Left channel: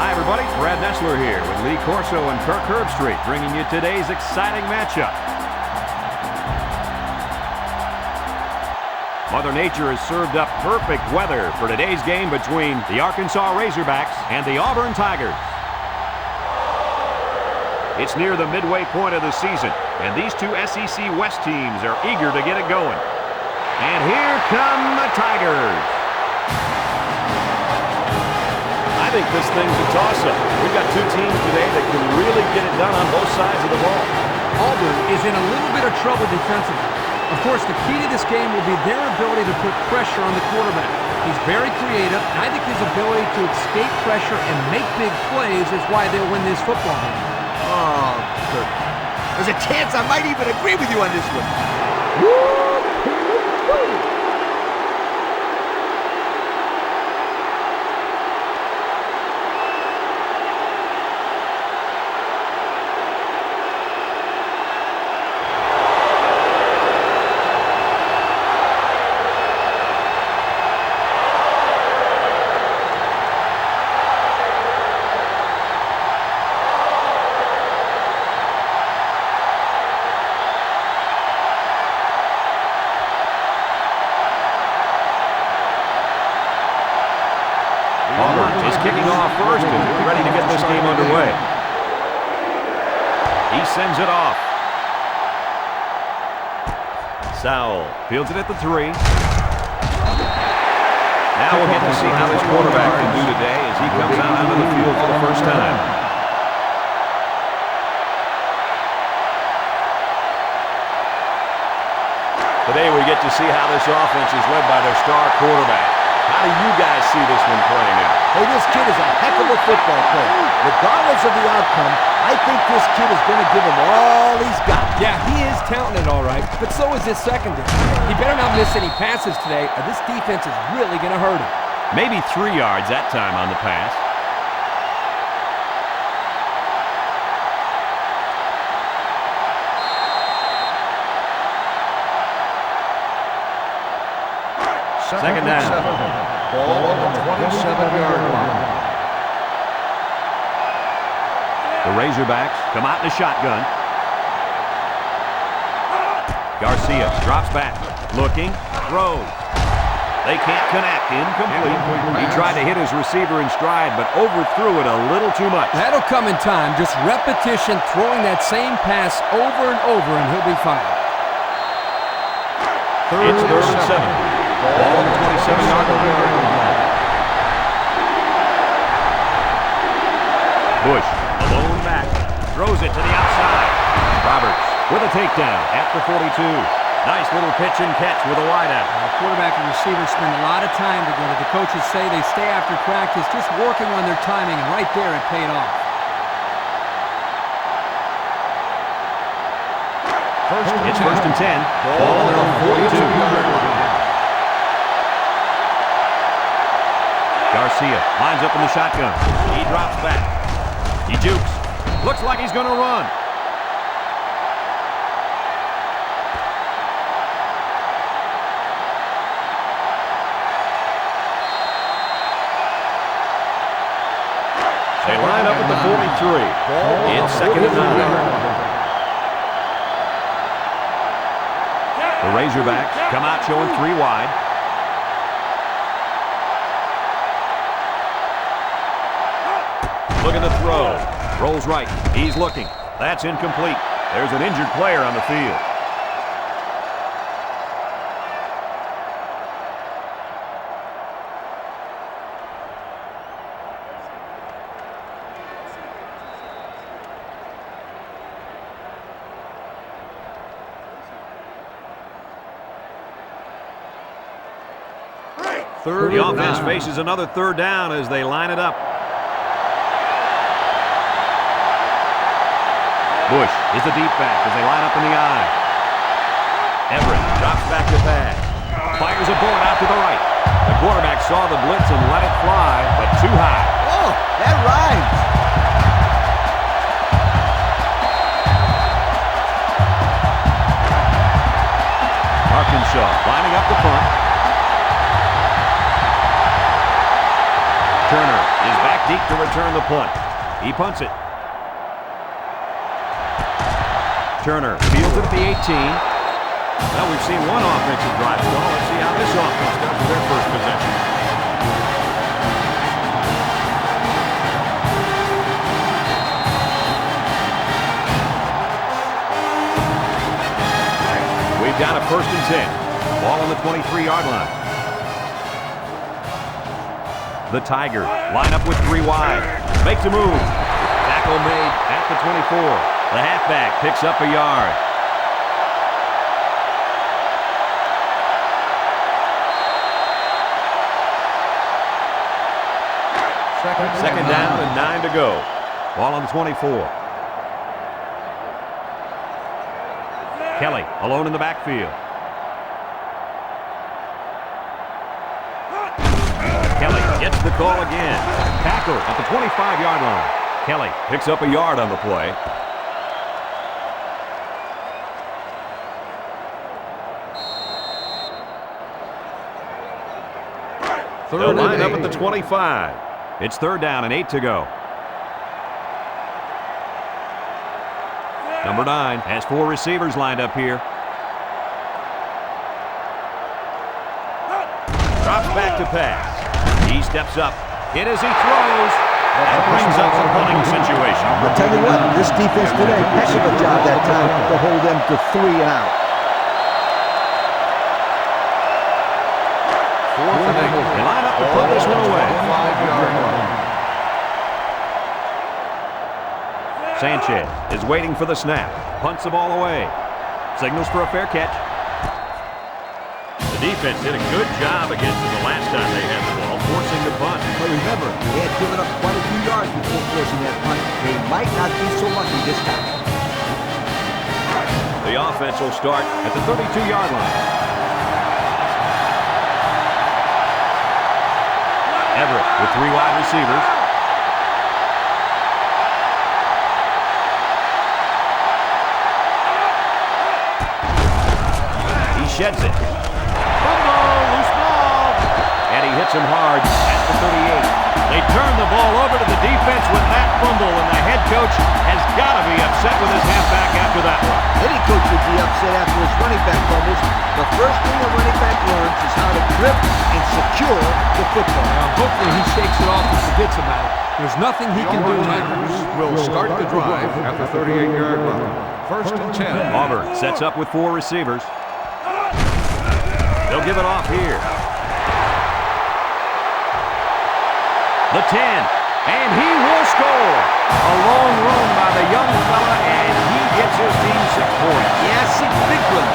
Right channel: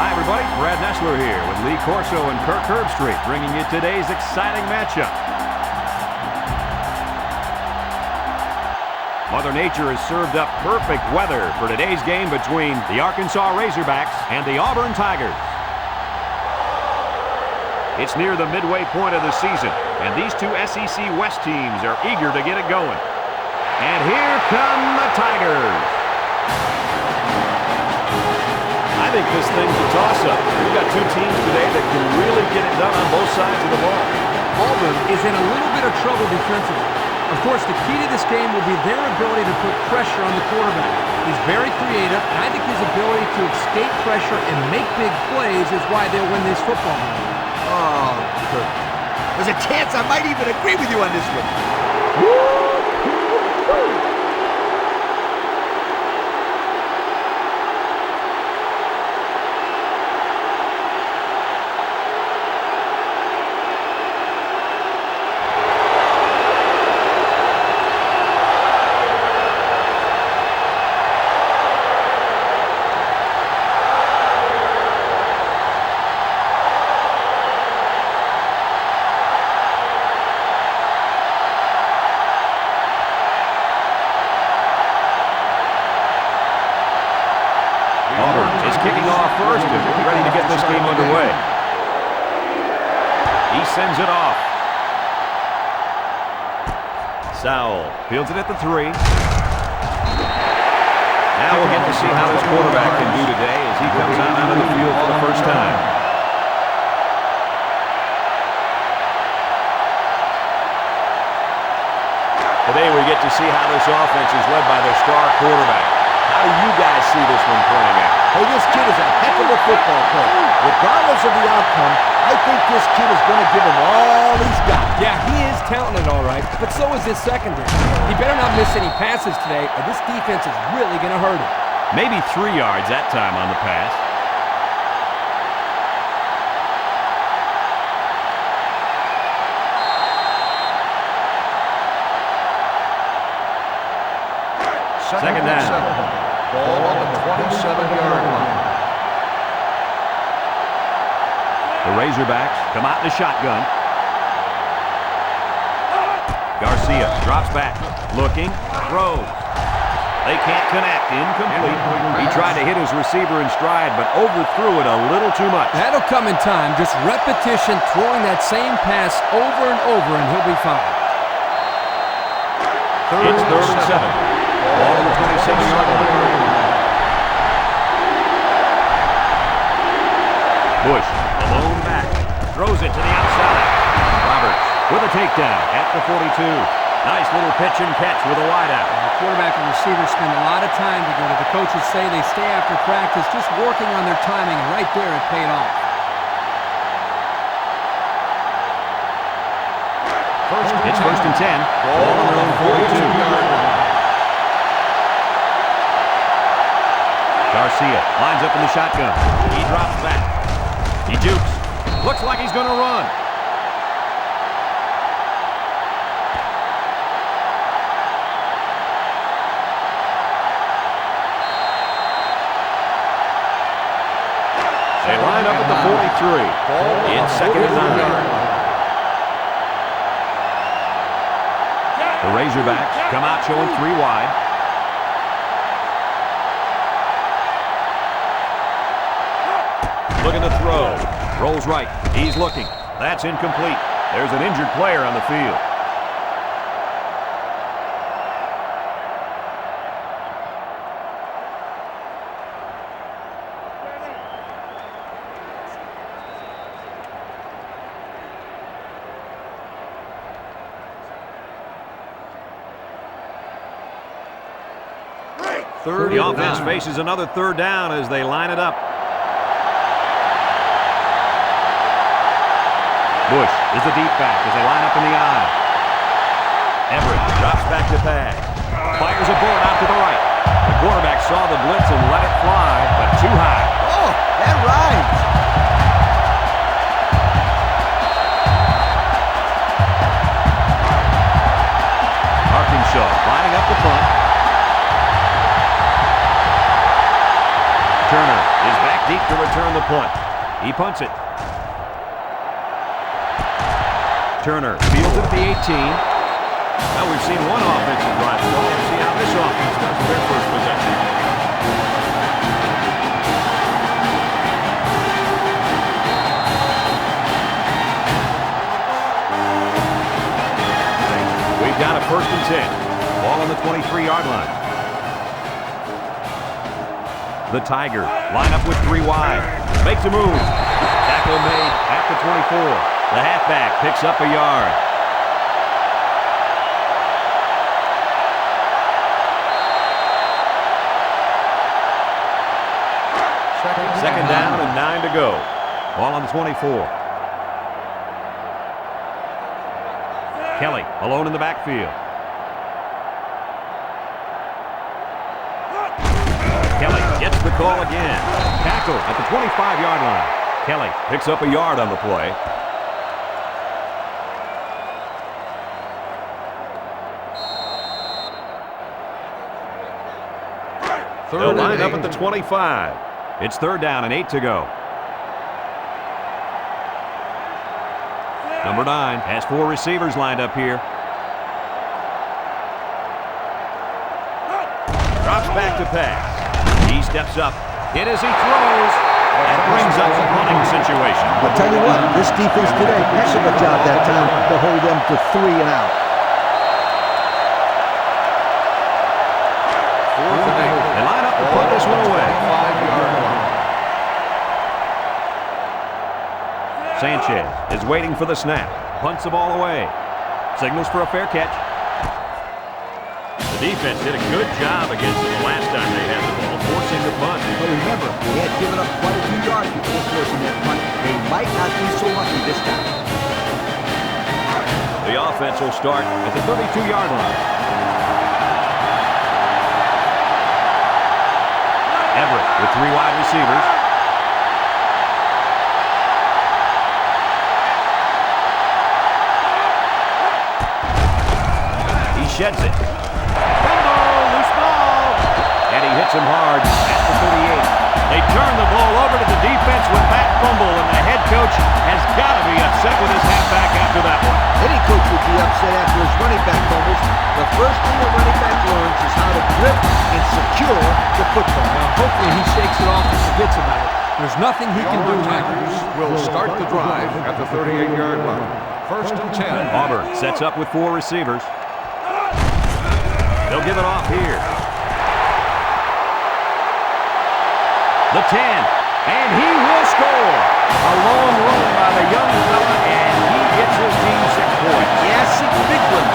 Hi, everybody. Brad Nessler here with Lee Corso and Kirk Herbstreit, bringing you today's exciting matchup. Mother Nature has served up perfect weather for today's game between the Arkansas Razorbacks and the Auburn Tigers. It's near the midway point of the season, and these two SEC West teams are eager to get it going. And here come the Tigers. I think this thing's a toss-up. We've got two teams today that can really get it done on both sides of the ball. Auburn is in a little bit of trouble defensively. Of course, the key to this game will be their ability to put pressure on the quarterback. He's very creative, and I think his ability to escape pressure and make big plays is why they'll win this football game. Oh, Kirk. There's a chance I might even agree with you on this one. Auburn is kicking off first and ready to get this game underway. He sends it off. Sowell fields it at the 3. Now we'll get to see how this quarterback can do today as he comes out onto the field for the first time. Today we get to see how this offense is led by their star quarterback. How do you guys see this one playing out? Hey, this kid is a heck of a football player. Regardless of the outcome, I think this kid is going to give him all he's got. Yeah, he is talented, all right, but so is his secondary. He better not miss any passes today, or this defense is really going to hurt him. Maybe 3 yards that time on the pass. Second down. Ball on the 27-yard line. The Razorbacks come out in a shotgun. Garcia drops back, looking, throws. They can't connect, incomplete. He tried to hit his receiver in stride, but overthrew it a little too much. That'll come in time, just repetition, throwing that same pass over and over, and he'll be fine. It's third and 7. Ball on the 27-yard line. Bush, alone back, throws it to the outside. Roberts with a takedown at the 42. Nice little pitch and catch with a wideout. The quarterback and receiver spend a lot of time together. The coaches say they stay after practice just working on their timing, and right there it paid off. It's first and 10. Ball on their own 42-yard line. Garcia lines up in the shotgun. He drops back. He jukes. Looks like he's going to run. They line up at the 43. It's second and 9. The Razorbacks come out showing 3 wide. Looking to throw. Rolls right. He's looking. That's incomplete. There's an injured player on the field. The offense faces another third down as they line it up. Bush is the deep back as they line up in the I. Everett drops back to pass. Fires a bullet out to the right. The quarterback saw the blitz and let it fly, but too high. Oh, that rhymes. Arkansas lining up the punt. Turner is back deep to return the punt. He punts it. Turner fields it at the 18. Well, we've seen one offensive drive stall. Let's see how this offense does with their first possession. We've got a 1st and 10. Ball on the 23-yard line. The Tigers line up with 3 wide. Makes a move. Tackle made at the 24. The halfback picks up a yard. Second down and 9 to go. Ball on the 24. Kelly alone in the backfield. Kelly gets the call again. Tackle at the 25-yard line. Kelly Picks up a yard on the play. They'll line up at the 25. It's 3rd down and 8 to go. Number 9 has 4 receivers lined up here. Drops back to pass. He steps up. Hit as he throws. That brings up a punting situation. I'll tell you what, this defense did a heck of a job that time to hold them to 3 and out. 4th and 8. They line up to punt this one away. 5-yard line. Sanchez is waiting for the snap. Punts the ball away. Signals for a fair catch. The defense did a good job against them the last time they had the ball, forcing the punt. But remember, they had given up quite a few yards before forcing that punt. They might not be so lucky this time. The offense will start At the 32-yard line. Everett with 3 wide receivers. He sheds it. Fumble, loose ball. And he hits him hard at the 38. They turn the ball over to the defense with that fumble, and the head coach has got to be upset with his halfback after that one. Any coach would be upset after his running back fumbles. The first thing a running back learns is how to grip and secure the football. Well, hopefully he shakes it off and forgets about it. There's nothing he can do Auburn now. Tigers will start the drive at the 38-yard line. 1st and 10. Auburn sets up with 4 receivers. They'll give it off here. The 10, and he will score. A long run by the young fella, and he gets his team 6 points. Yeah, 6 big ones.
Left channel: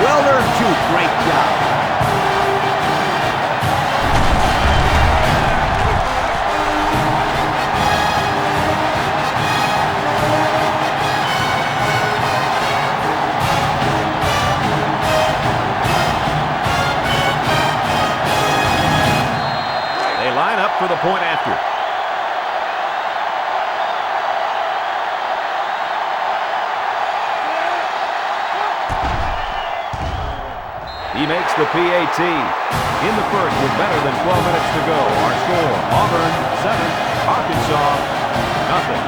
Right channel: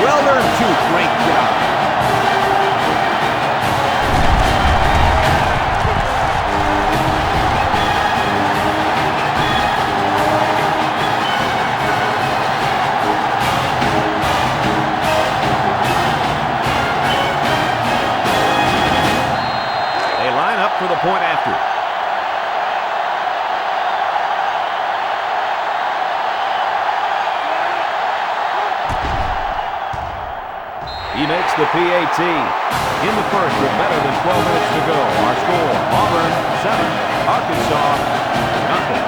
Well earned, too. Great job. Line up for the point after. He makes the PAT. In the first with better than 12 minutes to go. Our score, Auburn 7, Arkansas nothing.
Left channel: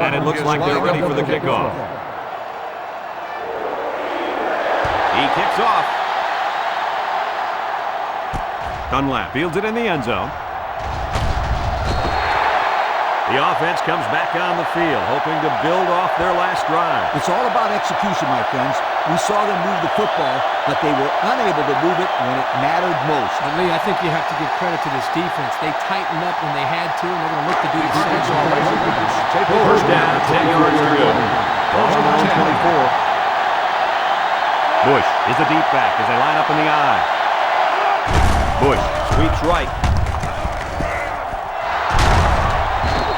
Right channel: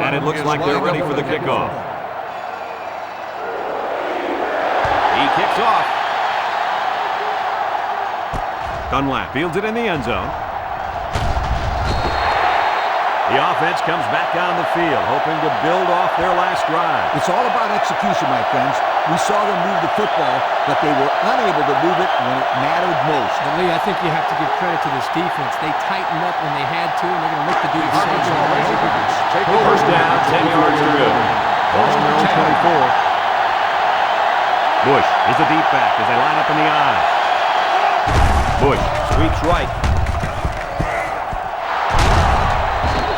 And it looks like they're ready for the kickoff. He kicks off. Dunlap fields it in the end zone. The offense comes back on the field, hoping to build off their last drive. It's all about execution, my friends. We saw them move the football, but they were unable to move it when it mattered most. But Lee, I think you have to give credit to this defense. They tightened up when they had to, and they're going to look to do the same. Arkansas Razorbacks take over. First down, 10 yards to go. Ball on their own 24. Bush is the deep back as they line up in the I. Bush sweeps right.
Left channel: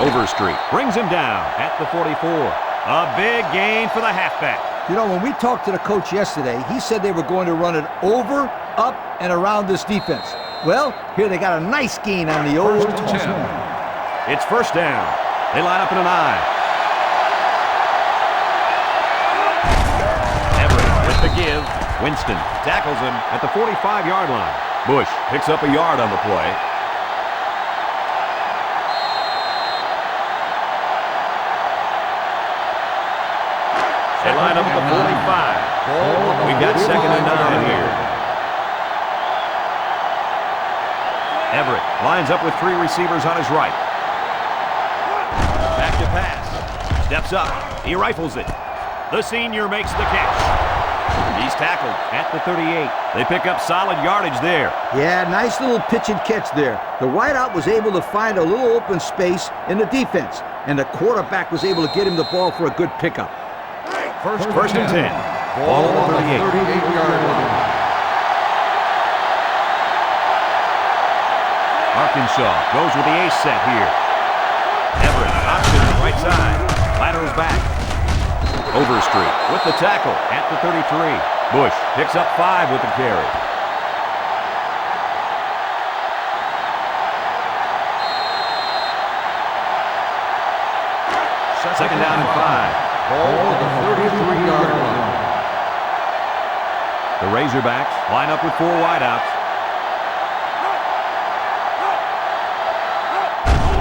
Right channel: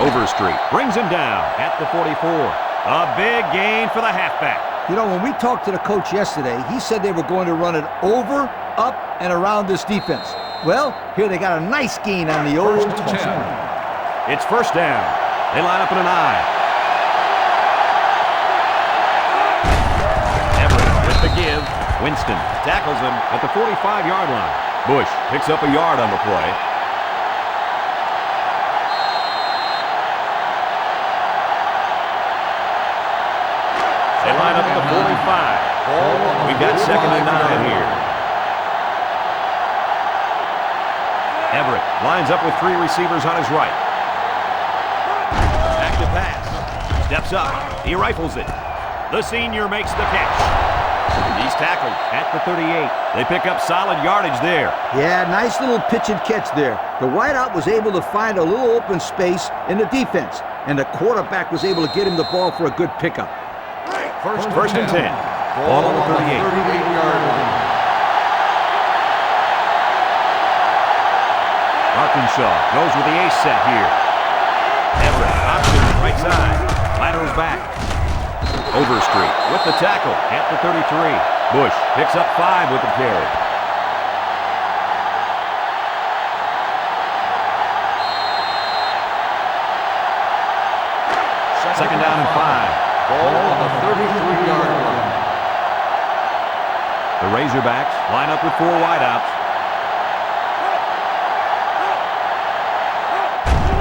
Overstreet brings him down at the 44. A big gain for the halfback. You know, when we talked to the coach yesterday, he said they were going to run it over, up, and around this defense. Well, here they got a nice gain on the old First and toss. 10. It's first down. They line up in an I. Everett with the give. Winston tackles him at the 45-yard line. Bush picks up a yard on the play. They line up at the 45. We've got 2nd and 9 here. Everett lines up with 3 receivers on his right. Back to pass. Steps up. He rifles it. The senior makes the catch. He's tackled at the 38. They pick up solid yardage there. Yeah, nice little pitch and catch there. The wideout was able to find a little open space in the defense, and the quarterback was able to get him the ball for a good pickup. First and 10. Ball on the 38. 38-yard line. Arkansas goes with the ace set here. Everett option right side. Laterals back. Overstreet with the tackle at the 33. Bush picks up 5 with the carry. Second down and 5. Ball on the 33-yard line. The Razorbacks line up with 4 wideouts.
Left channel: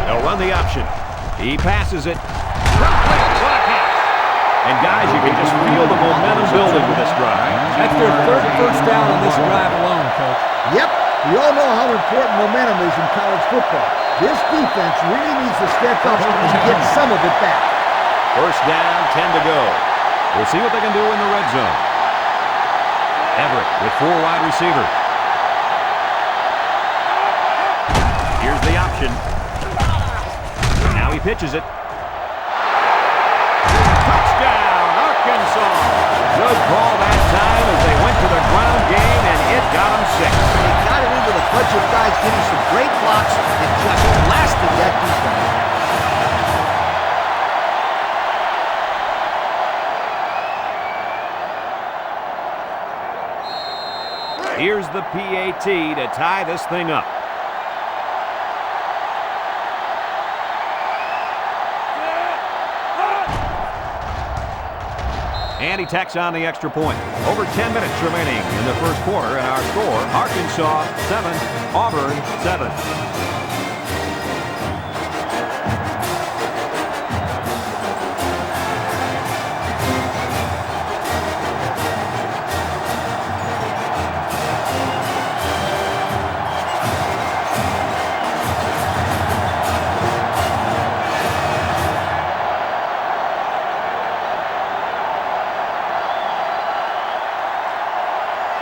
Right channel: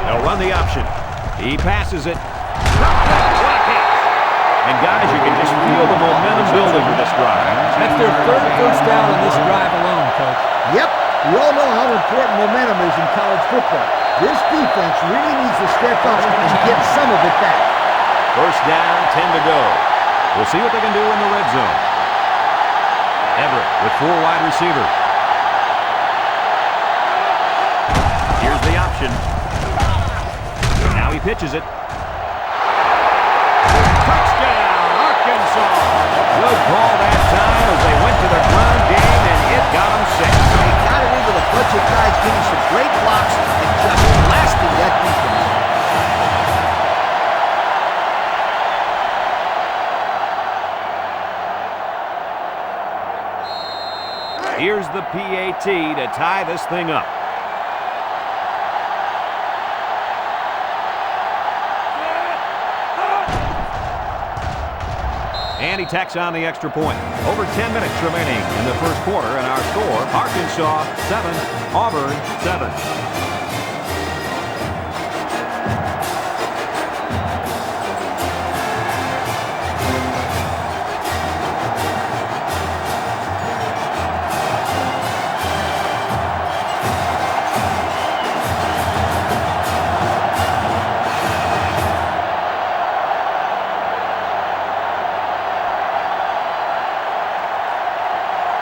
They'll run the option. He passes it. What a catch! And guys, you can just feel the momentum building with this drive. That's their 3rd first down on this drive alone, Coach. Yep, we all know how important momentum is in college football. This defense really needs to step up and get some of it back. First down, 10 to go. We'll see what they can do in the red zone. Everett with 4 wide receivers. Here's the option. Now he pitches it. Touchdown, Arkansas. Good call that time as they went to the ground game, and it got them 6. They got it into the bunch of guys getting some great blocks and just blasting that defense. Here's the PAT to tie this thing up. And he tacks on the extra point. Over 10 minutes remaining in the first quarter, and our score, Arkansas 7, Auburn 7.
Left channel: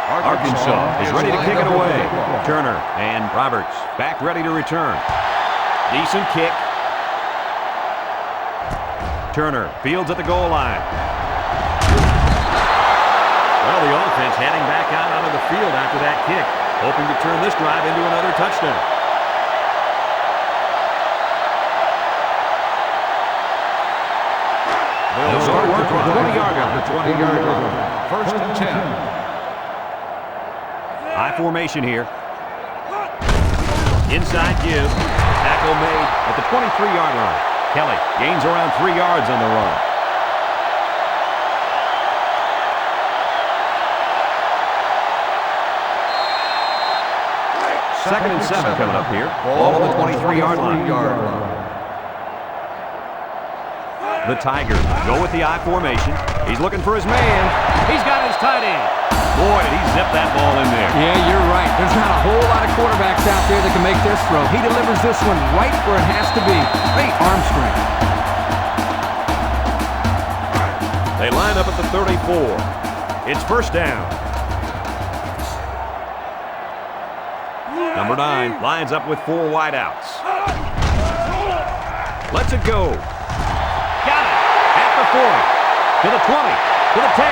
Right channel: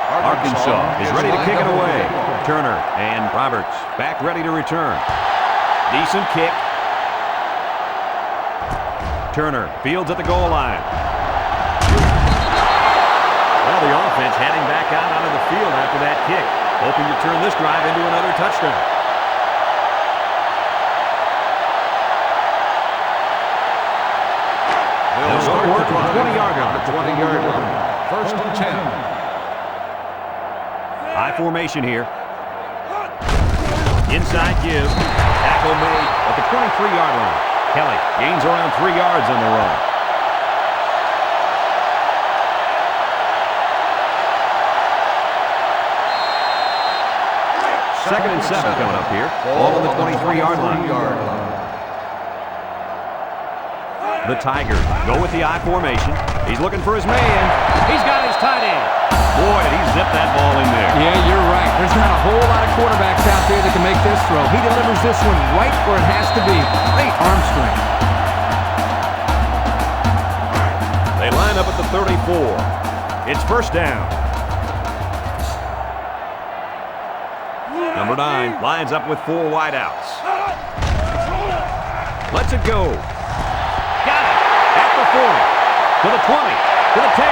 Arkansas is ready to kick it away. Turner and Roberts back ready to return. Decent kick. Turner fields at the goal line. Well, the offense heading back out onto the field after that kick, hoping to turn this drive into another touchdown. They'll go to work the from the drive 20-yard line. at the 20-yard line. First and 10. High formation here. Inside give. Tackle made at the 23-yard line. Kelly gains around 3 yards on the run. Second and 7 coming up here. Ball on the 23-yard line. The Tigers go with the I formation. He's looking for his man. He's got his tight end. Boy, did he zip that ball in there. Yeah, you're right. There's not a whole lot of quarterbacks out there that can make this throw. He delivers this one right where it has to be. Great arm strength. They line up at the 34. It's first down. Number 9 lines up with 4 wideouts. Lets it go. Got it at the 40, to the 20, to the 10,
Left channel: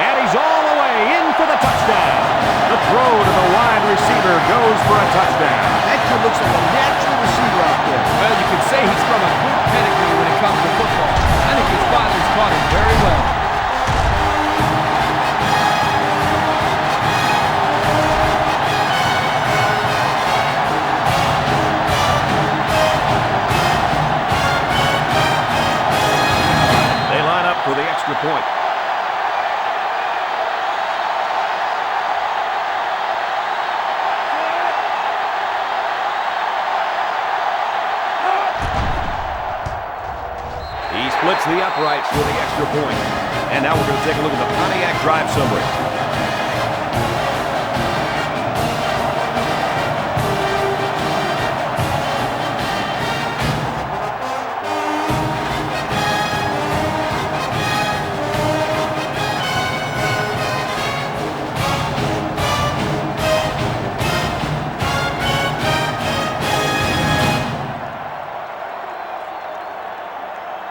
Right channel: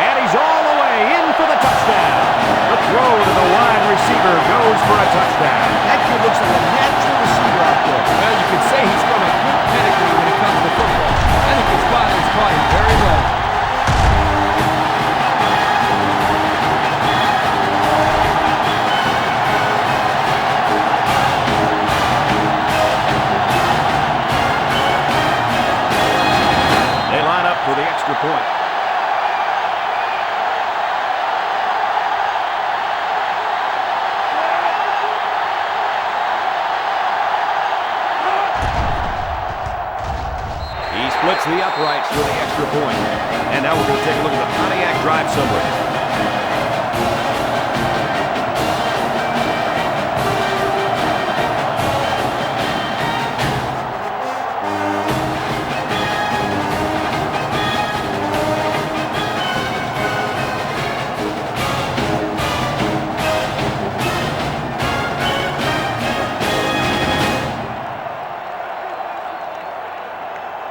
and he's all the way in for the touchdown. The throw to the wide receiver goes for a touchdown. That kid looks like a natural receiver out there. Well, you could say he's from a good pedigree when it comes to football. I think his father's taught him very well. up for the extra point. He splits the uprights for the extra point. And now we're going to take a look at the Pontiac drive summary.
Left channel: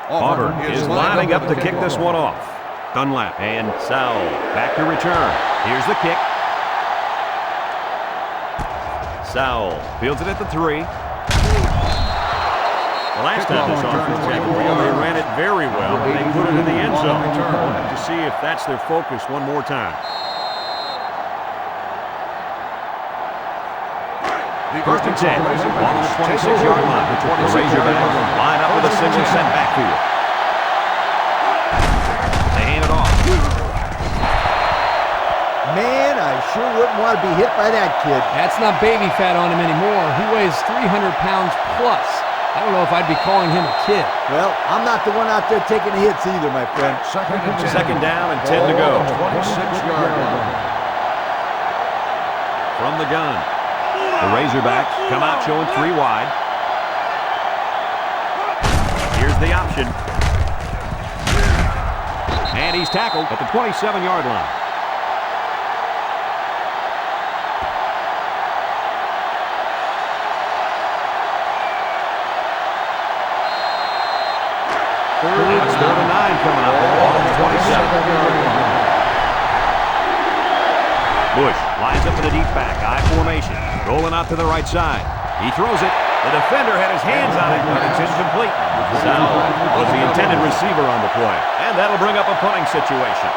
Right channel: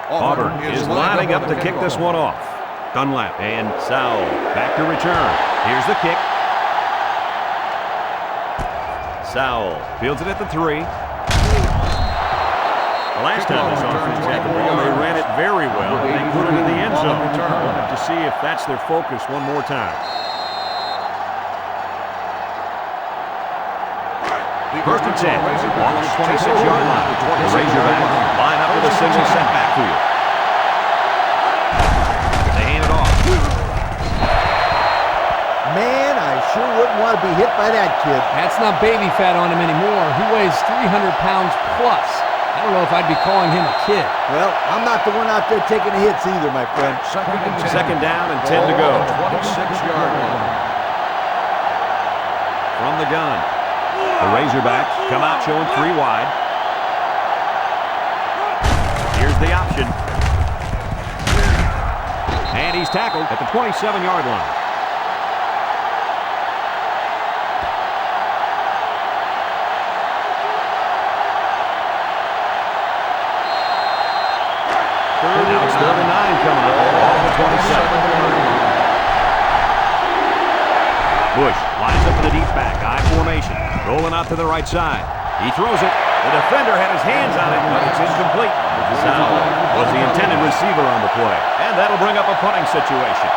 Auburn is lining up to kick this one off. Dunlap and Sowell back to return. Here's the kick. Sowell fields it at the 3. The last time this offense had the ball, they ran it very well, and they put it in the end zone. We'll have to see if that's their focus one more time. First and 10, ball on the 26-yard line. The Razorbacks line up with a single set backfield. They hand it off. Man, I sure wouldn't want to be hit by that kid. That's not baby fat on him anymore. He weighs 300 pounds plus. I don't know if I'd be calling him a kid. Well, I'm not the one out there taking the hits either, my friend. Second and 10. Second down and 10 to go. 26-yard line. From the gun. The Razorbacks come out showing 3 wide. Here's the option. And he's tackled at the 27-yard line. Now it's 3rd and 9 coming up. Ball on the 27-yard line. Bush lines up in the deep back, I formation. Rolling out to the right side. He throws it. The defender had his hands on it, but it's incomplete. Sowell was the intended receiver on the play. And that'll bring up a punting situation.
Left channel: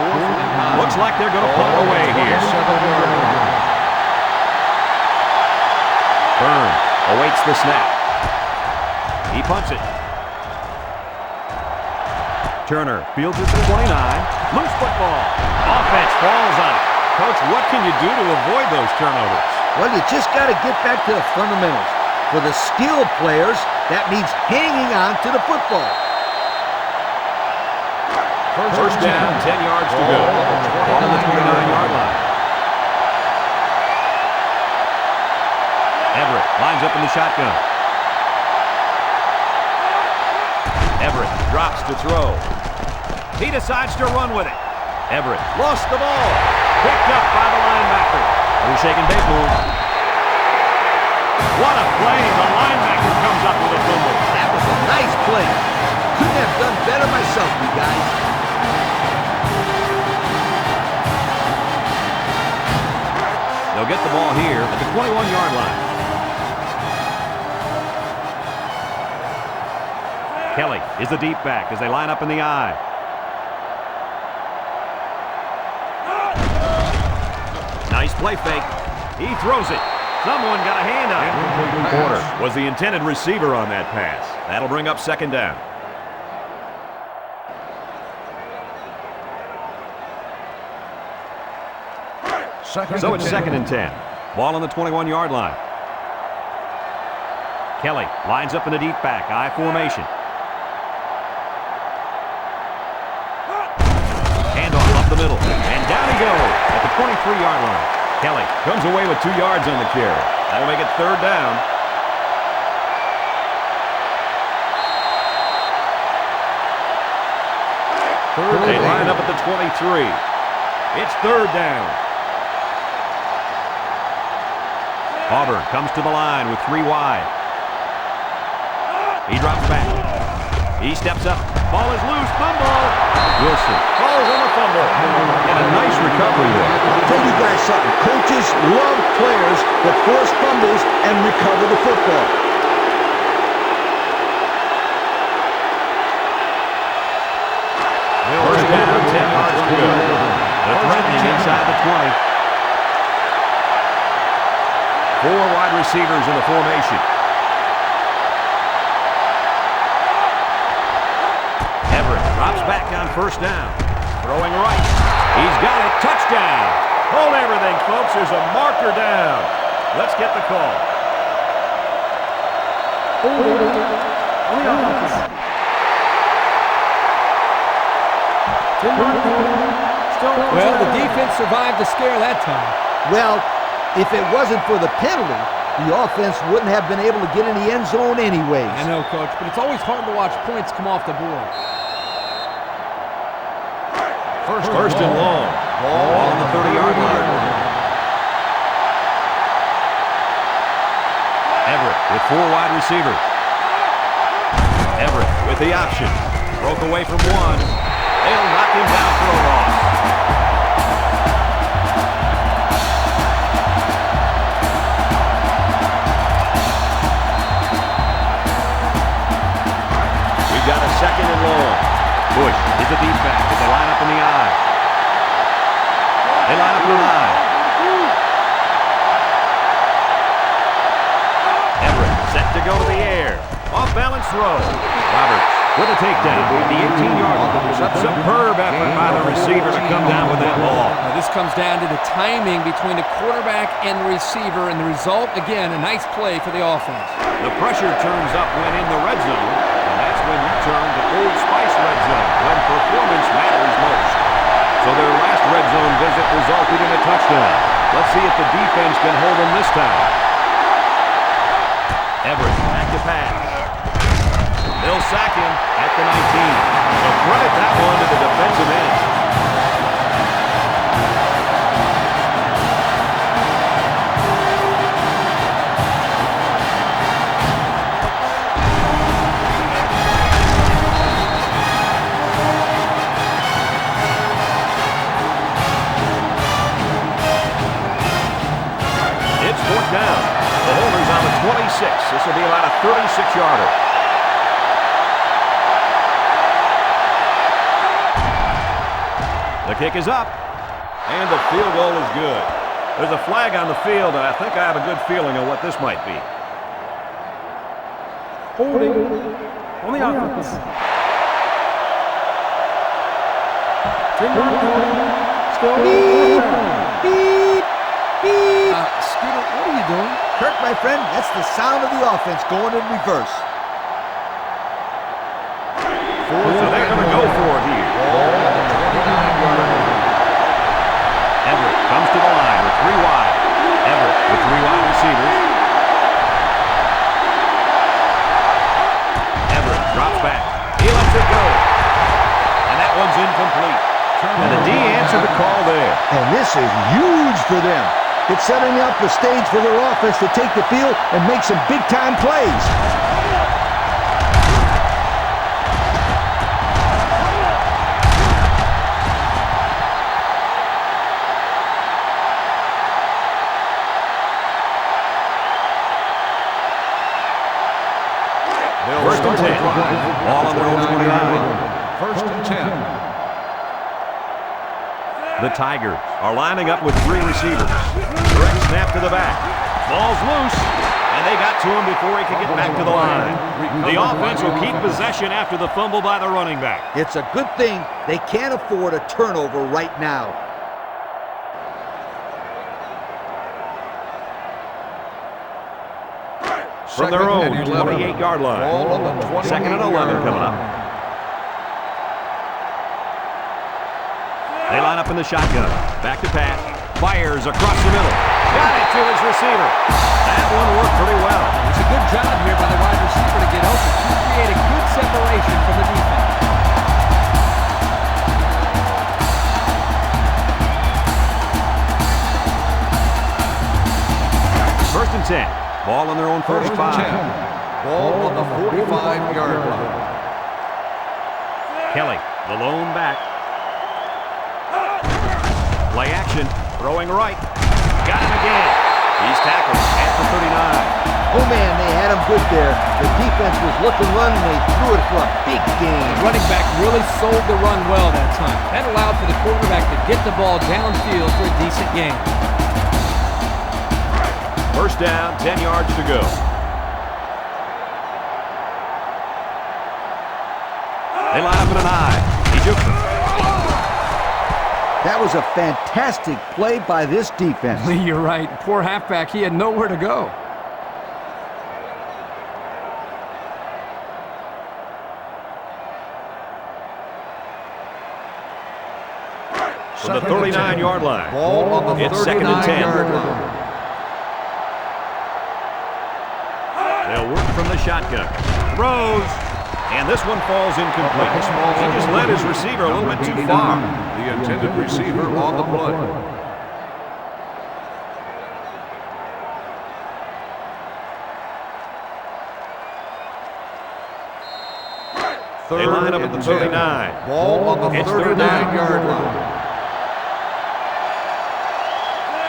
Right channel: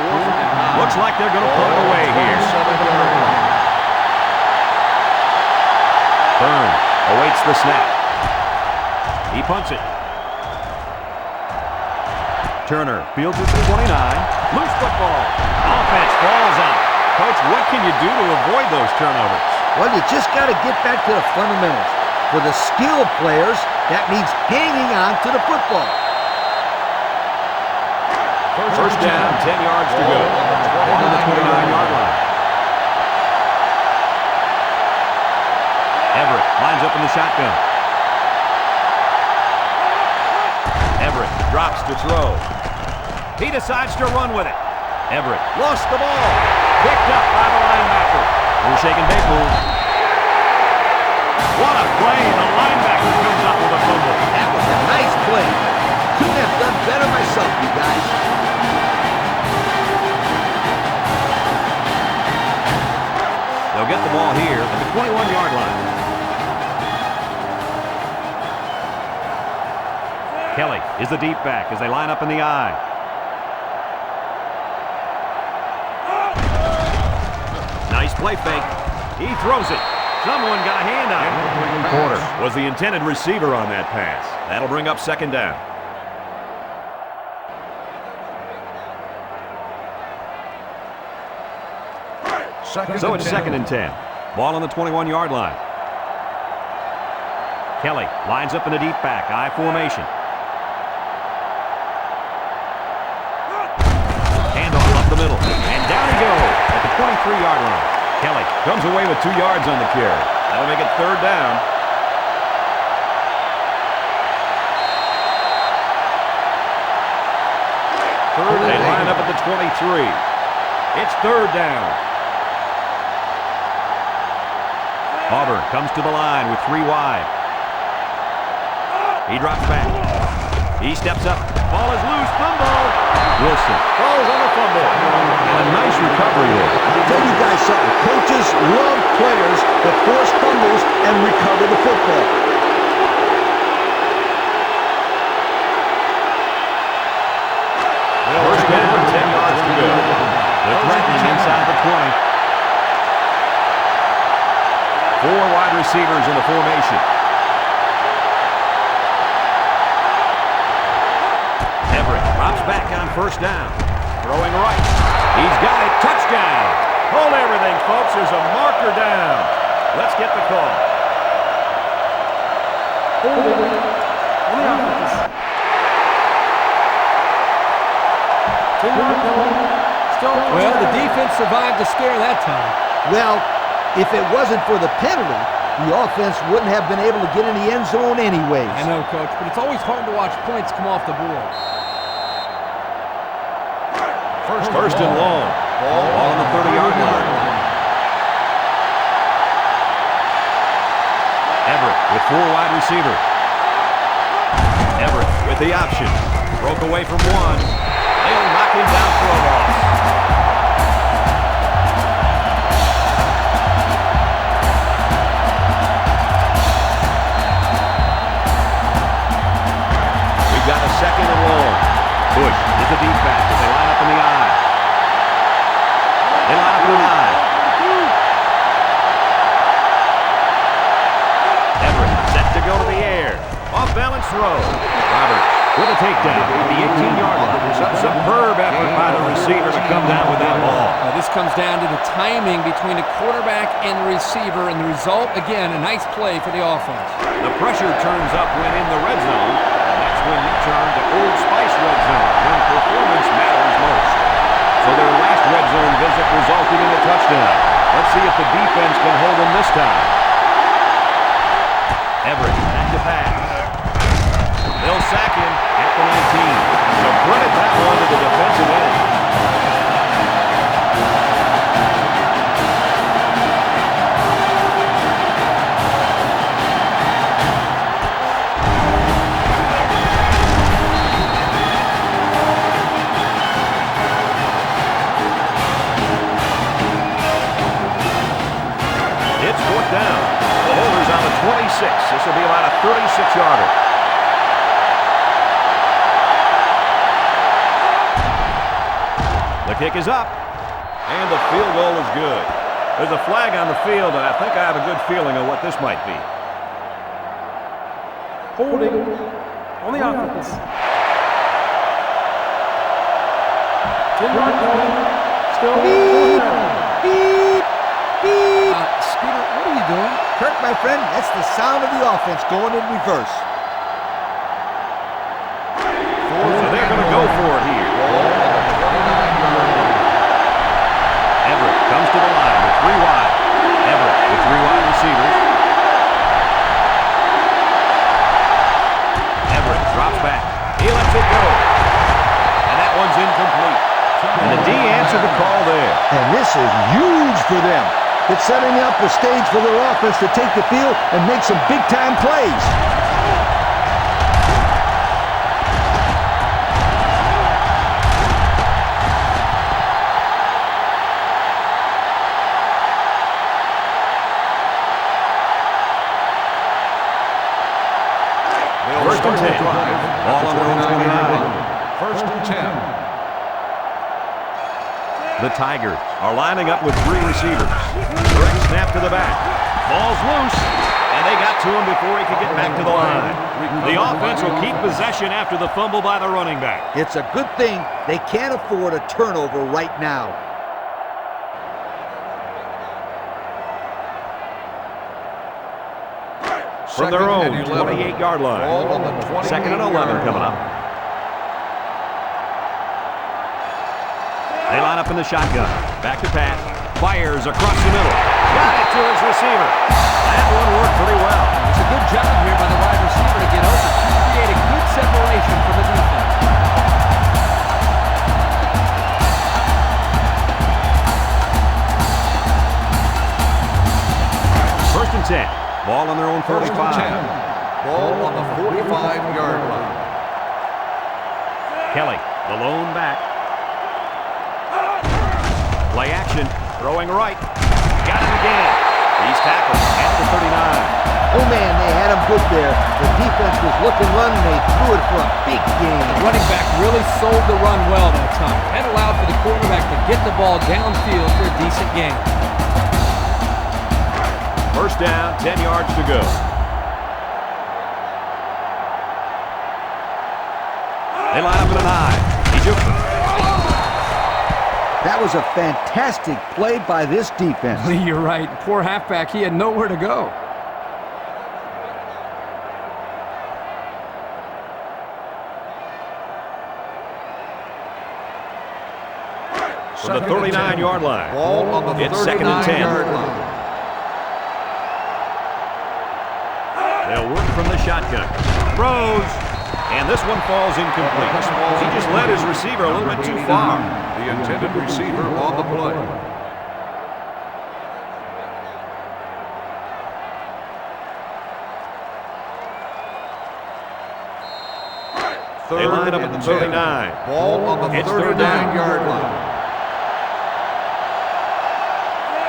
Fourth and 9. Looks like they're going to punt it away here. 27-yard line. Burns awaits the snap. He punts it. Turner fields it to 29. Loose football. Offense falls on it. Coach, what can you do to avoid those turnovers? Well, you just got to get back to the fundamentals. For the skilled players, that means hanging on to the football. First down, 10 yards to go. Ball on the 29-yard line. Everett lines up in the shotgun. Everett drops to throw. He decides to run with it. Everett lost the ball. Picked up by the linebacker. We're shaking big move. What a play. The linebacker comes up with a fumble. That was a nice play. Couldn't have done better myself, you guys. They'll get the ball here at the 21-yard line. Kelly is the deep back as they line up in the I. Nice play fake. He throws it. Someone got a hand on it. Porter was the intended receiver on that pass. That'll bring up 2nd down. So it's 2nd and 10. Ball on the 21-yard line. Kelly lines up in the deep back, I formation. Handoff up the middle, and down he goes at the 23-yard line. Kelly comes away with 2 yards on the carry. That'll make it 3rd down. They line up at the 23. It's 3rd down. Auburn comes to the line with 3 wide. He drops back. He steps up. Ball is loose. Fumble. Wilson falls on the fumble. And a nice recovery there. I'll tell you guys something. Coaches love players that force fumbles and recover the football. First down, 10 yards to go. They're threatening inside the 20. 4 wide receivers in the formation. Everett drops back on first down. Throwing right. He's got it. Touchdown. Hold everything, folks. There's a marker down. Let's get the call. Holding on the offense. 10-yard penalty. Still Well, the defense survived the scare that time. Well, if it wasn't for the penalty, the offense wouldn't have been able to get in the end zone anyways. I know, Coach, but it's always hard to watch points come off the board. First and long. Ball on the 30-yard line. Everett with 4 wide receivers. Everett with the option. Broke away from one. They'll knock him down for a loss. We've got a second and long. Bush is the deep back as they line up in the I. They line up in an I. Everett set to go to the air. Off balance throw. Roberts with a takedown at the 18-yard line. Superb effort by the receiver to come down with that ball. This comes down to the timing between the quarterback and the receiver, and the result, again, a nice play for the offense. The pressure turns up when in the red zone, and that's when you turn to Old Spice red zone, when performance matters most. So their last red zone visit resulted in a touchdown. Let's see if the defense can hold them this time. Everett back to pass. They'll sack him at the 19. So credit that one to the defensive end. It's 4th down. The holder's on the 26. This will be about a 36-yarder. The kick is up, and the field goal is good. There's a flag on the field, and I think I have a good feeling of what this might be. holding on the offense. 10-yard penalty. Still 4th down. Beep, beep. Scooter, what are you doing? Kirk, my friend, that's the sound of the offense going in reverse. So they're going to go for it here. Ball on the 29-yard line. Everett comes to the line with 3 wide. Everett with 3 wide receivers. Everett drops back. He lets it go. And that one's incomplete. And the D answered the call there. And this is huge for them. It's setting up the stage for their offense to take the field and make some big-time plays. First and 10. Ball on their own 29. First and 10. The Tigers are lining up with 3 receivers. Direct snap to the back. Ball's loose, and they got to him before he could get back to the line. The offense will keep possession after the fumble by the running back. It's a good thing they can't afford a turnover right now. From their own 28-yard line. Ball on the 28-yard Second and 11 coming up. They line up in the shotgun. Back to pass. Fires across the middle. Got it to his receiver. That one worked pretty well. It's a good job here by the wide receiver to get open. He created good separation from the defense. First and 10. Ball on their own 45. First and 10. Ball on the 45-yard line. Kelly, the lone back. Play action, throwing right. Got him again. He's tackled at the 39. Oh, man, they had him good there. The defense was looking run, and they threw it for a big gain. The running back really sold the run well that time. That allowed for the quarterback to get the ball downfield for a decent gain. First down, 10 yards to go. They line up in an I. He jukes it. That was a fantastic play by this defense. You're right. Poor halfback. He had nowhere to go. From the 39-yard line. Ball on the It's second and 10. 39-yard line. They'll work from the shotgun. Throws. And this one falls incomplete. He just led his receiver a little bit too far. The intended receiver on the play. They line up at the 39. Ball on the It's third down. 39-yard line.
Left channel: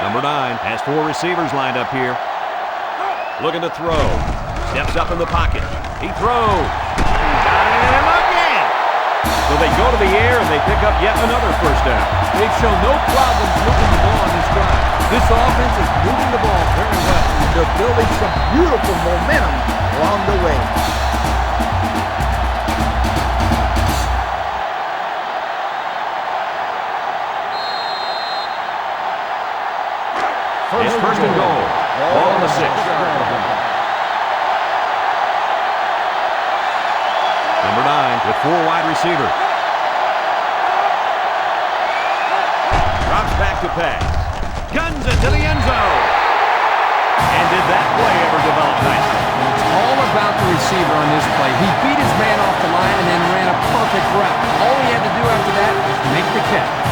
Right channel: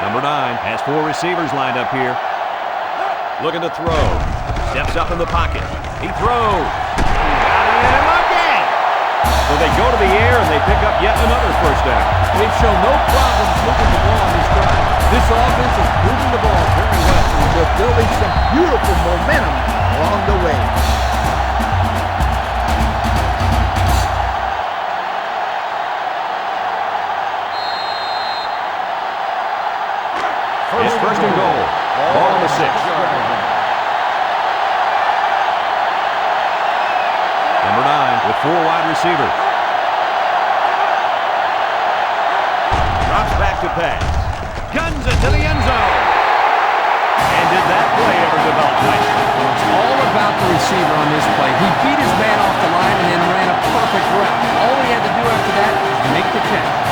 Number 9 has 4 receivers lined up here. Looking to throw. Steps up in the pocket. He throws. Got him again. So they go to the air and they pick up yet another first down. They've shown no problems moving the ball on this drive. This offense is moving the ball very well. They're building some beautiful momentum along the way. It's first and goal. Ball on the 6. Number 9 with 4 wide receivers. Drops back to pass. Guns it to the end zone. And did that play ever develop nicely? It's all about the receiver on this play. He beat his man off the line and then ran a perfect route. All he had to do after that was make the catch.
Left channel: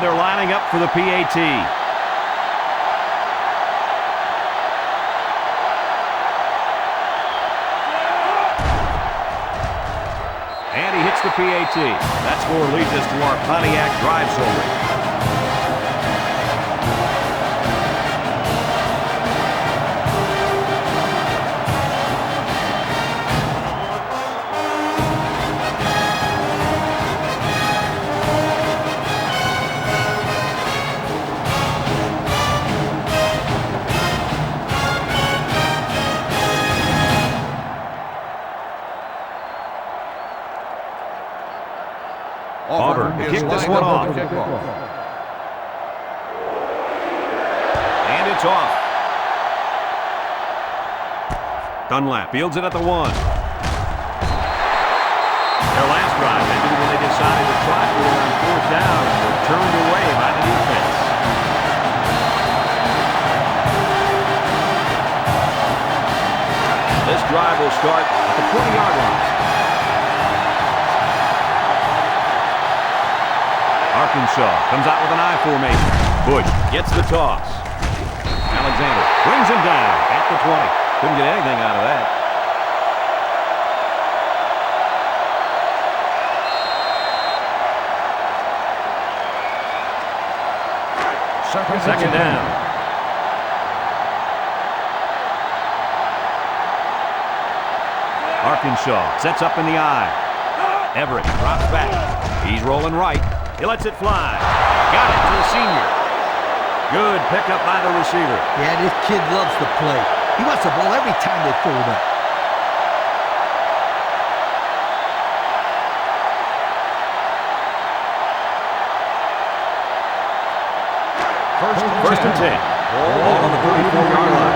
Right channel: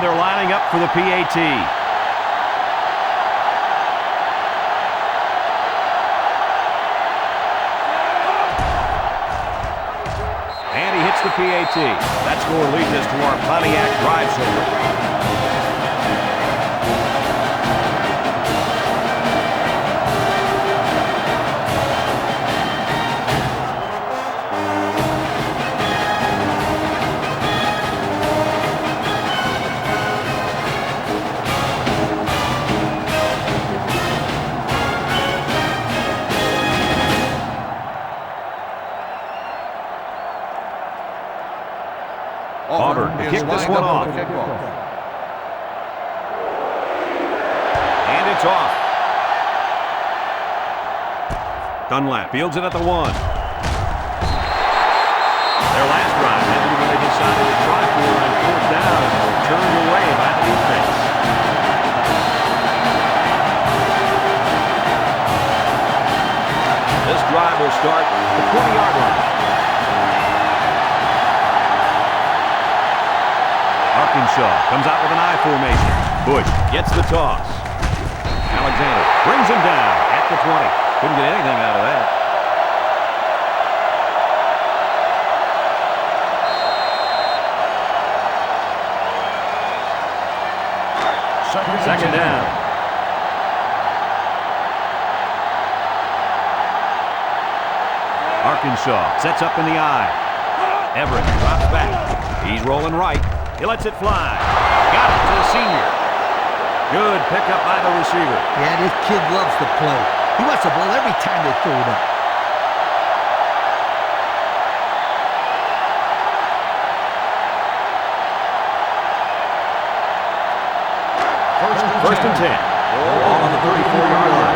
They're lining up for the PAT. And he hits the PAT. That score leads us to our Pontiac drive summary. Auburn to kick this one off. And it's off. Dunlap fields it at the 1. Their last drive ended when they decided to try for it on 4th down and were turned away by the defense. This drive will start at the 20-yard line. Arkansas comes out with an I formation. Bush gets the toss. Alexander brings him down at the 20. Couldn't get anything out of that. Second down. Arkansas sets up in the I. Everett drops back. He's rolling right. He lets it fly. Got it to the senior. Good pickup by the receiver. Yeah, this kid loves to play. He wants the ball every time they throw it up. First and 10. Ball on the 34-yard line.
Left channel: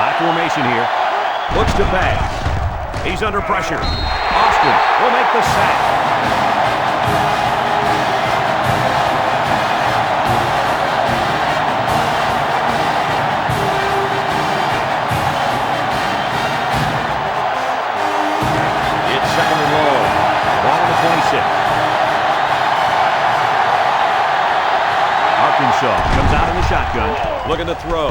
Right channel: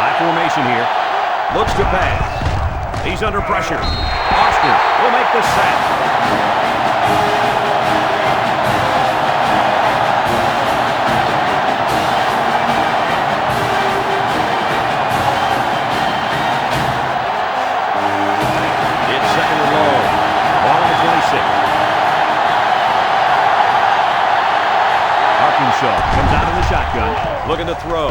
High formation here. Looks to pass. He's under pressure. Austin will make the sack. It's second and long. Ball on the 26. Arkansas comes out in the shotgun, looking to throw.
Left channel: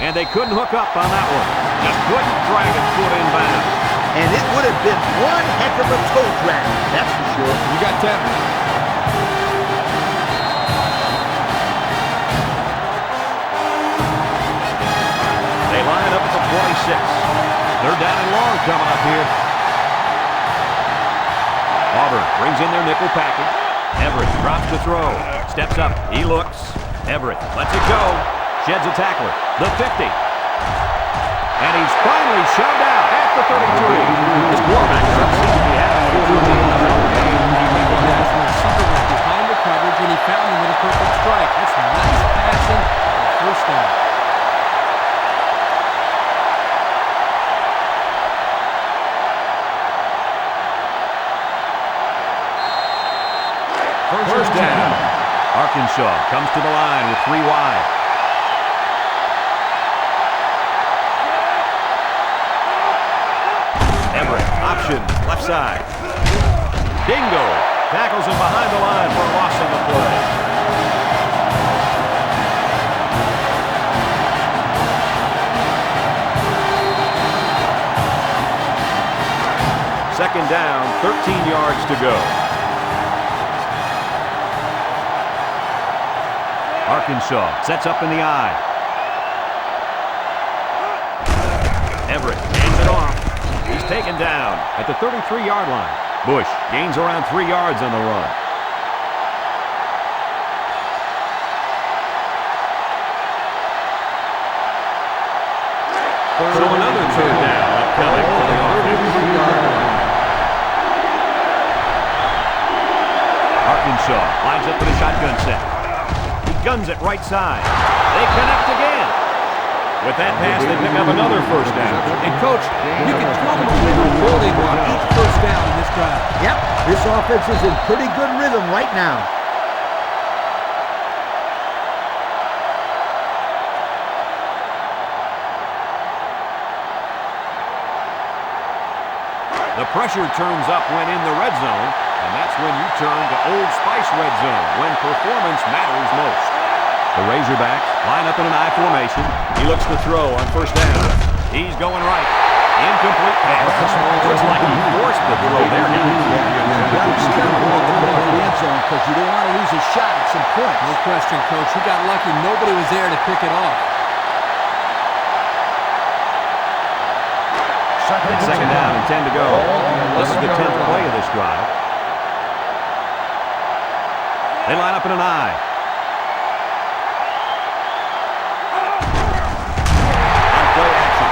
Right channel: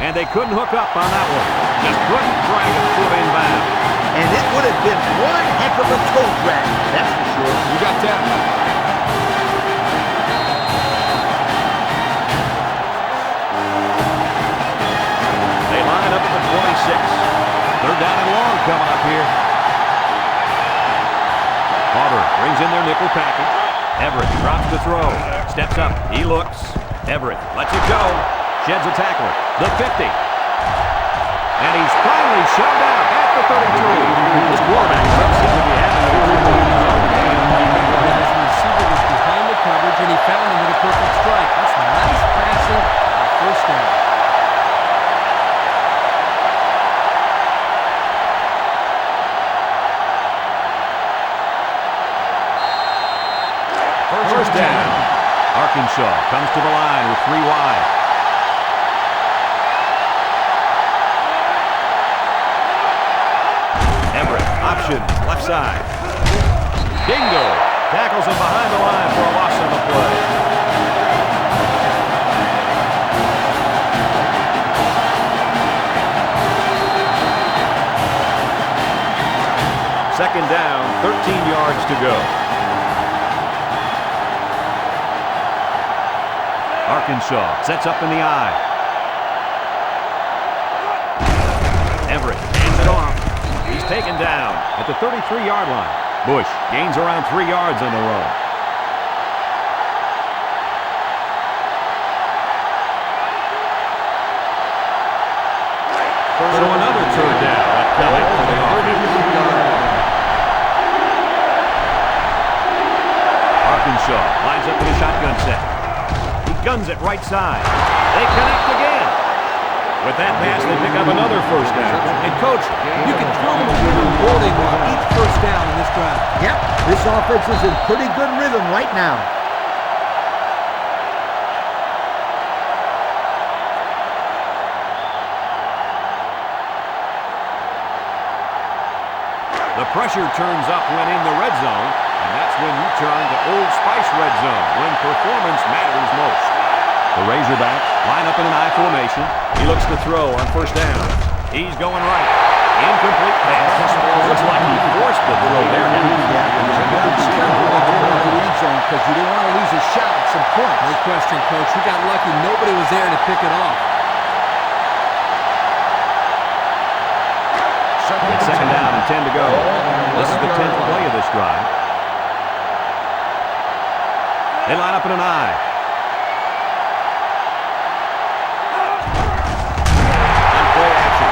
And they couldn't hook up on that one. Just couldn't drag a foot inbound. And it would have been one heck of a toe drag, that's for sure. You got 10. They line up at the 26. Third down and long coming up here. Auburn brings in their nickel package. Everett drops to throw. Steps up. He looks. Everett lets it go. Sheds a tackler. The 50. And he's finally shoved out at the 33. This quarterback doesn't seem to be having a good game. As the receiver was behind the coverage, and he found him with a perfect strike. That's nice passing for a first down. First down. Arkansas comes to the line with 3 wide. Everett, option, left side. Dingo tackles him behind the line for a loss on the play. Second down, 13 yards to go. Arkansas sets up in the I. Everett hands it off. He's taken down at the 33-yard line. Bush gains around 3 yards on the run. So another third down upcoming for the offense. Arkansas lines up in a shotgun set. He guns it right side. They connect again. With that pass, they pick up another first down. And, Coach, you can feel the momentum building with each first down in this drive. Yep, this offense is in pretty good rhythm right now. The pressure turns up when in the red zone, and that's when you turn to Old Spice red zone, when performance matters most. The Razorbacks line up in an I formation. He looks to throw on first down. He's going right. Incomplete pass. Looks like he forced the throw there, guys. Yeah, you got to be careful with throwing to the end zone because you don't want to lose a shot at some points. No question, Coach. He got lucky. Nobody was there to pick it off. It's second down and 10 to go. This is the 10th play of this drive. They line up in an I. On play action.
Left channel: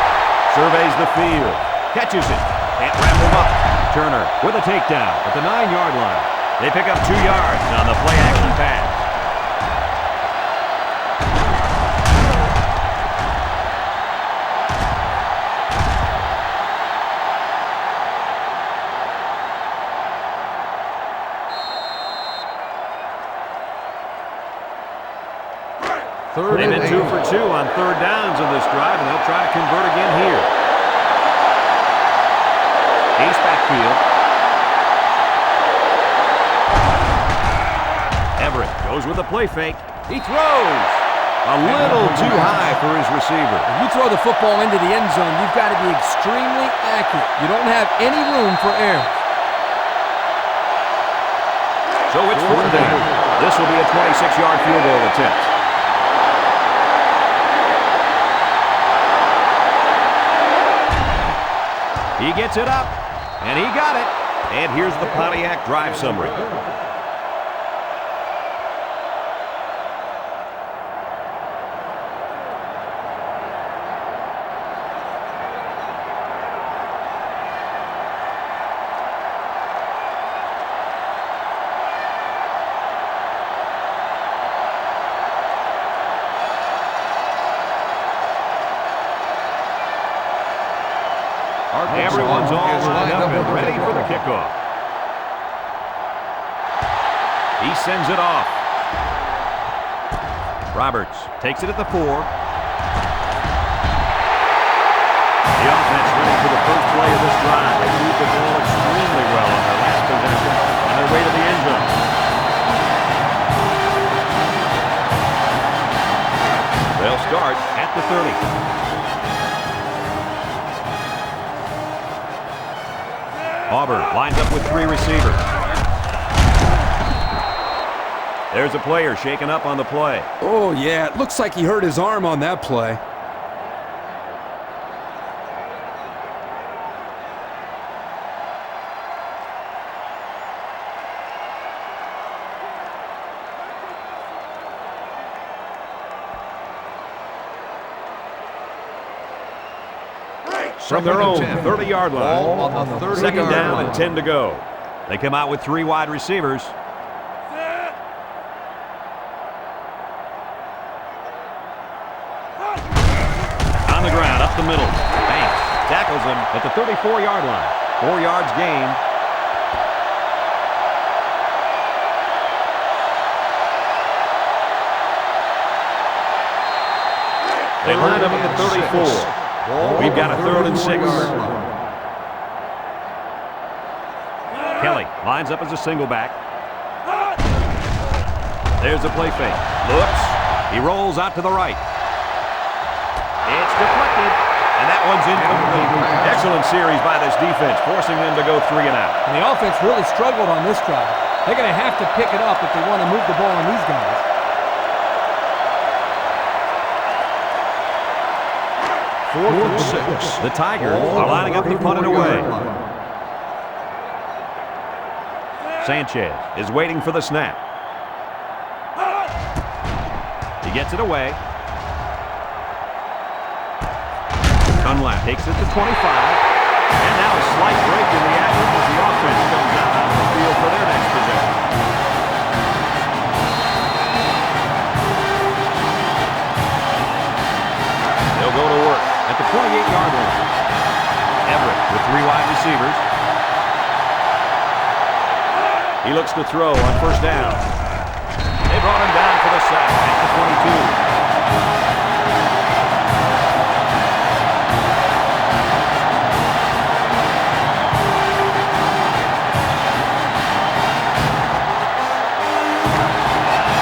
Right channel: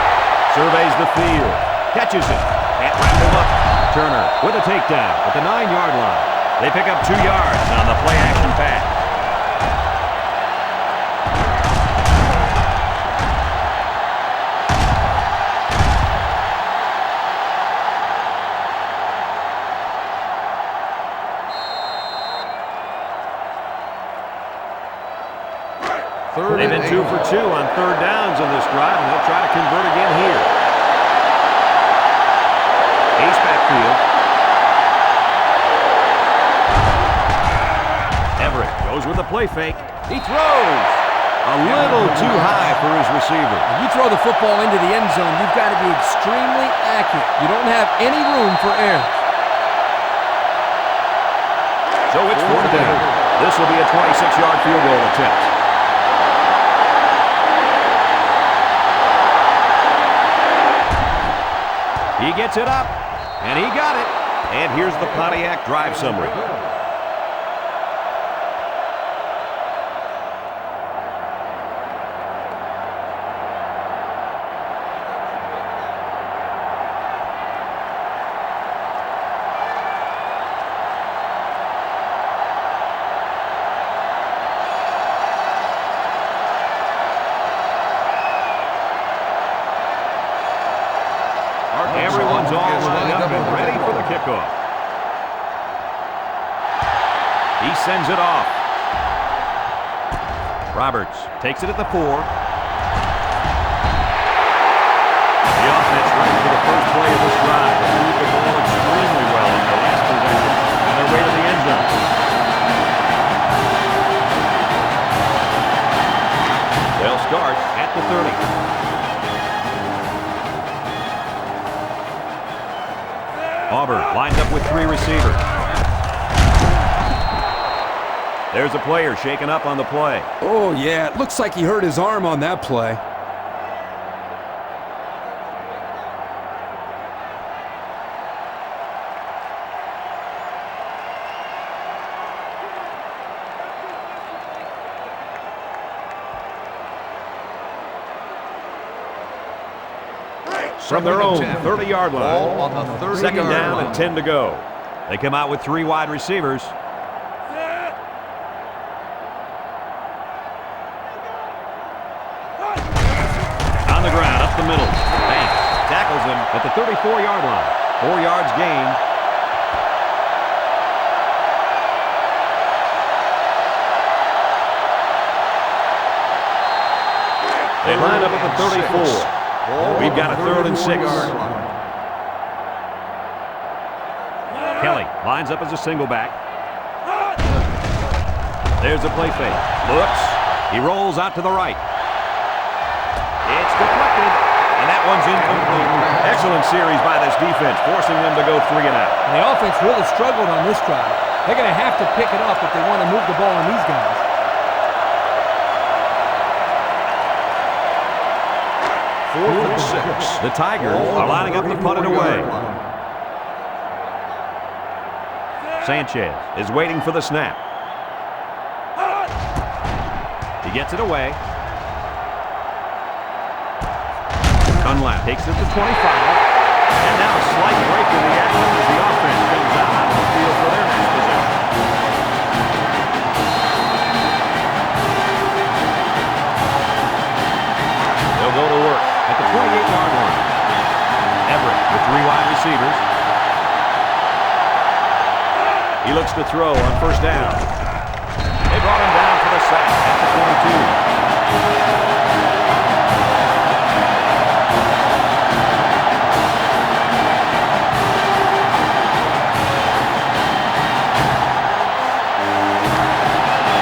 Surveys the field. Catches it. Can't wrap him up. Turner with a takedown at the 9-yard line. They pick up 2 yards on the play action pass. They've been 2 for 2 on third downs in this drive, and they'll try to convert again here. Ace backfield. Everett goes with the play fake. He throws. A little too high for his receiver. When you throw the football into the end zone, you've got to be extremely accurate. You don't have any room for errors. So it's fourth down. This will be a 26-yard field goal attempt. He gets it up, and he got it. And here's the Pontiac drive summary. Everyone's all lined up and ready for the kickoff. He sends it off. Roberts takes it at the 4. The offense ready for the first play of this drive. They moved the ball extremely well on their last possession on their way to the end zone. They'll start at the 30. Auburn lines up with 3 receivers. There's a player shaken up on the play. Oh, yeah. It looks like he hurt his arm on that play. from their own 30-yard line. Ball on the 30-yard Second down line. and 10 to go. They come out with 3 wide receivers. On the ground, up the middle. Banks tackles him at the 34-yard line. 4 yards gained. They line up at the 34. We've got a 3rd and 6. Kelly lines up as a single back. There's a play fake. Looks. He rolls out to the right. It's deflected. And that one's incomplete. Excellent series by this defense, forcing them to go 3 and out. And the offense really struggled on this drive. They're going to have to pick it up if they want to move the ball on these guys. Fourth and 6. The Tigers are lining up to punt it away. Sanchez is waiting for the snap. He gets it away. Dunlap takes it to 25. And now a slight break in the action as the offense comes out onto the field for their next possession. They'll go to work at the 28-yard line. Everett with 3 wide receivers. He looks to throw on first down. They brought him down for the sack at the 22.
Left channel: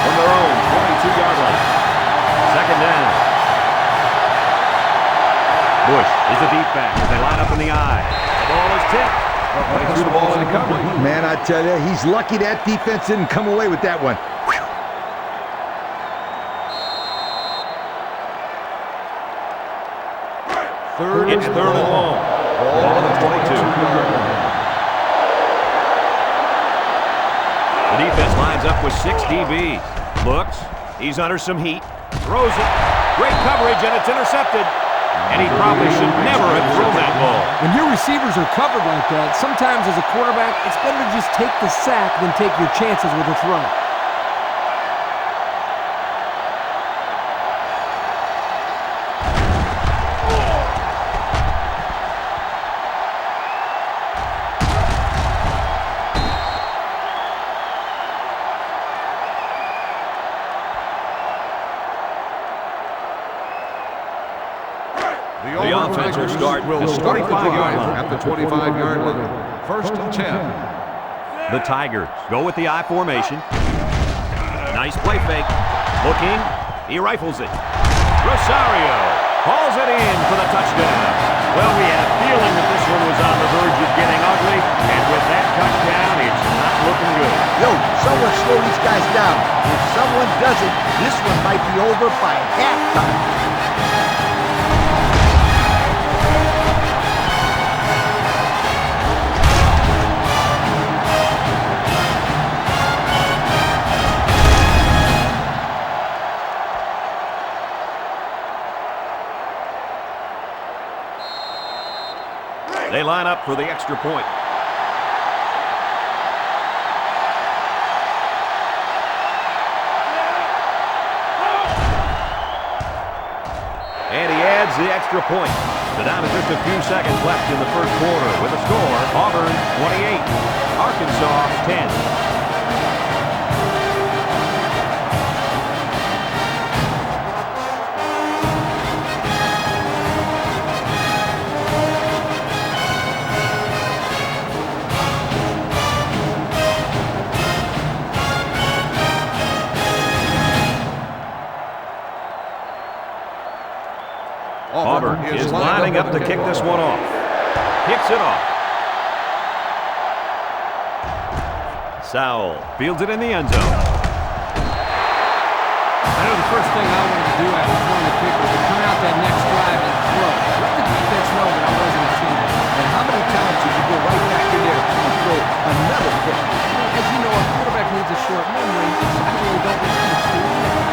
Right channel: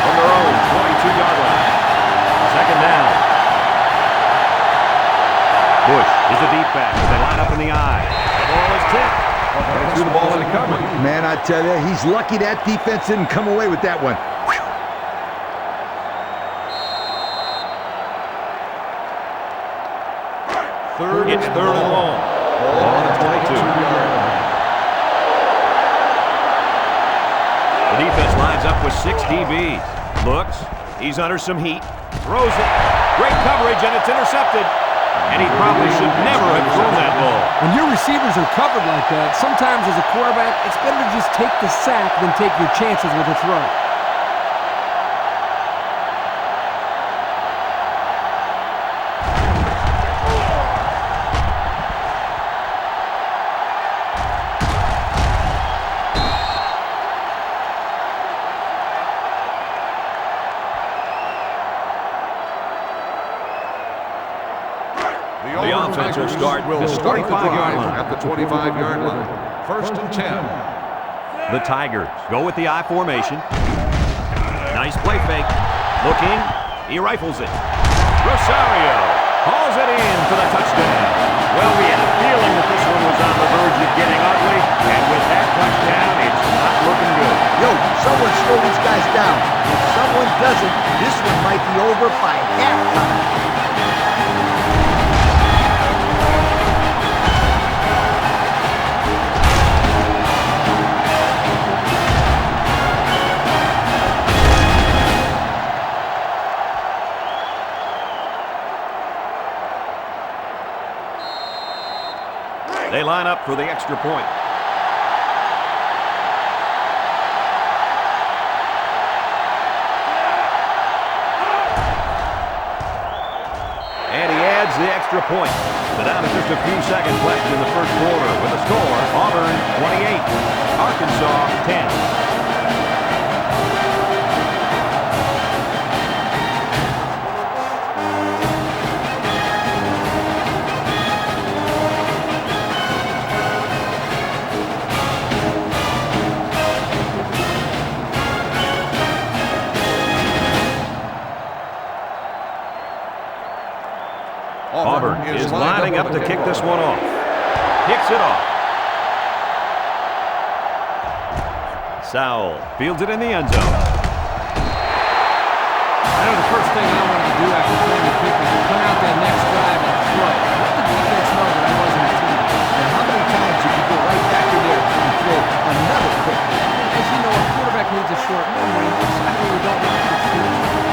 From their own 22-yard line. Second down. Bush is the deep back as they line up in the I. The ball is tipped. They threw the ball into coverage. Man, I tell you, he's lucky that defense didn't come away with that one. Whew. It's third and long. Ball on the 22-yard line. The defense lines up with 6 DBs. Looks. He's under some heat. Throws it. Great coverage, and it's intercepted. And he probably should never have thrown that ball. When your receivers are covered like that, sometimes as a quarterback, it's better to just take the sack than take your chances with a throw. The offense will start will at the start the 25-yard drive line. at the 25-yard line. First and 10. The Tigers go with the I formation. Nice play fake. Looking. He rifles it. Rosario hauls it in for the touchdown. Well, we had a feeling that this one was on the verge of getting ugly, and with that touchdown, it's not looking good. Yo, someone slow these guys down. If someone doesn't, this one might be over by halftime. They line up for the extra point. And he adds the extra point. So down to just a few seconds left in the first quarter with a score, Auburn 28, Arkansas 10. Auburn is lining up to kick this one off. Kicks it off. Sowell fields it in the end zone. I know the first thing I wanted to do after throwing the pick was to come out that next drive and throw. Let the defense know that I wasn't intimidated. And how many times did you go right back in there and throw another pick? As you know, a quarterback needs a short memory, so I really don't remember too much.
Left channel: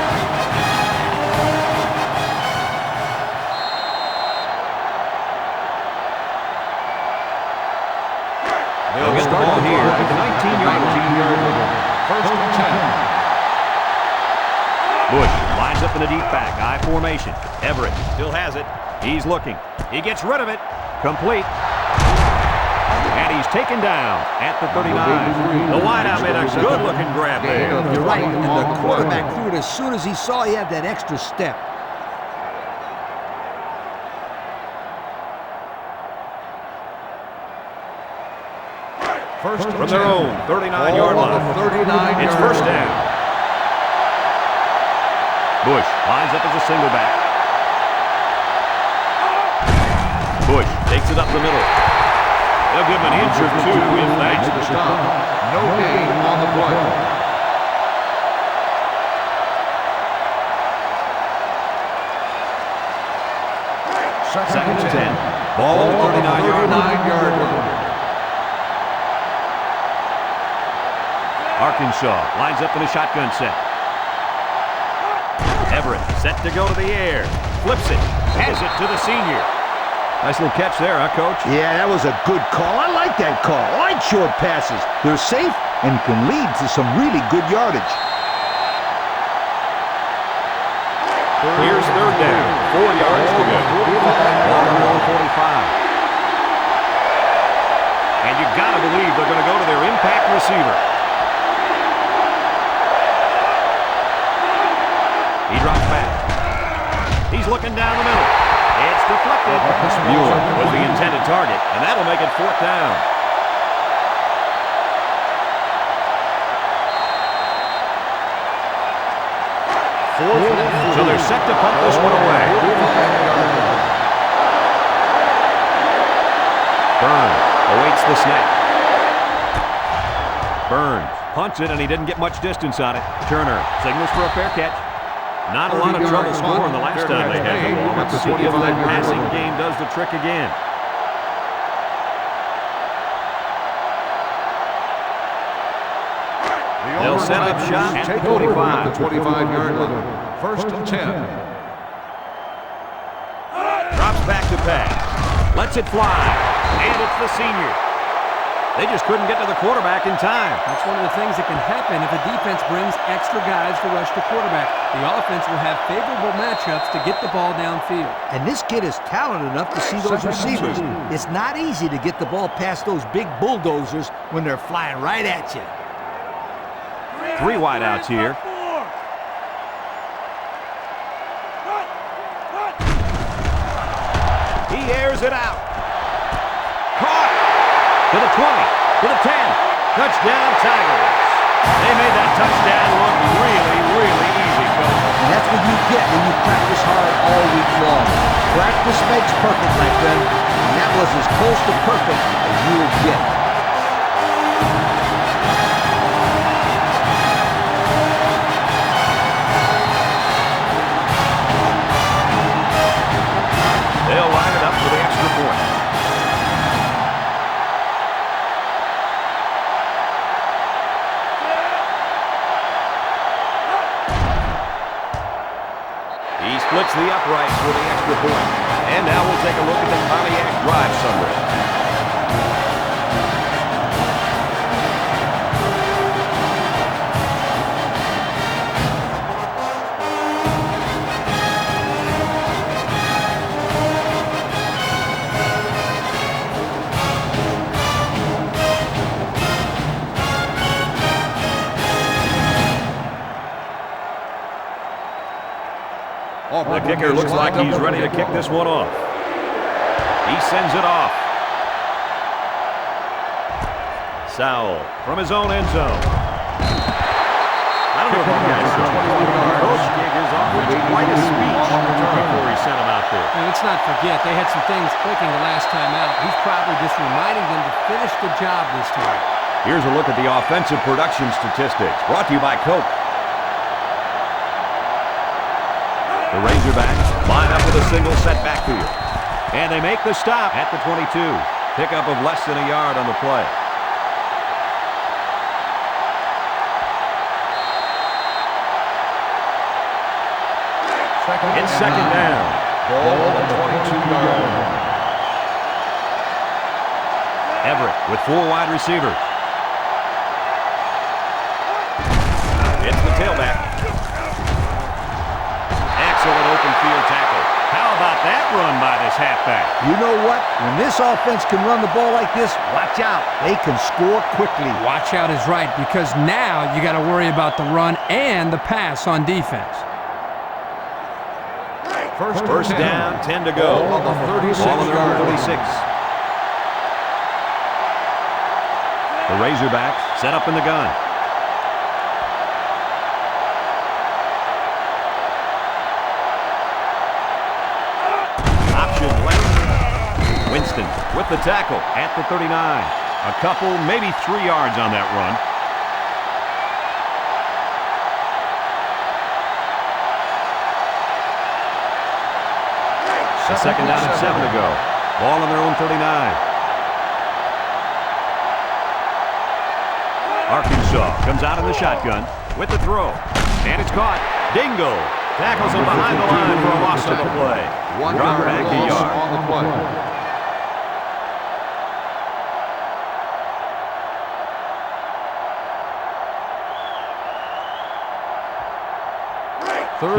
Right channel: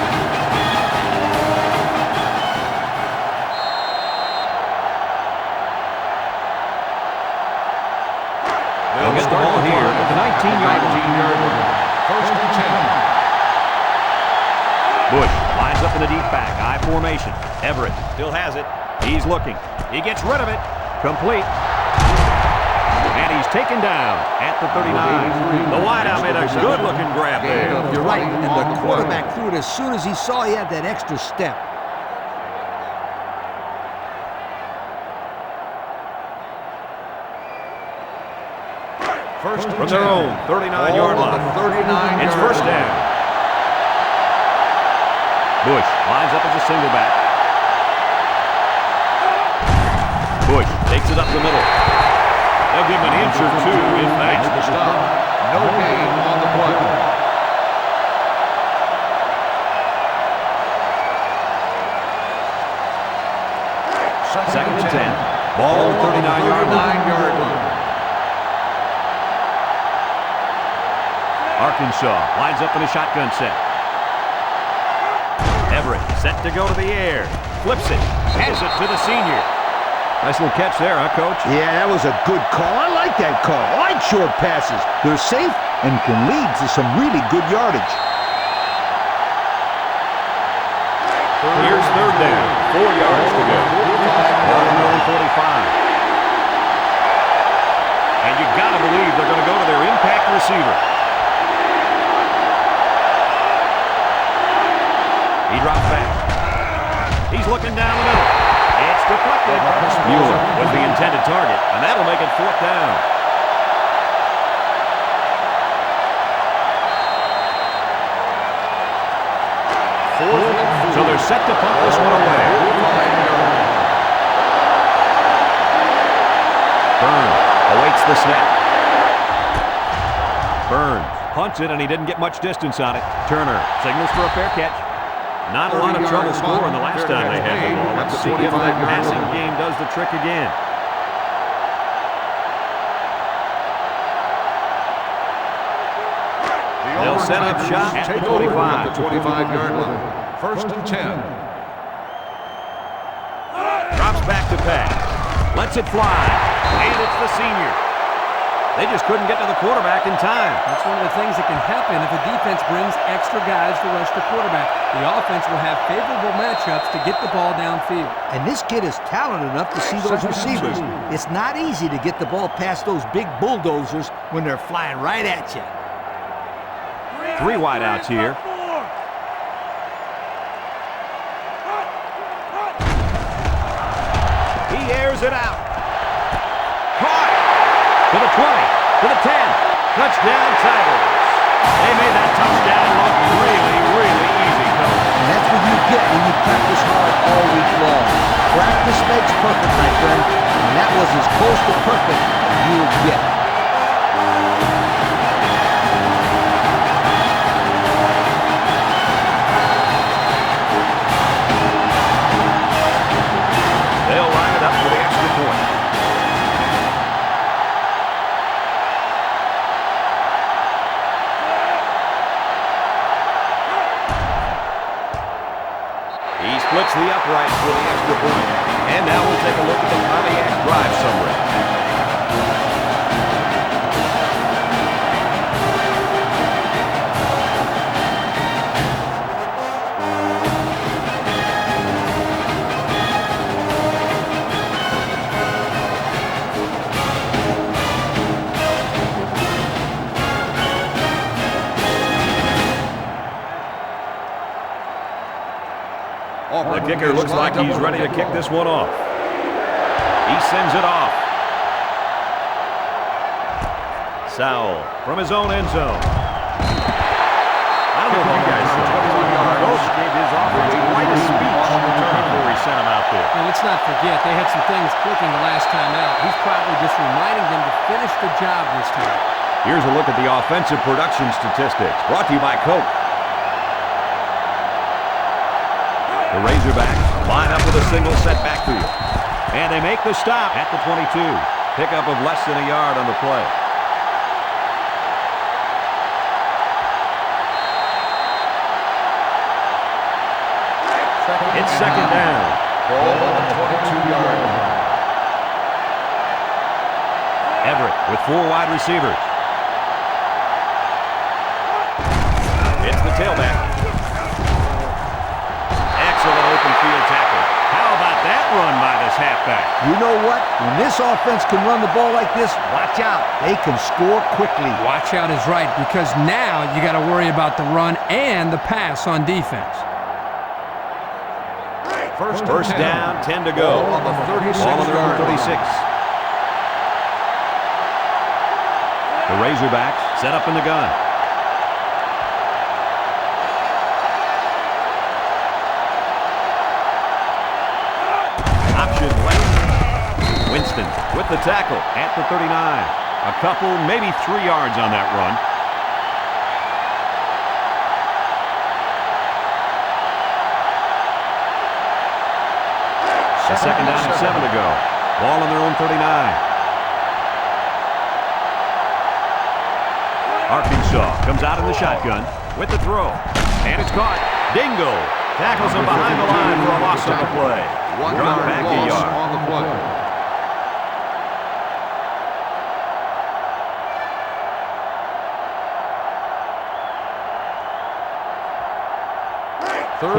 19-yard line. 19-yard line. First and 10. Bush lines up in the deep back. I formation. Everett still has it. He's looking. He gets rid of it. Complete. And he's taken down at the 39. The wideout made a good-looking grab there. You're right, and the quarterback threw it as soon as he saw he had that extra step. First and From 10. their own 39-yard Ball on line. the 39-yard It's first line. down. Bush lines up as a single back. Bush takes it up the middle. They'll give him an inch or two if Makes that. the stop. No gain on the play. Second and 10. Ball on the 39-yard line. 39-yard line. Arkansas lines up in a shotgun set. Everett set to go to the air. Flips it. Has it to the senior. Nice little catch there, huh, Coach? Yeah, that was a good call. I like that call. I like short passes. They're safe and can lead to some really good yardage. Here's third down. 4 yards to go. Ball on their own 45. And you got to believe they're going to go to their impact receiver. He drops back. He's looking down the middle. It's deflected. Mueller was the intended target, and that'll make it fourth down. Fourth and 4. So they're set to punt this one away. 45-yard line. Burns awaits the snap. Burns punts it, and he didn't get much distance on it. Turner signals for a fair catch. Not a lot of trouble scoring the last time they had the ball. Let's see if that passing game does the trick again. They'll set up shop at the 25. At the 25-yard line. First and 10. Drops back to pass. Lets it fly. And it's the senior. They just couldn't get to the quarterback in time. That's one of the things that can happen if a defense brings extra guys to rush the quarterback. The offense will have favorable matchups to get the ball downfield. And this kid is talented enough to see those receivers. It's not easy to get the ball past those big bulldozers when they're flying right at you. 3 wideouts here. He airs it out. Caught. To the 20. To the 10. Touchdown, Tigers. They made that touchdown look really, really easy, Coach. And that's what you get when you practice hard all week long. Practice makes perfect, my friend. And that was as close to perfect as you will get. They'll line it up for the extra point. He splits the uprights for the extra point. And now we'll take a look at the Pontiac drive summary. The kicker looks like he's ready to kick this one off. He sends it off. Sowell from his own end zone. I don't know if you guys saw. 21 yards. Coach gave his offense quite a speech before he sent him out there. And let's not forget, they had some things clicking the last time out. He's probably just reminding them to finish the job this time. Here's a look at the offensive production statistics, brought to you by Coke. The Razorbacks line up with a single set backfield. And they make the stop at the 22. Pickup of less than a yard on the play. It's second down. Ball on the 22-yard line. Everett with 4 wide receivers. Excellent open field tackle. How about that run by this halfback? You know what? When this offense can run the ball like this, watch out. They can score quickly. Watch out is right, because now you got to worry about the run and the pass on defense. First down, 10 to go. Ball on the 36 Ball on their own yard 36. The Razorbacks set up in the gun. Option left. Winston with the tackle at the 39. A couple, maybe 3 yards on that run. A second down and 7 to go. Ball on their own 39. Arkansas comes out in the shotgun with the throw. And it's caught. Dingle tackles him behind the line for a loss on the play. 1 Drop yard back a loss yard. on the play.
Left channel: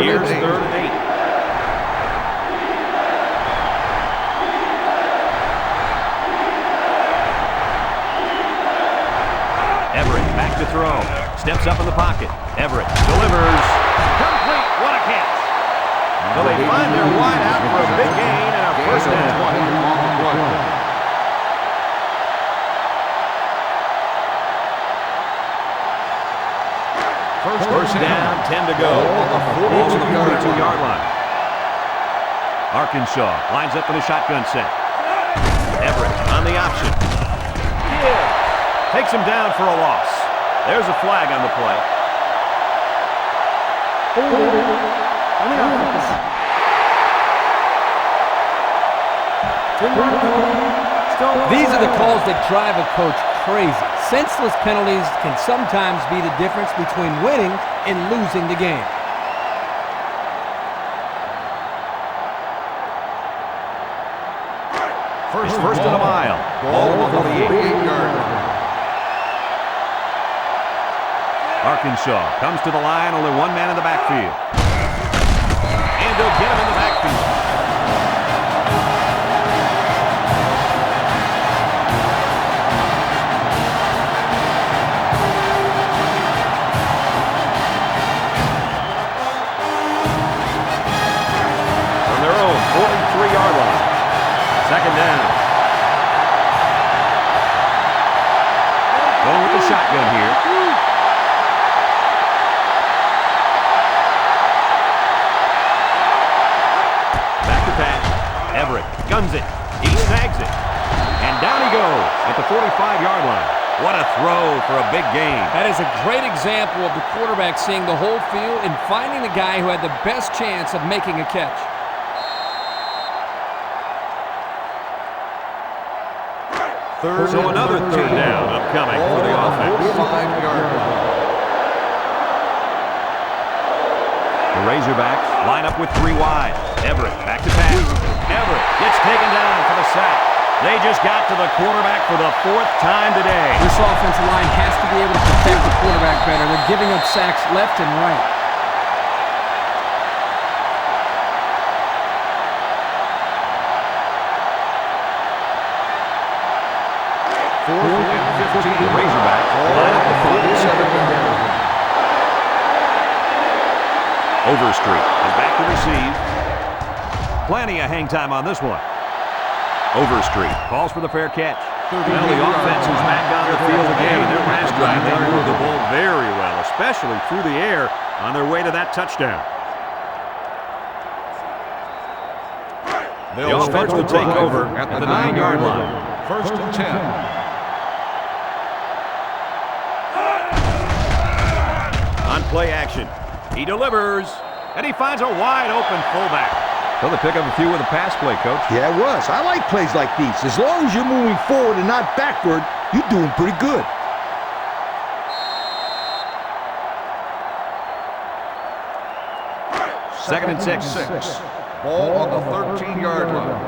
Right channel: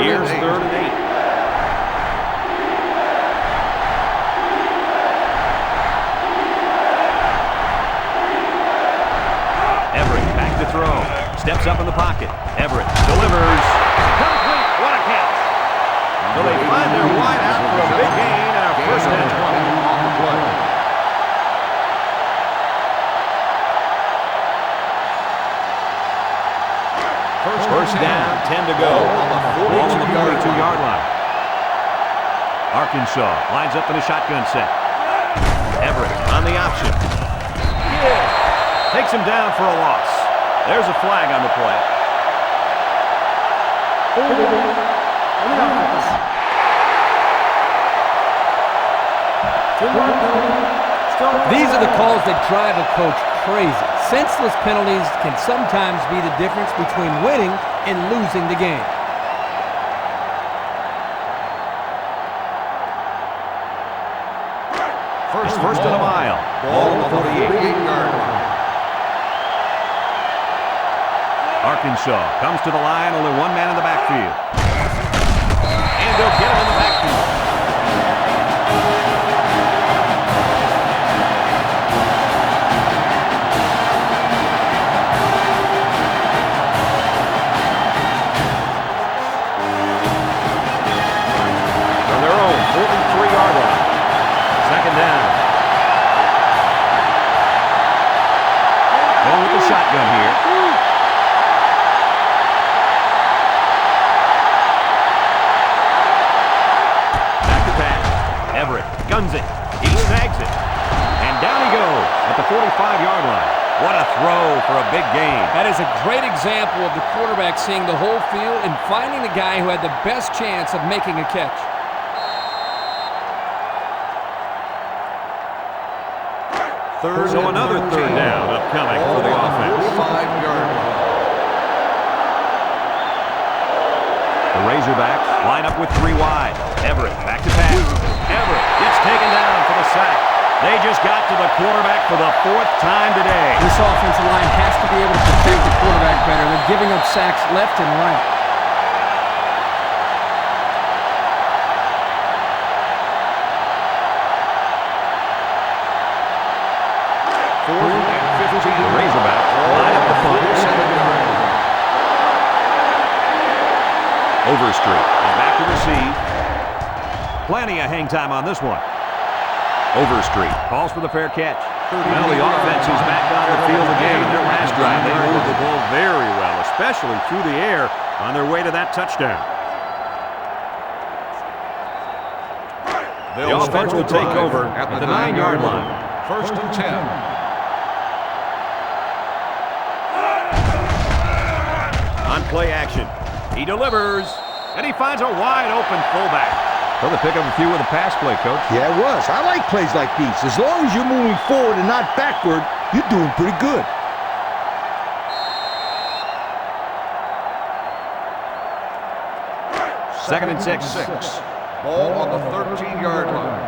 Here's 3rd and 8. Everett back to throw. Steps up in the pocket. Everett delivers. Complete. What a catch. So they find their wide out for a big gain and a first Gain of down. 20 on the play. First down, 10 to go. Ball on the 42-yard line. Arkansas lines up in a shotgun set. Everett on the option. Takes him down for a loss. There's a flag on the play. Holding on the offense. 10-yard penalty. Still These are the calls that drive a coach crazy. Senseless penalties can sometimes be the difference between winning and losing the game. First and a mile. Ball on the 48. 48-yard line. Arkansas comes to the line, only one man in the backfield. And they'll get him in the backfield. From their own 43-yard line. Second down. Going with the shotgun here. Everett guns it. He snags it. And down he goes at the 45-yard line. What a throw for a big gain. That is a great example of the quarterback seeing the whole field and finding the guy who had the best chance of making a catch. So another 3rd down upcoming for the offense. 45-yard line. The Razorbacks line up with 3 wide. Everett back to pass. Everett gets taken down for the sack. They just got to the quarterback for the 4th time today. This offensive line has to be able to protect the quarterback better. They're giving up sacks left and right. Fourth and 15. The Razorbacks line up the punt. 47-yard line. Overstreet is back to receive. Plenty of hang time on this one. Overstreet calls for the fair catch. Well, the offense is back on the field again. In their last drive, they moved the ball very well, especially through the air on their way to that touchdown. The offense will take over at the 9-yard line. First and 10. On play action. He delivers, and he finds a wide-open fullback. So they pick up a few with a pass play, Coach. Yeah, it was. I like plays like these. As long as you're moving forward and not backward, you're doing pretty good. Second and 6. Ball on the 13-yard line.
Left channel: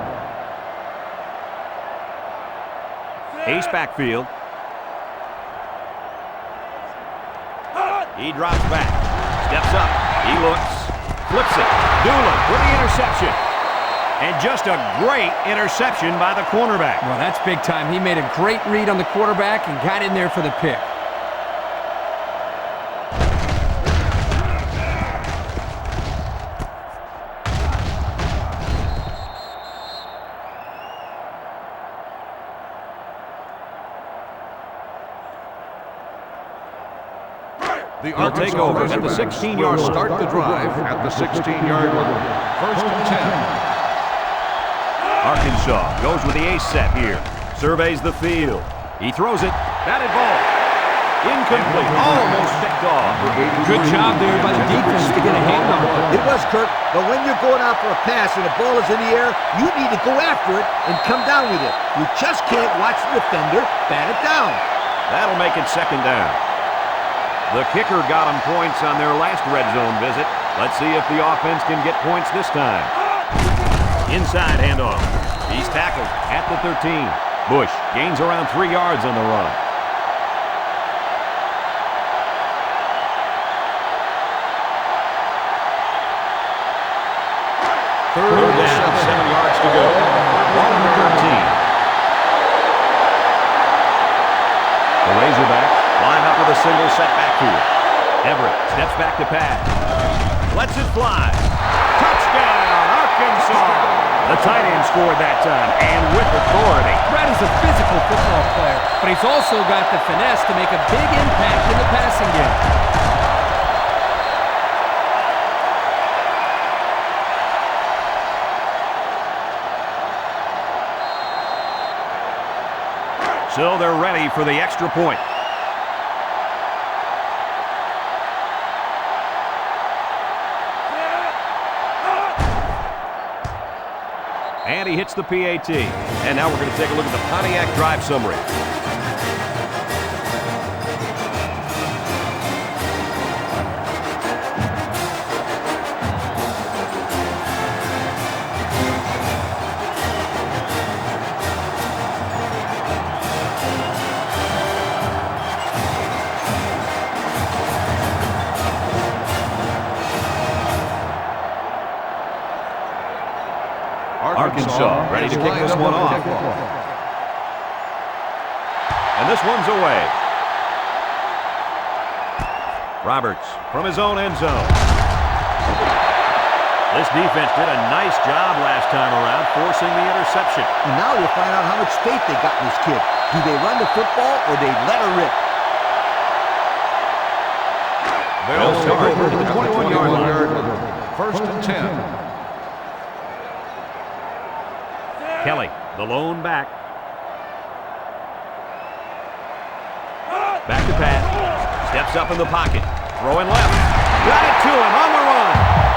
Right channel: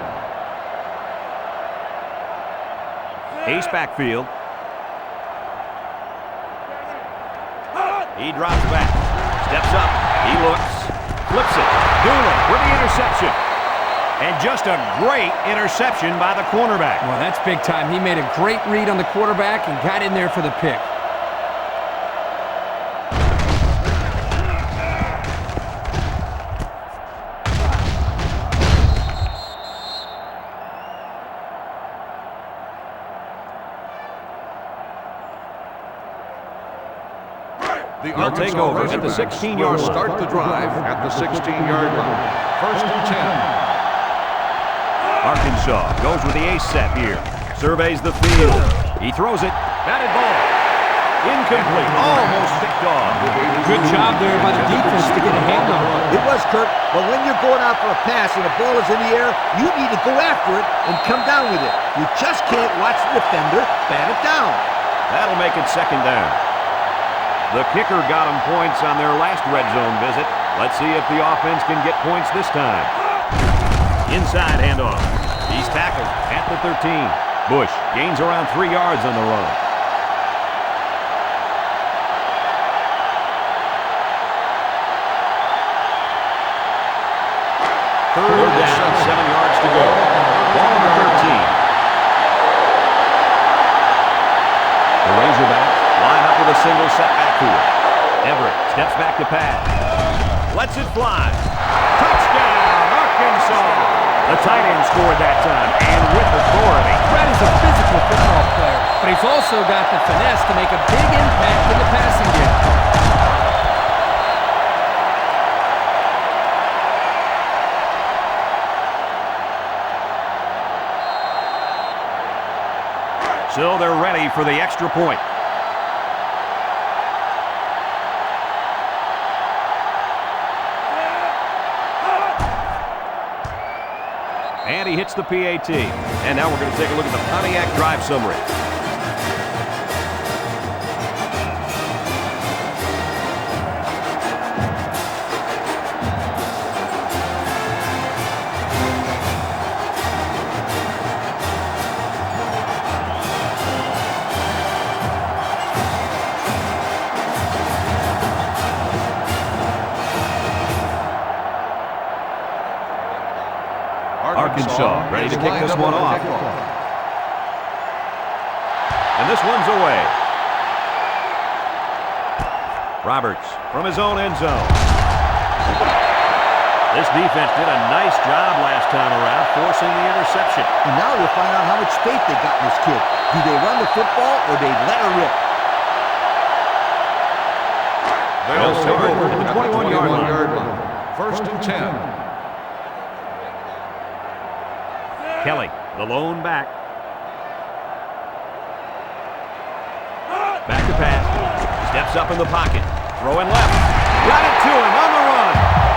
Ace backfield. He drops back. Steps up. He looks. flips it. Doolin with the interception. And just a great interception by the cornerback. Well, that's big time. He made a great read on the quarterback and got in there for the pick. The They'll take over at the 16-yard line. Start the drive at the 16-yard line. 1st and 10. Arkansas goes with the ace set here. Surveys the field. He throws it. Batted ball. Incomplete. Almost picked off. Good job there by the defense to get a hand on it. It was, Kurt, but when you're going out for a pass and the ball is in the air, you need to go after it and come down with it. You just can't watch the defender bat it down. That'll make it 2nd down. The kicker got them points on their last red zone visit. Let's see if the offense can get points this time. Inside handoff. He's tackled at the 13. Bush gains around 3 yards on the run. Third down, 7 yards to go. Ball on the 13. The Razorbacks line up with a single set backfield. Everett steps back to pass. Lets it fly. Touchdown, Arkansas! The tight end scored that time, and with authority. Brett is a physical football player, but he's also got the finesse to make a big impact in the passing game. So they're ready for the extra point. And he hits the PAT. And now we're going to take a look at the Pontiac drive summary. Arkansas ready to kick this one off. And this one's away. Roberts from his own end zone. This defense did a nice job last time around, forcing the interception. And now you'll find out how much faith they got in this kid. Do they run the football or they let her rip? They'll start over at the 21-yard line. 1st and 10. Kelly, the lone back. Back to pass. Steps up in the pocket. Throwing left. Got it to him on the run.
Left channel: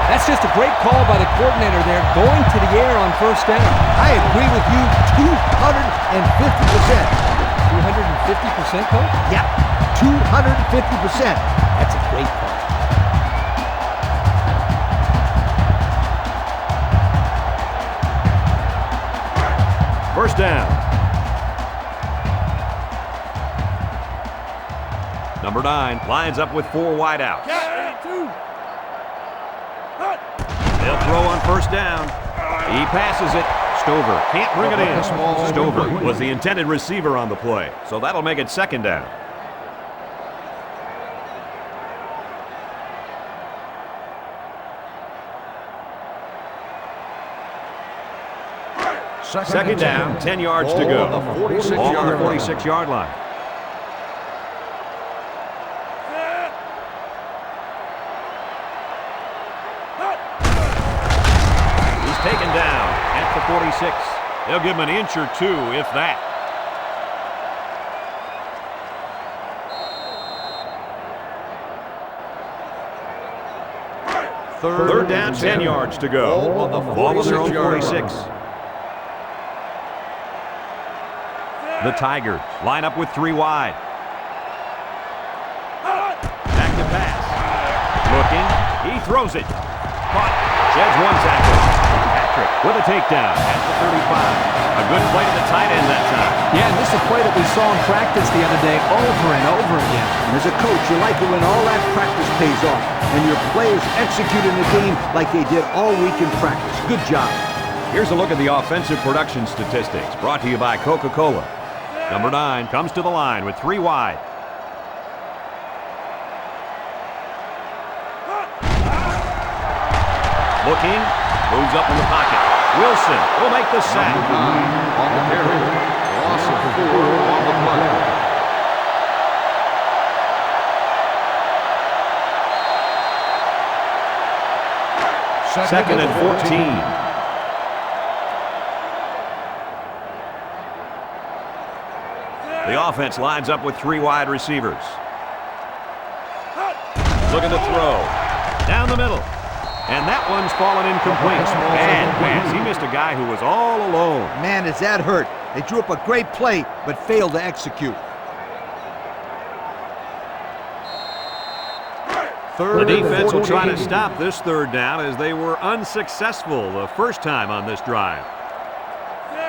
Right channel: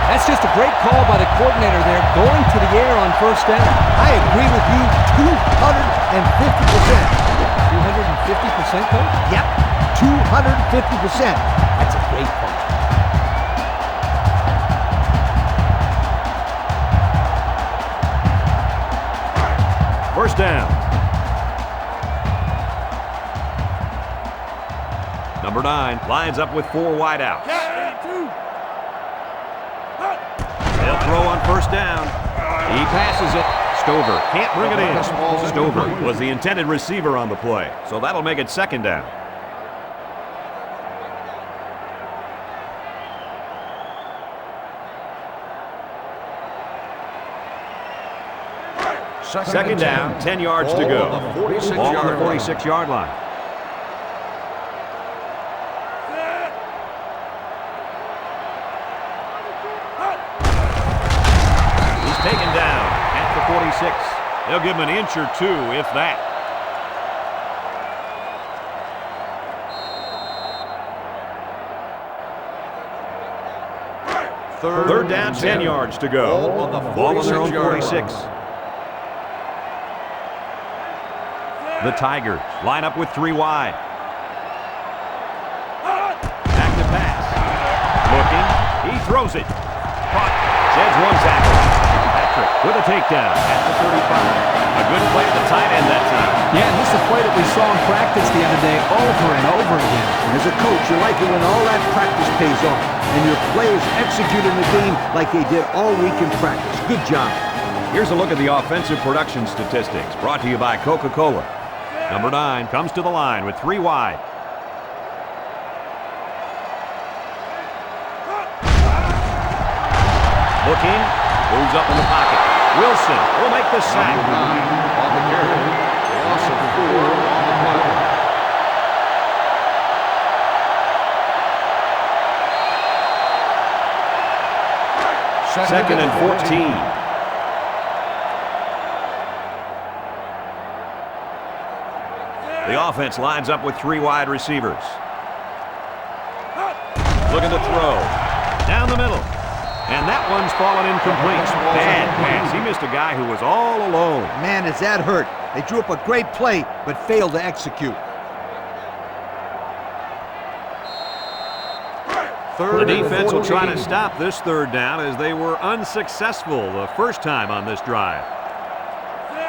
That's just a great call by the coordinator there, going to the air on 1st down. I agree with you 250%. 250%, Coach? Yep, 250%. That's a great call. First down. Number 9 lines up with 4 wideouts. They'll throw on 1st down. He passes it. Stover can't bring it in. Stover was the intended receiver on the play, so that'll make it 2nd down. Second down, 10 yards to go. Ball on the 46-yard line. He's taken down at the 46. They'll give him an inch or 2, if that. Third down, 10 yards to go. Ball on their own 46. The Tigers line up with 3 wide. Back to pass. Looking. He throws it. Caught. Sheds 1 tackle. Back Patrick with a takedown at the 35. A good play to the tight end that time. Yeah, and this is a play that we saw in practice the other day over and over again. And as a coach, you like it when all that practice pays off and your players execute in the game like they did all week in practice. Good job. Here's a look at the offensive production statistics brought to you by Coca-Cola. Number 9 comes to the line with 3 wide. Looking, moves up in the pocket. Wilson will make the sack. Number 9 on the carry. Loss of 4 on the play. Second and 14. The offense lines up with 3 wide receivers. Looking to throw. Down the middle. And that one's fallen incomplete. Bad pass. He missed a guy who was all alone. Man, is that hurt. They drew up a great play, but failed to execute. The defense will try to stop this third down as they were unsuccessful the first time on this drive.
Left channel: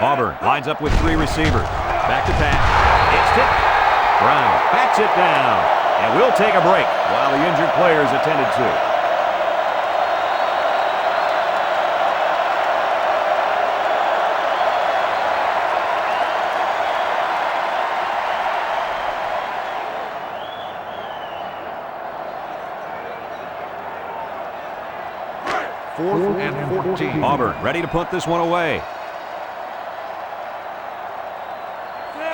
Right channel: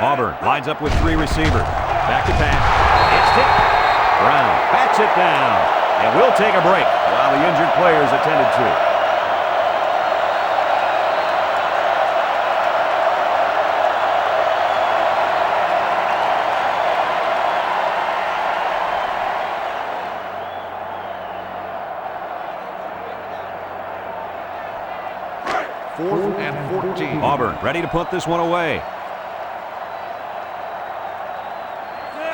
Auburn lines up with 3 receivers. Back to pass. It's tipped. Brown bats it down. And we'll take a break while the injured player is attended to. Fourth and 14. Auburn ready to punt this one away.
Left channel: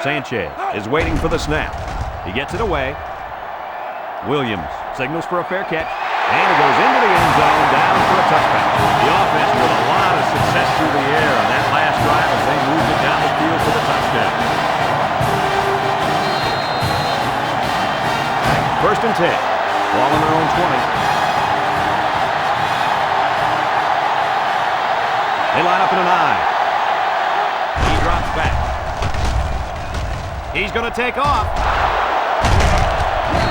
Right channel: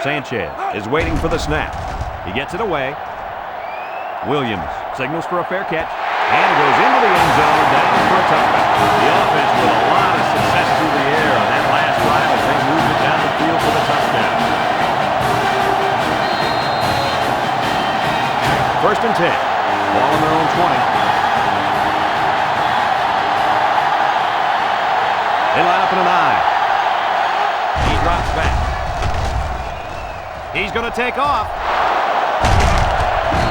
Sanchez is waiting for the snap. He gets it away. Williams signals for a fair catch. And it goes into the end zone, down for a touchback. The offense with a lot of success through the air on that last drive as they moved it down the field for the touchdown. First and 10. Ball on their own 20. They line up in an I. He drops back. He's going to take off.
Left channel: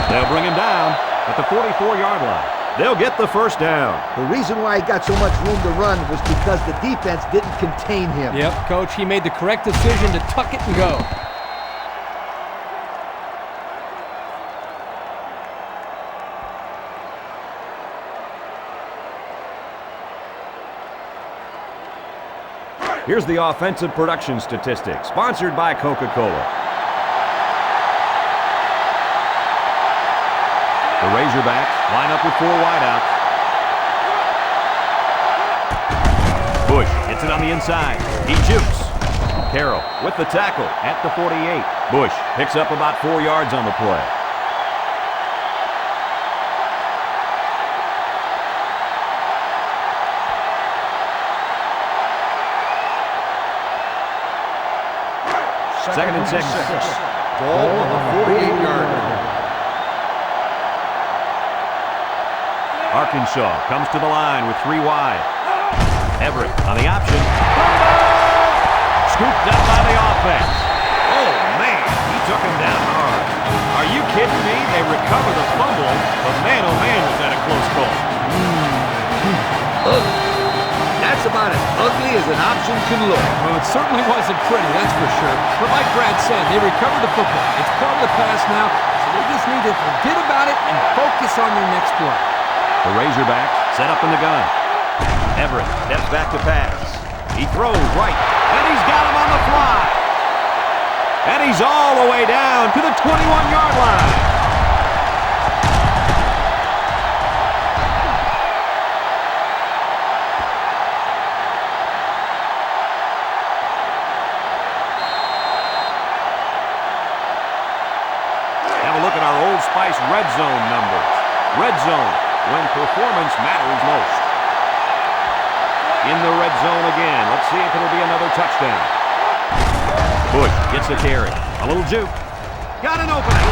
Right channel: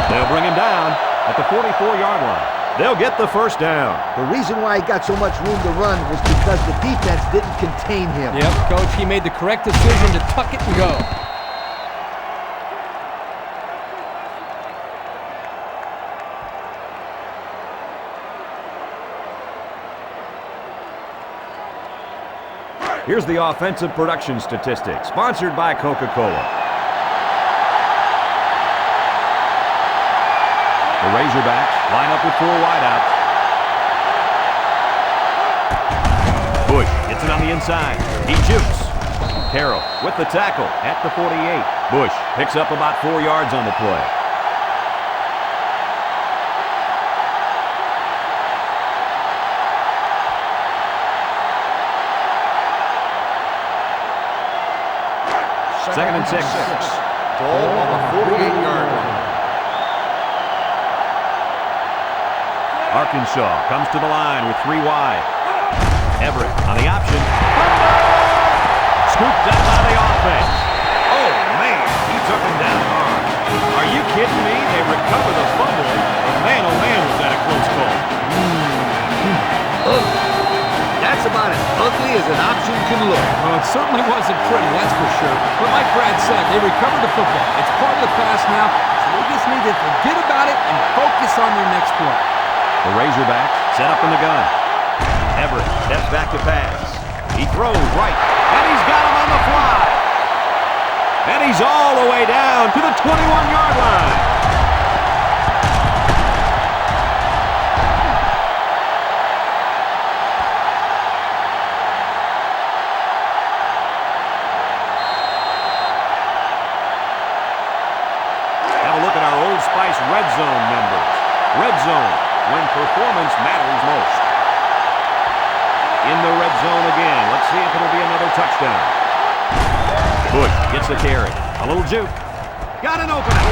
They'll bring him down at the 44-yard line. They'll get the first down. The reason why he got so much room to run was because the defense didn't contain him. Yep, Coach, he made the correct decision to tuck it and go. Here's the offensive production statistics, sponsored by Coca-Cola. The Razorbacks line up with 4 wideouts. Bush gets it on the inside. He jukes. Carroll with the tackle at the 48. Bush picks up about 4 yards on the play. Second and 6. Ball on the 48-yard line. Arkansas comes to the line with 3 wide. Everett on the option. Fumble! Scooped up by the offense. Oh, man, he took him down hard. Are you kidding me? They recover the fumble, but man, oh man, was that a close call. That's about as ugly as an option can look. Well, it certainly wasn't pretty, that's for sure. But like Brad said, they recovered the football. It's part of the pass now, so they just need to forget about it and focus on their next play. The Razorbacks set up in the gun. Everett steps back to pass. He throws right, and he's got him on the fly. And he's all the way down to the 21-yard line. Have a look at our Old Spice red zone numbers. Red zone, when performance matters most. In the red zone again. Let's see if it'll be another touchdown. Bush gets the carry. A little juke. Got an opening.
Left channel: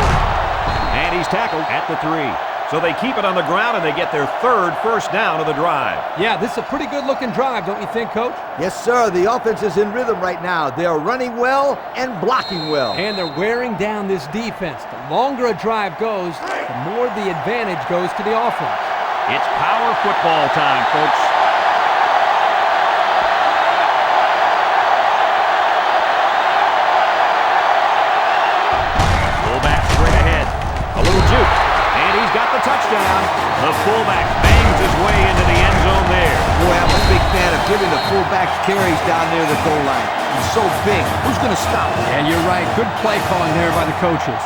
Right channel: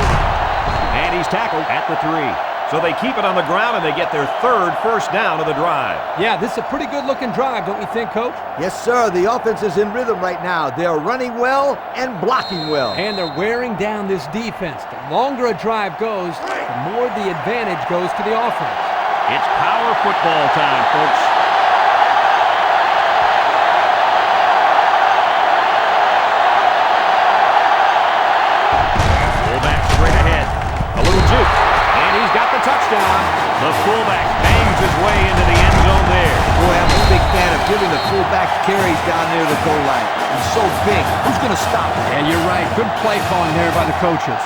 And he's tackled at the 3. So they keep it on the ground and they get their 3rd first down of the drive. Yeah, this is a pretty good-looking drive, don't you think, Coach? Yes, sir. The offense is in rhythm right now. They are running well and blocking well. And they're wearing down this defense. The longer a drive goes, the more the advantage goes to the offense. It's power football time, folks. the touchdown. The fullback bangs his way into the end zone there. Boy, I'm a big fan of giving the fullback carries down near the goal line. He's so big. Who's going to stop him? Yeah, you're right. Good play calling there by the coaches.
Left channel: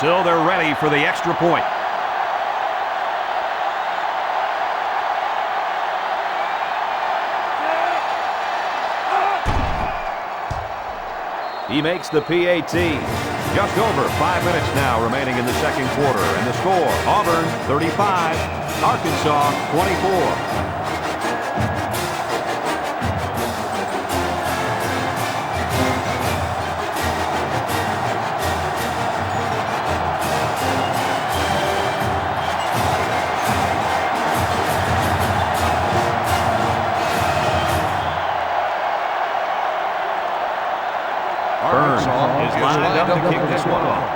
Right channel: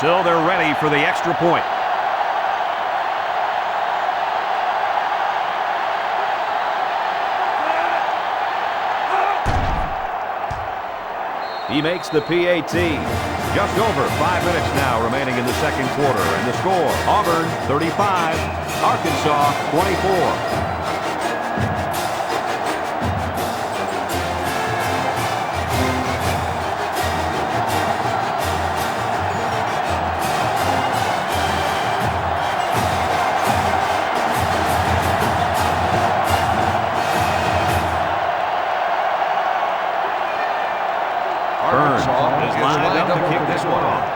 So they're ready for the extra point. He makes the PAT. Just over 5 minutes now remaining in the second quarter. And the score, Auburn 35, Arkansas 24. Arkansas is lined up to kick this one off.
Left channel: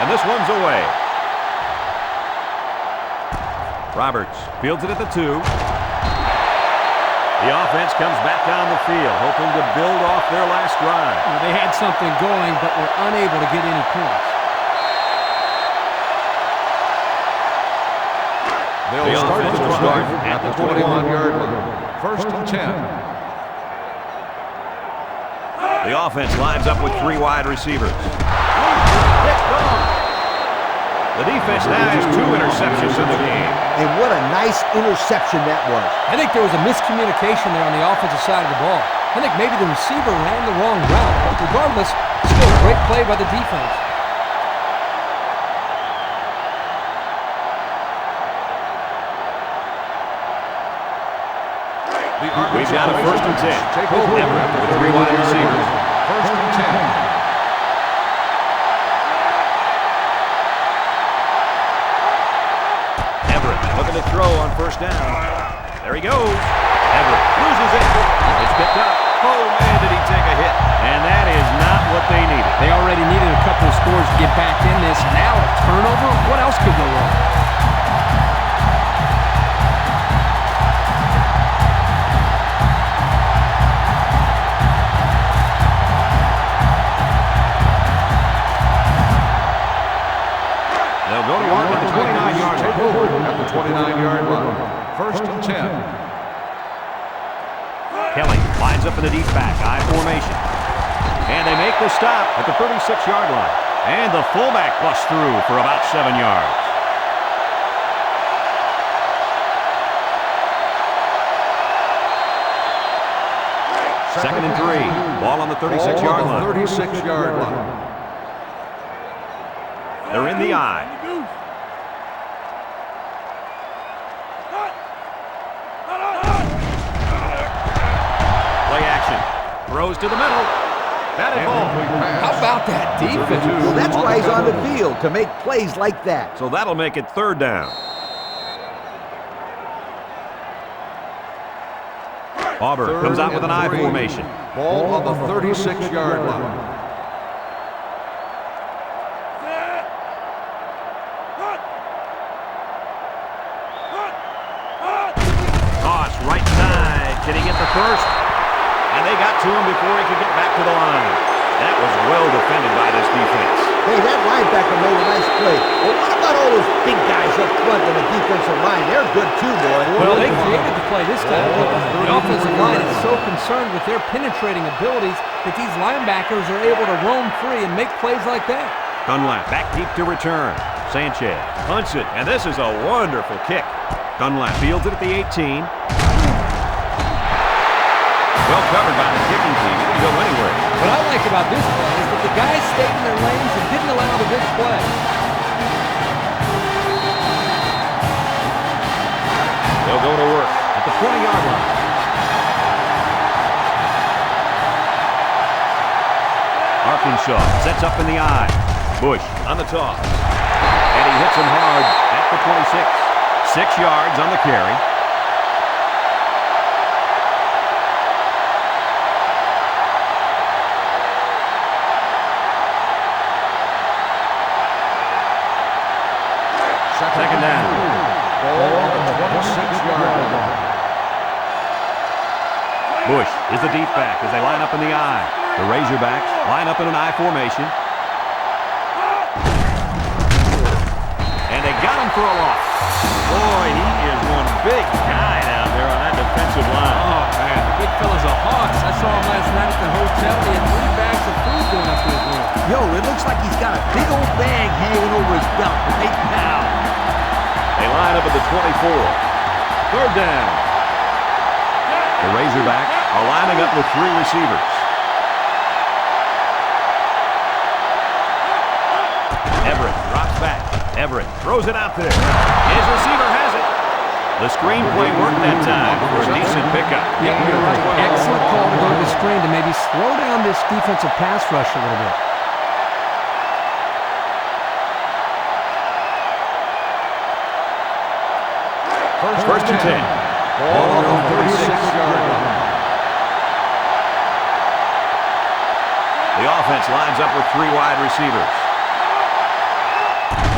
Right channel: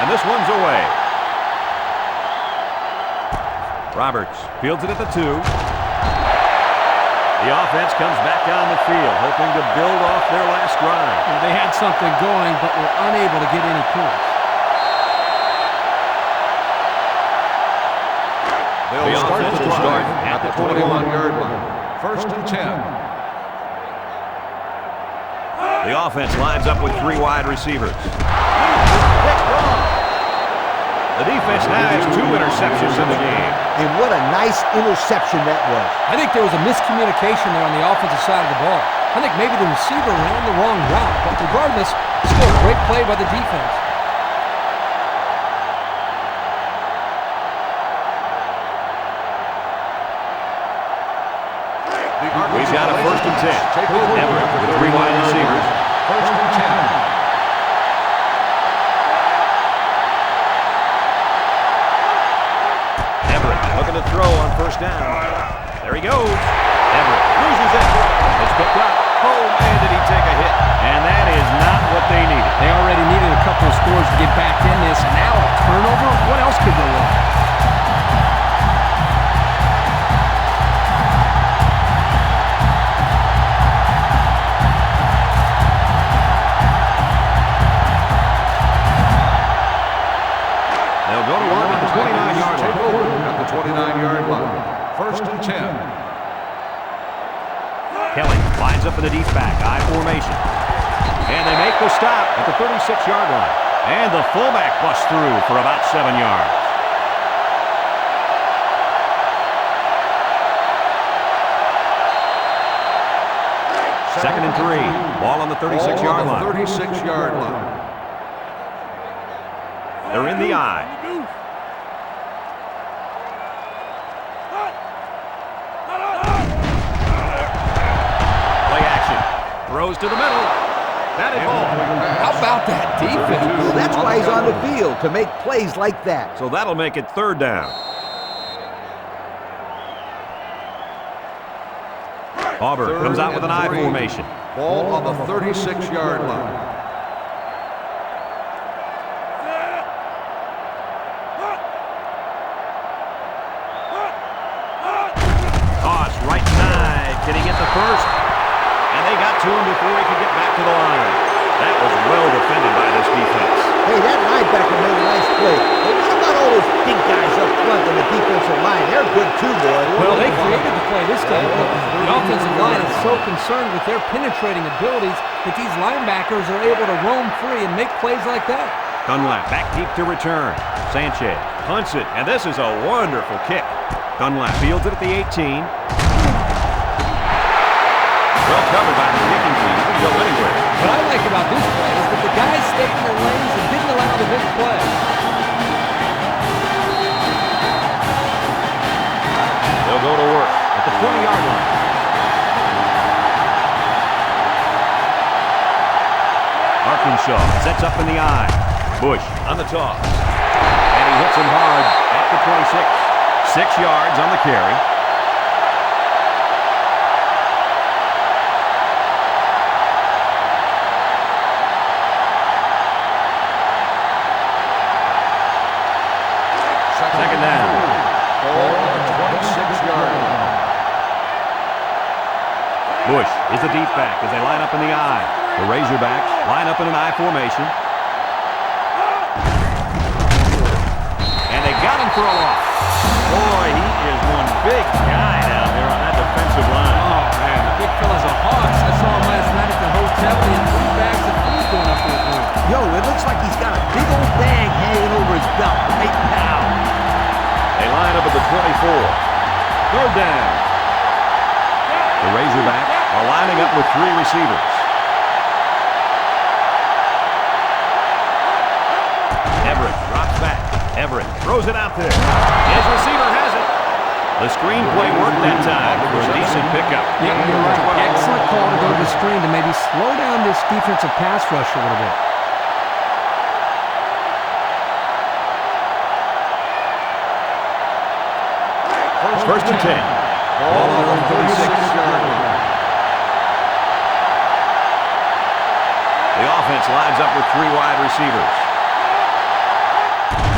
And this one's away. Roberts fields it at the 2. The offense comes back on the field, hoping to build off their last drive. Well, they had something going, but were unable to get any points. They'll start the drive at the 21-yard line. First and 10. The offense lines up with 3 wide receivers. Picked off. The defense now has 2 interceptions in the game. And what a nice interception that was. I think there was a miscommunication there on the offensive side of the ball. I think maybe the receiver ran the wrong route, but regardless, still a great play by the defense. We've got a first and 10. Take over Everett with 3 wide receivers. First and 10. Everett looking to throw on first down. There he goes. Everett loses it. It's picked up. Oh, man, did he take a hit. And that is not what they needed. They already needed a couple of scores to get back in this. Now a turnover? What else could go wrong? They'll go to work at the 29-yard Take line. over at the 29-yard line. First and 10. Kelly lines up in the deep back, I formation. And they make the stop at the 36-yard line. And the fullback busts through for about 7 yards. Second and 3. Ball on the 36-yard line. 36-yard line. They're in the eye. Play action. Throws to the middle. Batted ball. How about that defense? Well, that's why he's on the field, to make plays like that. So that'll make it third down. Auburn comes out with an I formation. Ball on the 36-yard line. Toss right side. Can he get the first? And they got to him before he could get back to the line. That was well defended by this defense. Hey, that linebacker made a nice play. But what about all those big guys up front in the defensive line? They're good too, boy. Well, they created the play this time. The offensive line is so concerned with their penetrating abilities that these linebackers are able to roam free and make plays like that. Dunlap back deep to return. Sanchez punts it, and this is a wonderful kick. Dunlap fields it at the 18. Well covered by the kicking team. He can go anywhere. What I like about this play is that the guys stayed in their lanes and didn't allow the big play. They'll go to work at the 20-yard line. Arkansas sets up in the eye. Bush on the toss. And he hits him hard at the 26. 6 yards on the carry. Second down. Ball on the 26-yard line. Bush is the deep back as they line up in the I. The Razorbacks line up in an I formation. got him for a loss. Boy, he is one big guy down there on that defensive line. Oh, man, the big fella's a hoss. I saw him last night at the hotel. He had 3 bags of food going up to his room. Yo, it looks like he's got a big old bag hanging over his belt right now. They line up at the 24. Third down. The Razorbacks are lining up with 3 receivers. Everett drops back. Everett throws it out there. His receiver has it. The screenplay worked that time for a decent pickup. Yeah, you're right. Excellent call to go to the screen to maybe slow down this defensive pass rush a little bit. First and 10. Ball on their own 36-yard line. The offense lines up with 3 wide receivers.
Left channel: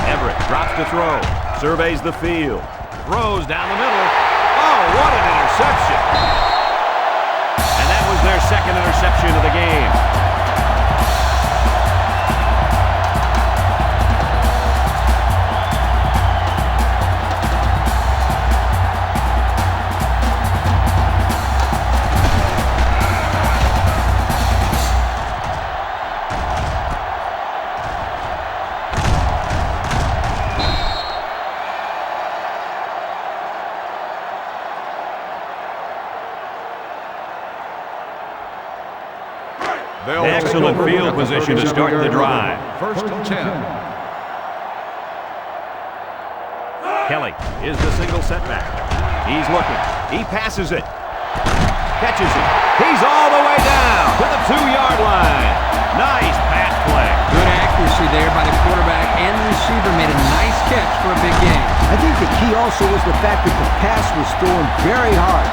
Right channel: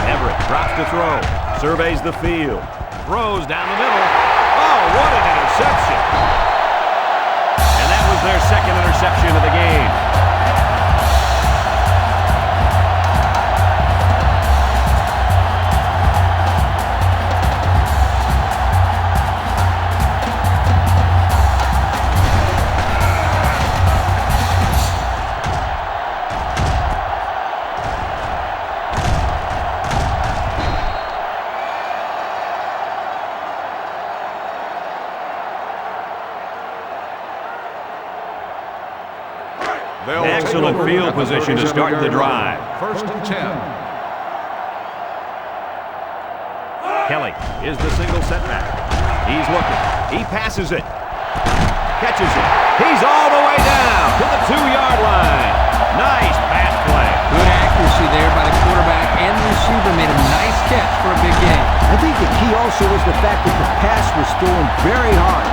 Everett drops to throw. Surveys the field. Throws down the middle. Oh, what an interception. And that was their second interception of the game. Excellent field position to start the drive. First and 10. Kelly is the single setback. He's looking. He passes it. Catches it. He's all the way down to the 2-yard line. Nice pass play. Good accuracy there by the quarterback, and the receiver made a nice catch for a big gain. I think the key also was the fact that the pass was thrown very hard.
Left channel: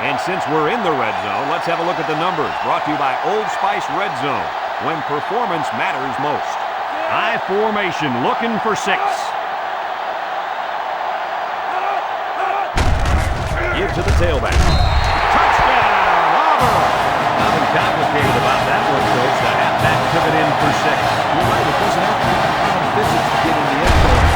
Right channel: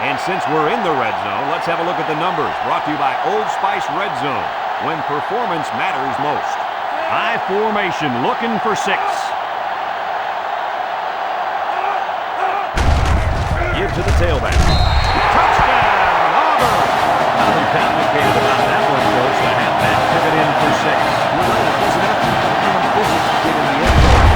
And since we're in the red zone, let's have a look at the numbers. Brought to you by Old Spice Red Zone, when performance matters most. High formation, looking for 6. Give to the tailback. Touchdown, Auburn! Nothing complicated about that one, Coach. The halfback took it in for 6. You're right, it doesn't have to be common physics to get in the end zone.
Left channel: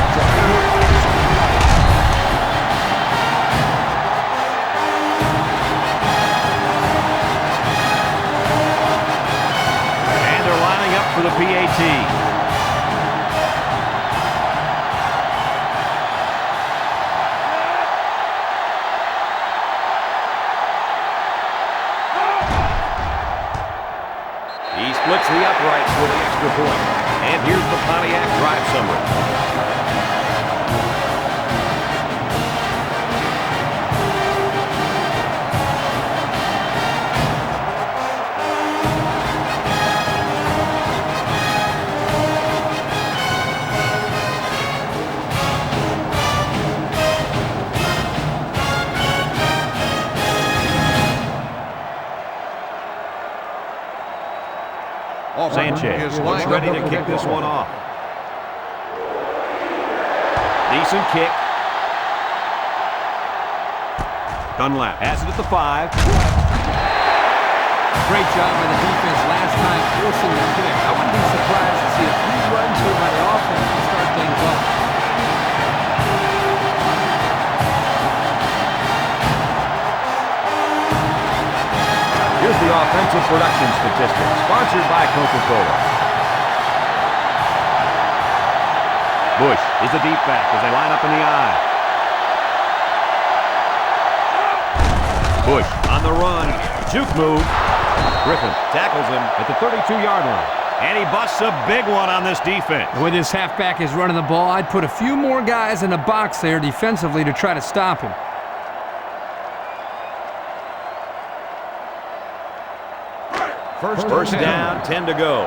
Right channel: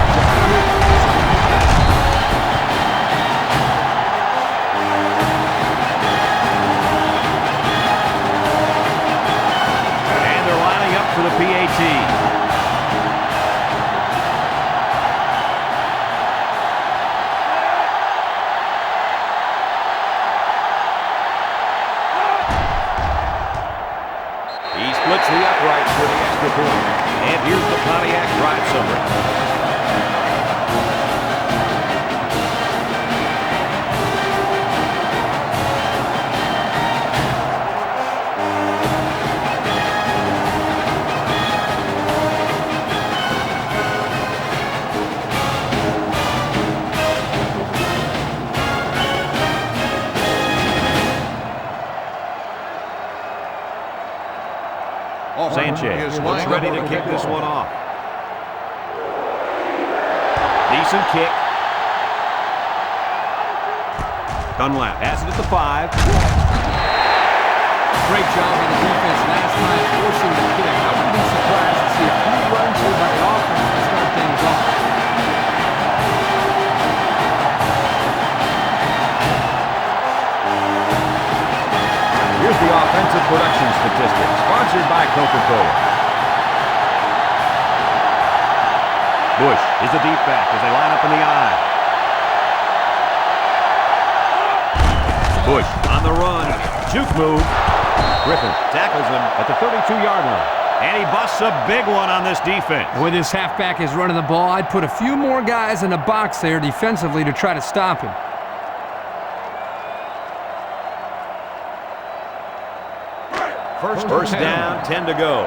For the PAT. He splits the uprights with the extra point. And here's the Pontiac drive summary. Sanchez looks ready to kick this one off. Decent kick. Dunlap has it at the 5. Great job by the defense last time forcing the kick. I wouldn't be surprised to see a few runs here by the offense to start things off. Here's the offensive production statistics, sponsored by Coca-Cola. Bush is the deep back as they line up in the I. Bush on the run. Juke move. Griffin tackles him at the 32-yard line. And he busts a big one on this defense. The way this halfback is running the ball, I'd put a few more guys in the box there defensively to try to stop him. First down, 10 to go.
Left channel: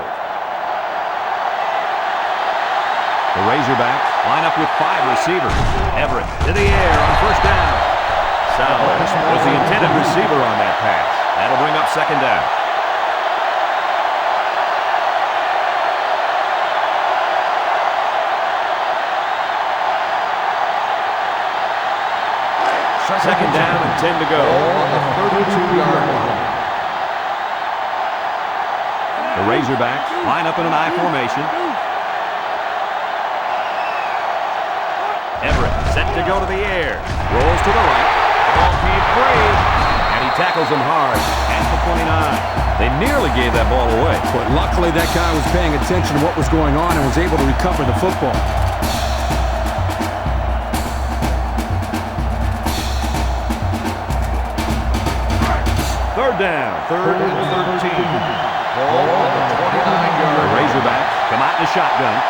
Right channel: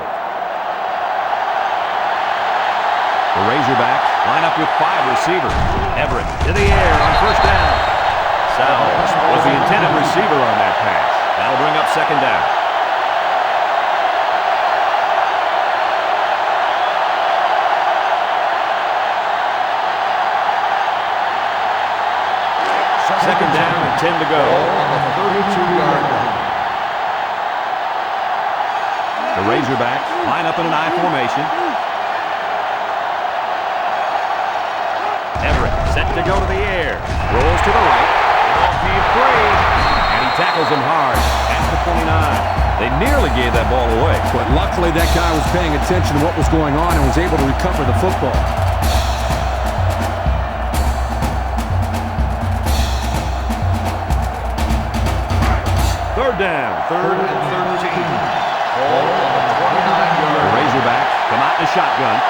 The Razorbacks line up with 5 receivers. Everett to the air on first down. Sowell was the intended receiver on that pass. That'll bring up second down. Second down and 10 to go. Ball on the 32-yard line. The Razorbacks line up in an I formation. Everett set to go to the air. Rolls to the right. The ball came free. And he tackles him hard at the 29. They nearly gave that ball away. But luckily that guy was paying attention to what was going on and was able to recover the football. Third down. 3rd and 13. Ball on the 29-yard The Razorbacks come out in a shotgun.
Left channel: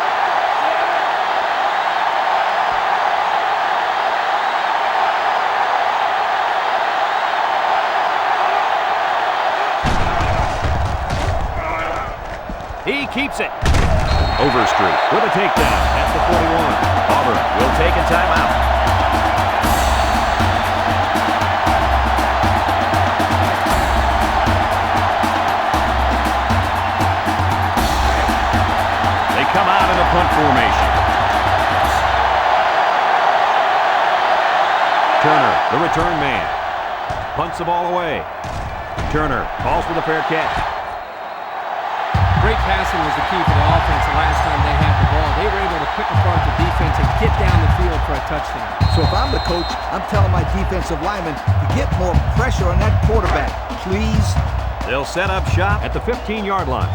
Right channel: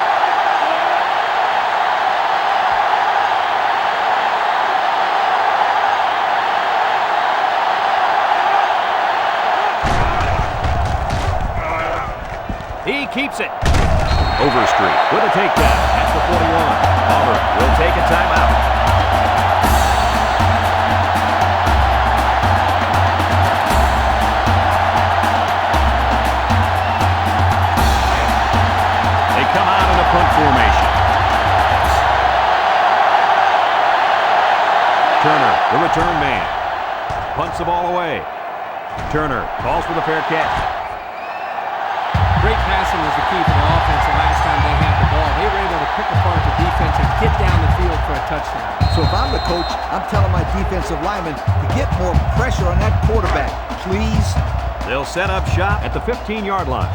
He keeps it. Overstreet with a takedown at the 41. Auburn will take a timeout. They come out in a punt formation. Turner, the return man. Punts the ball away. Turner calls for the fair catch. Great passing was the key for the offense the last time they had the ball. They were able to pick apart the defense and get down the field for a touchdown. So if I'm the coach, I'm telling my defensive linemen to get more pressure on that quarterback, please. They'll set up shop at the 15-yard line.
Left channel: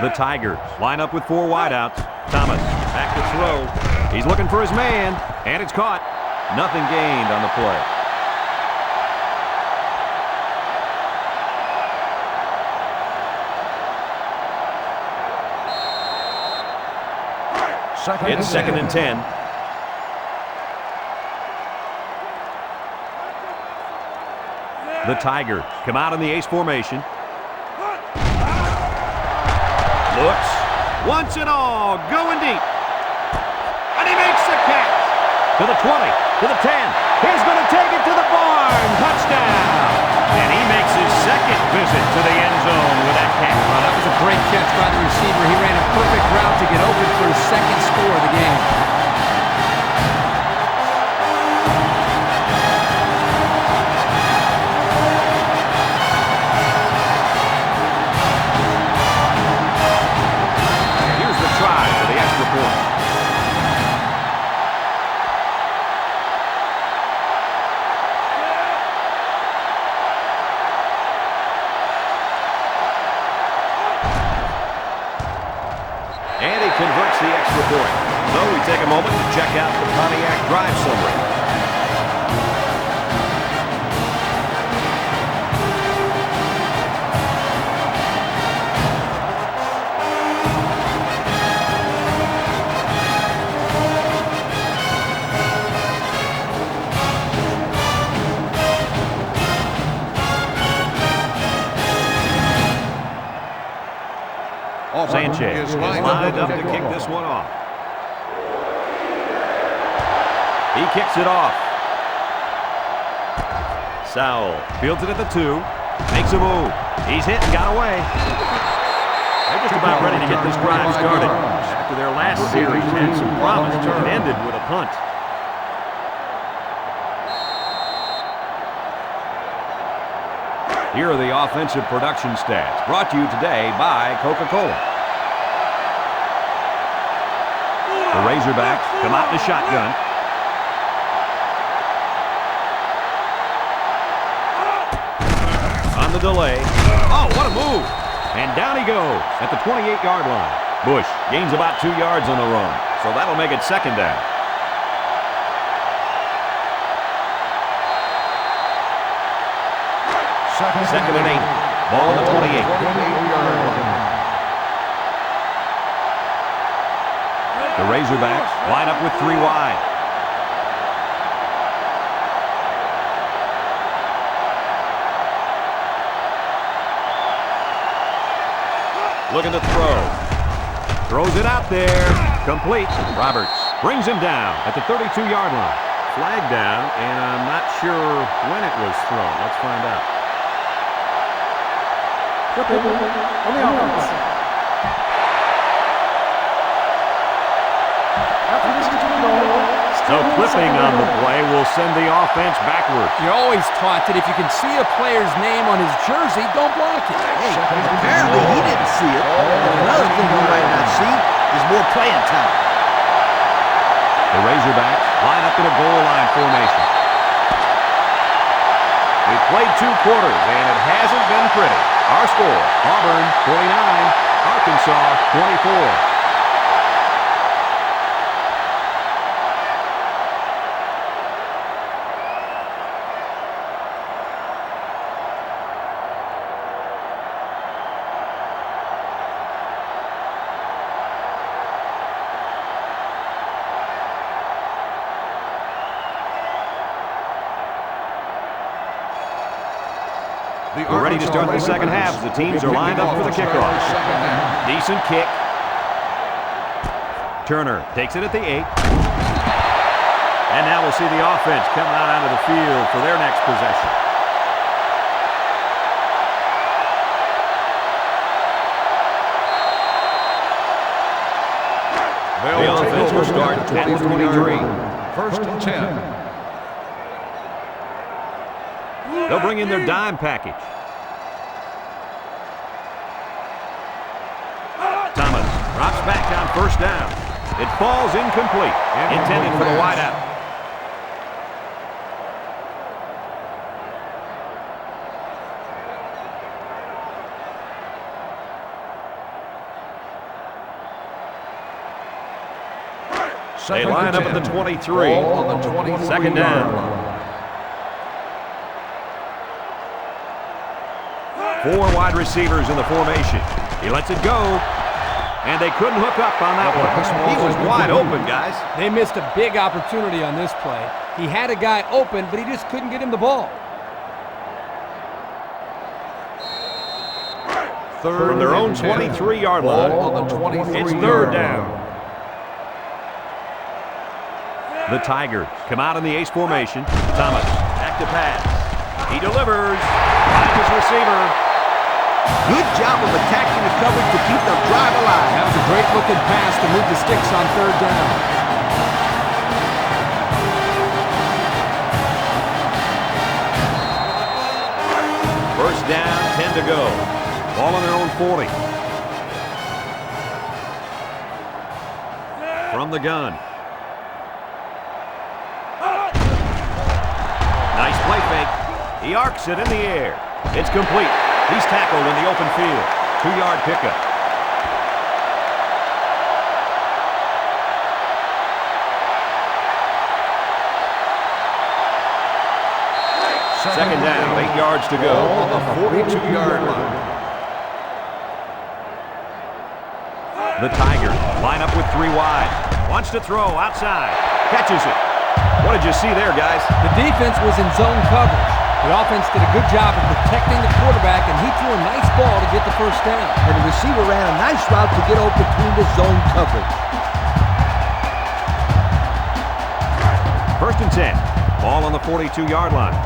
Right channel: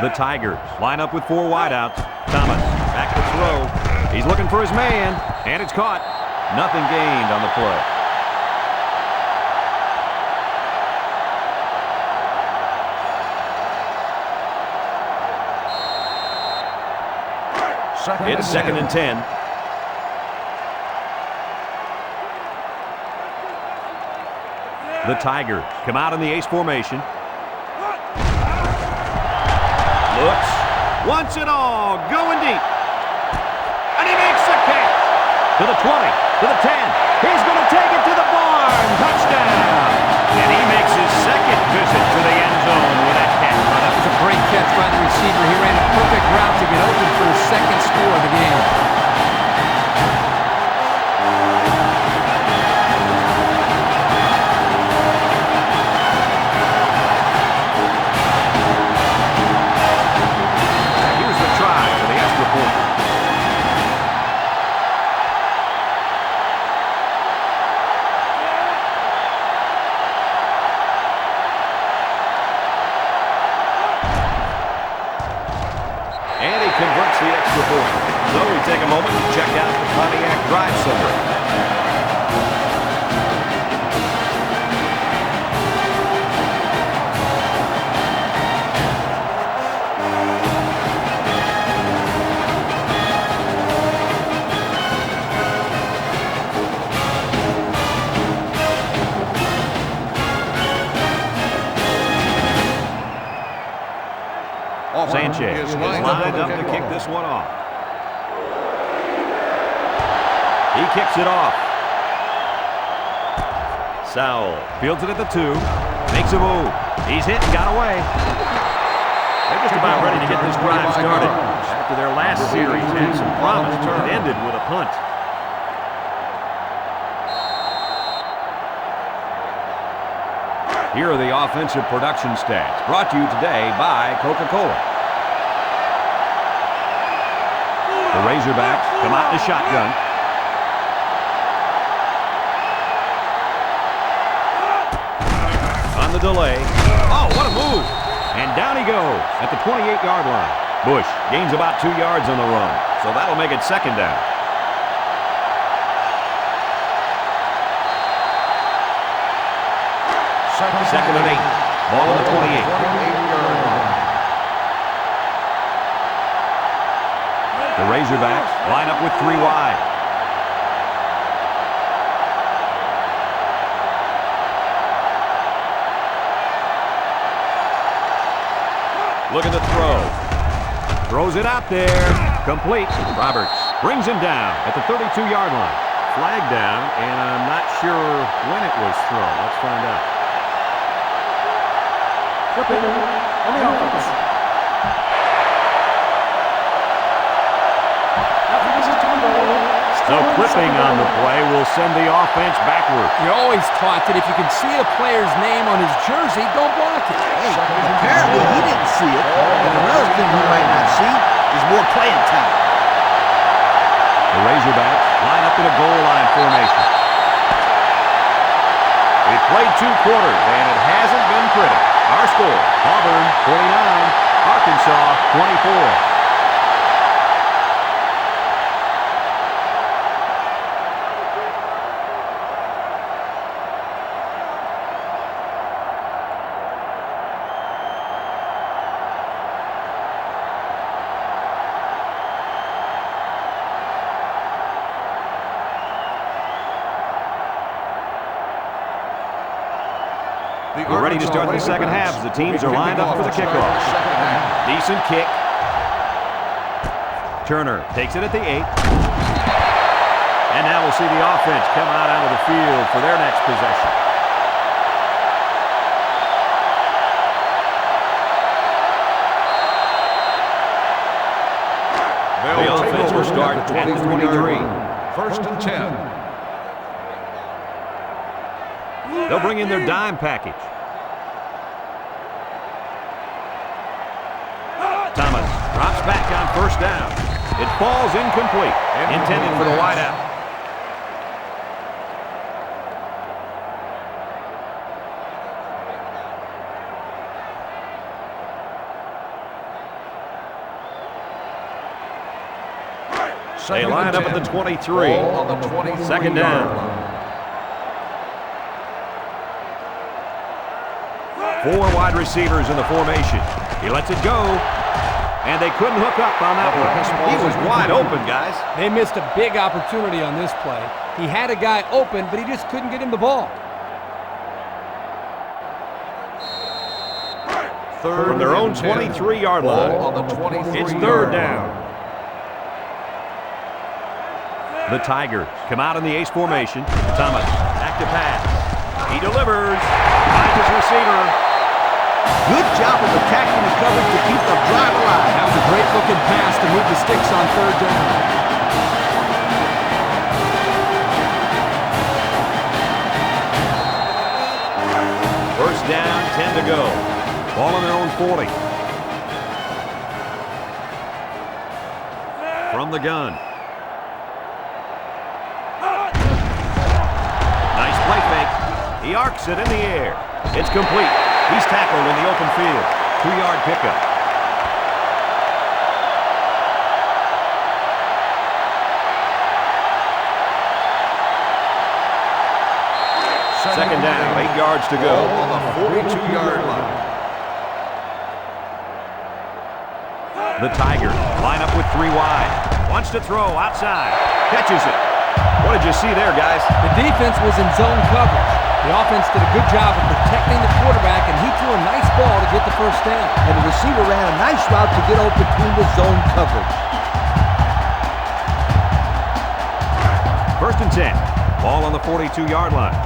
The Tigers line up with 4 wideouts. Thomas back to throw. He's looking for his man, and it's caught. Nothing gained on the play. It's 2nd and 10. The Tigers come out in the ace formation. Looks, wants it all, going deep. And he makes the catch. To the 20, to the 10. He's going to take it to the barn. Touchdown. And he makes his 2nd visit to the end zone with that catch. Well, that was a great catch by the receiver. He ran a perfect route to get open for his 2nd score of the game. Here's the try for the extra point. And he converts the extra point. So we take a moment to check out the Pontiac drive summary. Sanchez is lined up to kick this one off. He kicks it off. Sowell fields it at the 2. Makes a move. He's hit and got away. They're just about ready to get this drive started. After their last series had some promise, it ended with a punt. Here are the offensive production stats, brought to you today by Coca-Cola. The Razorbacks come out in a shotgun. On the delay. Oh, what a move. And down he goes at the 28-yard line. Bush gains about 2 yards on the run, so that'll make it 2nd down. Second and 8. Ball on the 28. 28-yard line. The Razorbacks line up with 3 wide. Looking to throw. Throws it out there. Complete. Roberts brings him down at the 32-yard line. Flag down, and I'm not sure when it was thrown. Let's find out. Flipping on the offense. After this is to the goal, So clipping on the play will send the offense backwards. You're always taught that if you can see a player's name on his jersey, don't block it. Hey, apparently he didn't see it. And another thing he might not see is more playing time. The Razorbacks line up in a goal line formation. We've played 2 quarters, and it hasn't been pretty. Our score, Auburn 49, Arkansas 24. We're ready to start the second half as the teams are lined up for the kickoff. Decent kick. Turner takes it at the 8. And now we'll see the offense come out onto the field for their next possession. The offense will start at the 23. First and 10. They'll bring in their dime package. Thomas drops back on first down. It falls incomplete. Intended for the wideout. They line up at the 23. Ball on the 23 Second down. line. 4 wide receivers in the formation. He lets it go. And they couldn't hook up on that one. He was wide open, guys. They missed a big opportunity on this play. He had a guy open, but he just couldn't get him the ball. From their own 23-yard line. Ball on the 23 It's third down. The Tigers come out in the ace formation. Thomas, back to pass. He delivers. Finds his receiver. Good job of attacking the coverage to keep the drive alive. That was a great-looking pass to move the sticks on third down. First down, 10 to go. Ball on their own 40. From the gun. Nice play fake. He arcs it in the air. It's complete. He's tackled in the open field. 2-yard pickup. Second down, 8 yards to go. Ball on the 42-yard line. The Tigers line up with 3 wide. Wants to throw outside. Catches it. What did you see there, guys? The defense was in zone coverage. The offense did a good job of protecting the quarterback, and he threw a nice ball to get the first down. And the receiver ran a nice route to get open between the zone coverage. First and 10. Ball on the 42-yard line.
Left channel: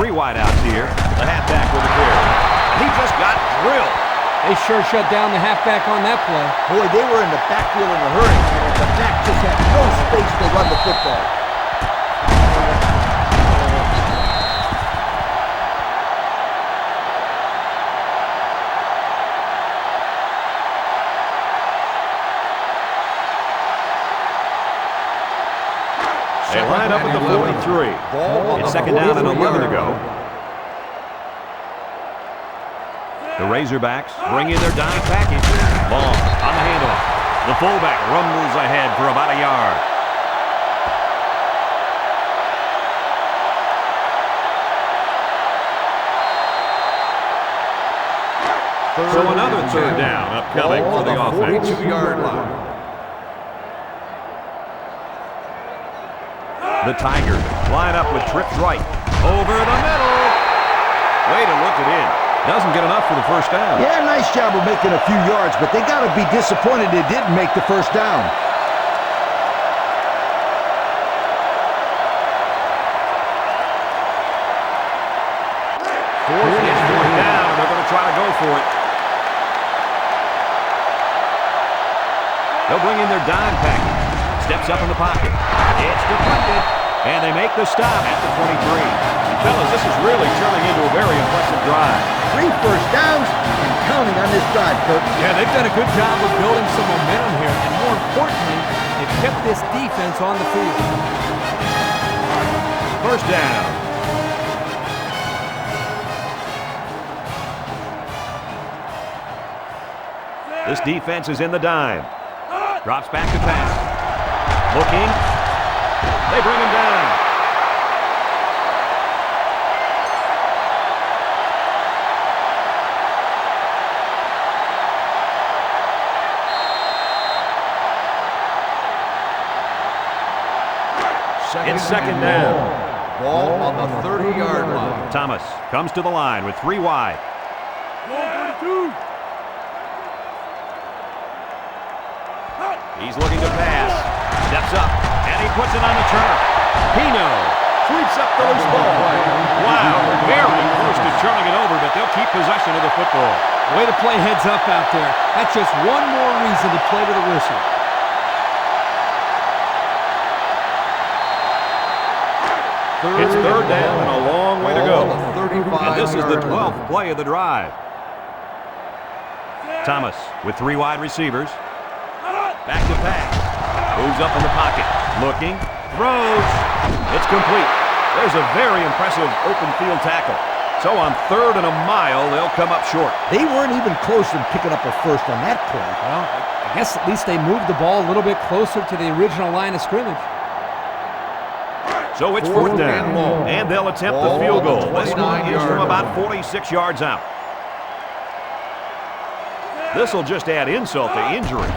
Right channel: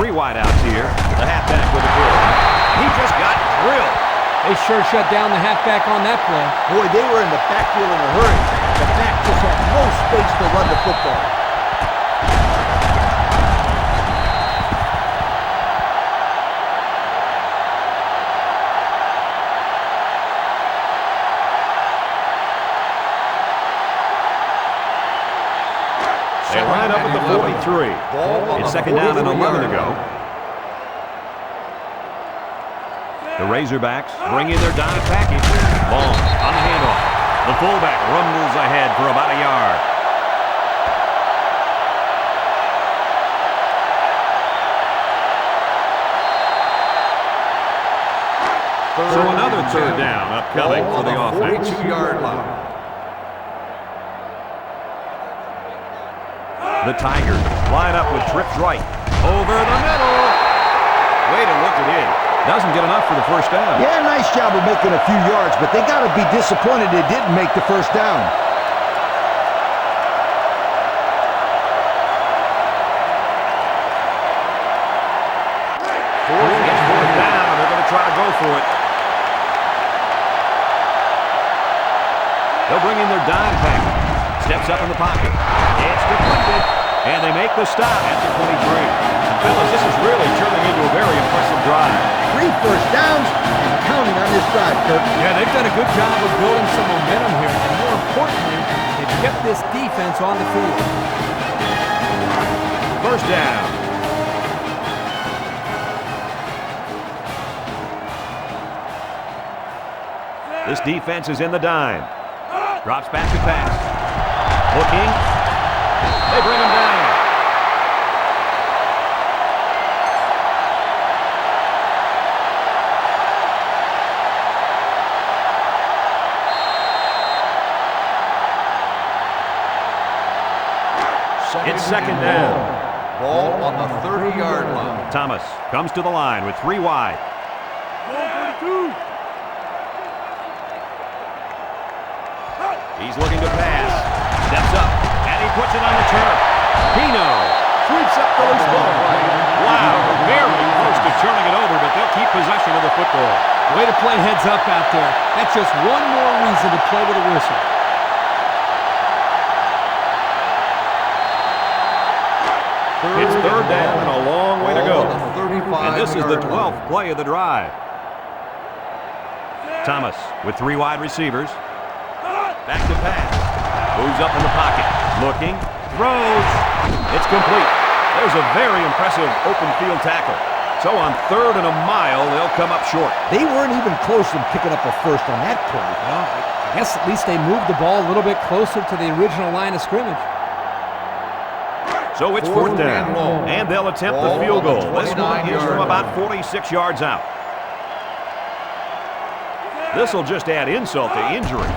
3 wideouts here. The halfback with a carry. And he just got drilled. They sure shut down the halfback on that play. Boy, they were in the backfield in a hurry. The back just had no space to run the football. They line up at the 43. It's second down and 11 to go. The Razorbacks bring in their dime package. Long on the handoff. The fullback rumbles ahead for about a yard. So another third down upcoming for the offense. 42-yard line. The Tigers line up with trips right. Over the middle. Way to look it in. Doesn't get enough for the first down. Yeah, nice job of making a few yards, but they got to be disappointed they didn't make the first down. It's fourth down, and they're going to try to go for it. They'll bring in their dime package. Steps up in the pocket. It's deflected. And they make the stop at the 23. And fellas, this is really turning into a very impressive drive. 3 first downs and counting on this drive, Kirk. Yeah, they've done a good job of building some momentum here. And more importantly, they've kept this defense on the field. First down. This defense is in the dime. Drops back to pass. Looking. They bring him down. It's second down. Ball on the 30-yard line. Thomas comes to the line with 3 wide. He's looking to pass. Steps up, and he puts it on the turf. Pino sweeps up the loose ball. Wow, very close to turning it over, but they'll keep possession of the football. Way to play heads up out there. That's just one more reason to play to the whistle. It's third down and a long way to go. Ball on the 35-yard And this is the 12th line. play of the drive. Thomas with 3 wide receivers. Back to pass. Moves up in the pocket. Looking. Throws. It's complete. There's a very impressive open field tackle. So on 3rd and a mile, they'll come up short. They weren't even close to picking up a first on that play. Well, I guess at least they moved the ball a little bit closer to the original line of scrimmage. So it's 4th down, and they'll attempt the field goal. This one is from about 46 yards out. This will just add insult to injury.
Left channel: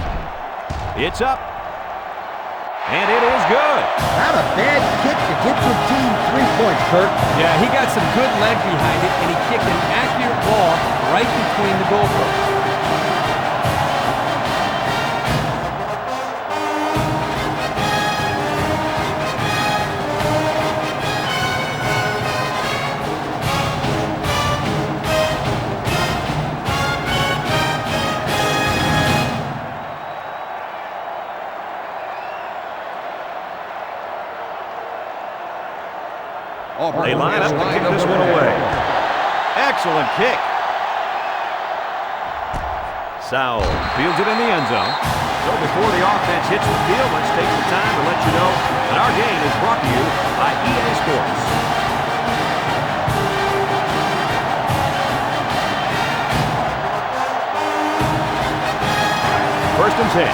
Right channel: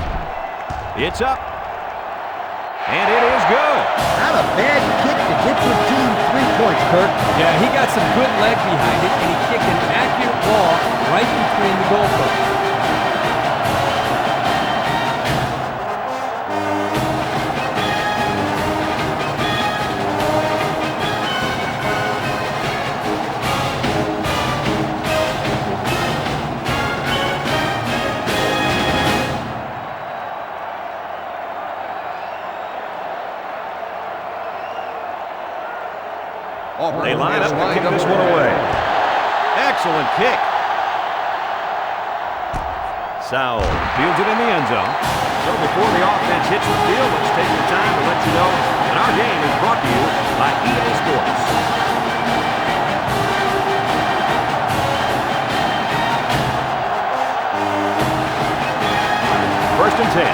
It's up, and it is good. Not a bad kick to get your team 3 points, Kirk. Yeah, he got some good leg behind it, and he kicked an accurate ball right between the goalposts. Auburn They line is up to lined kick this one away. Excellent kick. Sowell fields it in the end zone. So before the offense hits the field, let's take the time to let you know that our game is brought to you by EA Sports. First and 10.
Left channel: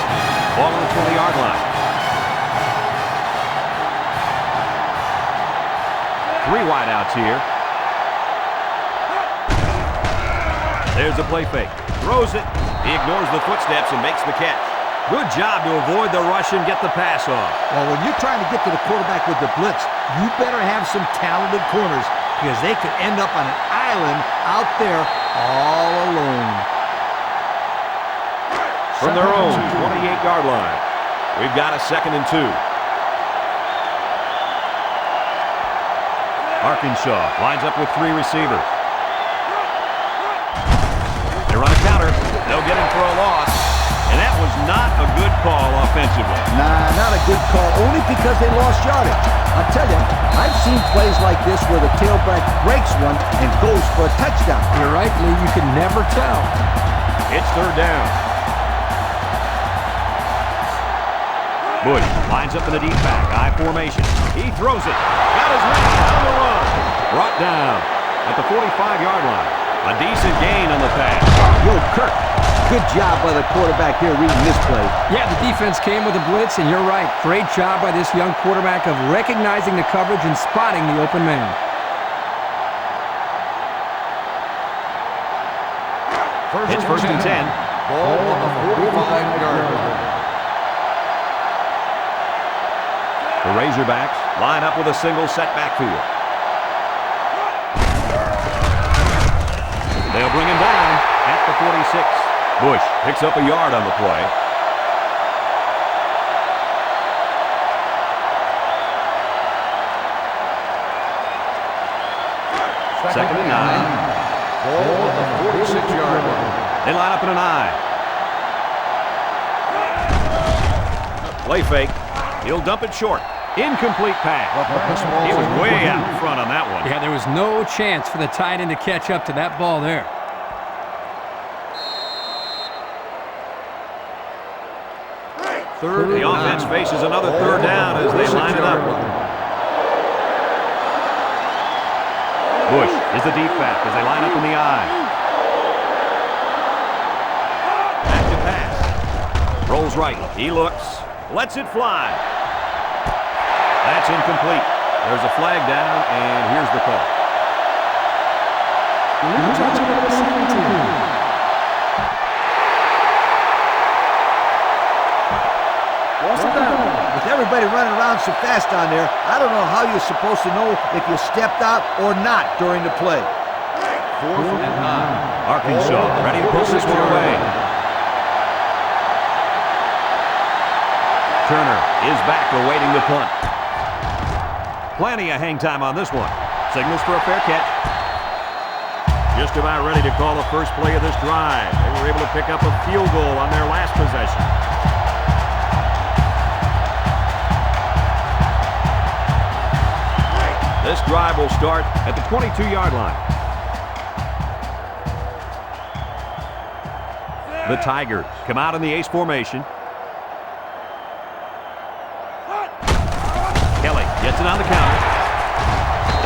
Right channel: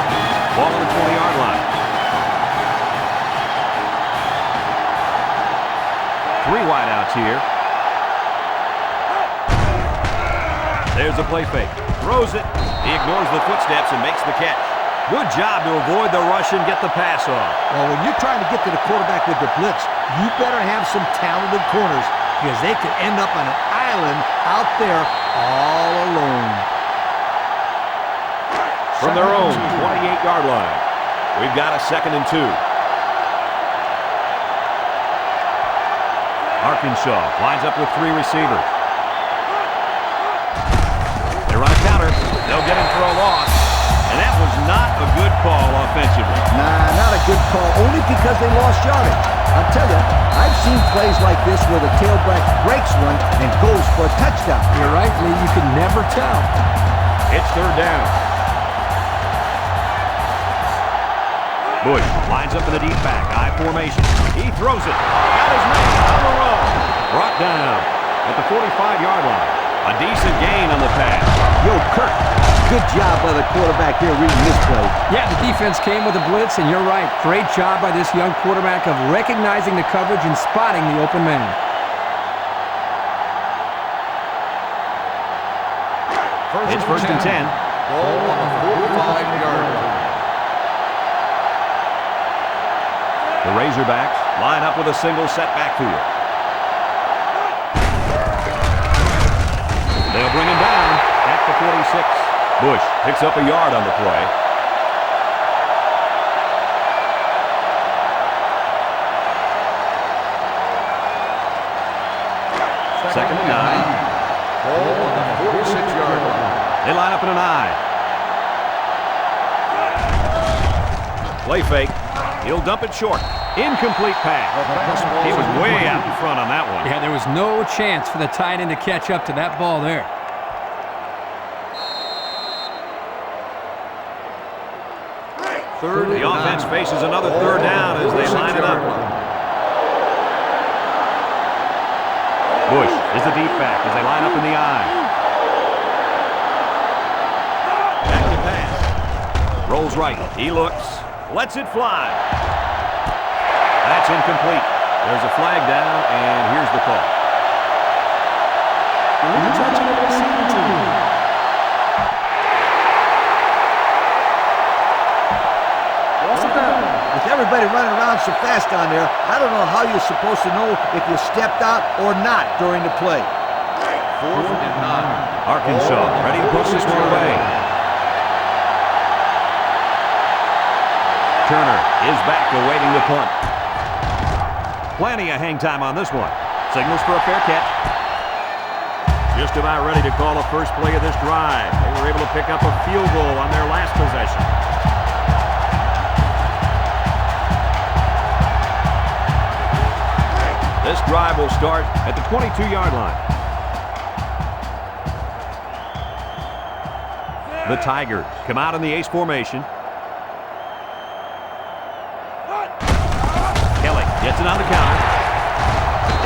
Ball on the 20-yard line. 3 wideouts here. There's a play fake. Throws it. He ignores the footsteps and makes the catch. Good job to avoid the rush and get the pass off. Well, when you're trying to get to the quarterback with the blitz, you better have some talented corners because they could end up on an island out there all alone. From their own 28-yard line, we've got a 2nd and 2. Arkansas lines up with 3 receivers. They run a counter. They'll get him for a loss. And that was not a good call offensively. Nah, not a good call, only because they lost yardage. I'll tell you, I've seen plays like this where the tailback breaks one and goes for a touchdown. You're right, Lee. You can never tell. It's 3rd down. Bush lines up in the deep back, I formation. He throws it. Got his man on the run. Brought down at the 45-yard line. A decent gain on the pass. Yo, Kirk, good job by the quarterback here reading this play. Yeah, the defense came with a blitz, and you're right. Great job by this young quarterback of recognizing the coverage and spotting the open man. It's first and 10. Ball on the 45-yard line. The Razorbacks line up with a single set backfield. They'll bring him down at the 46. Bush picks up a yard on the play. Second and 9. Ball on the 46-yard line. They line up in an I. Play fake. He'll dump it short. Incomplete pass. He was way out in front on that one. Yeah, there was no chance for the tight end to catch up to that ball there. The offense faces another third down as they line it up. Bush is the deep back as they line up in the I. Back to pass. Rolls right. He looks. Lets it fly. That's incomplete. There's a flag down, and here's the call. Illegal touching of the receiving team. Loss of down. With everybody running around so fast down there, I don't know how you're supposed to know if you stepped out or not during the play. 4th and 9. Arkansas ready to push this one away. Turner is back awaiting the punt. Plenty of hang time on this one. Signals for a fair catch. Just about ready to call the first play of this drive. They were able to pick up a field goal on their last possession. This drive will start at the 22-yard line. The Tigers come out in the ace formation. Kelly gets it on the counter.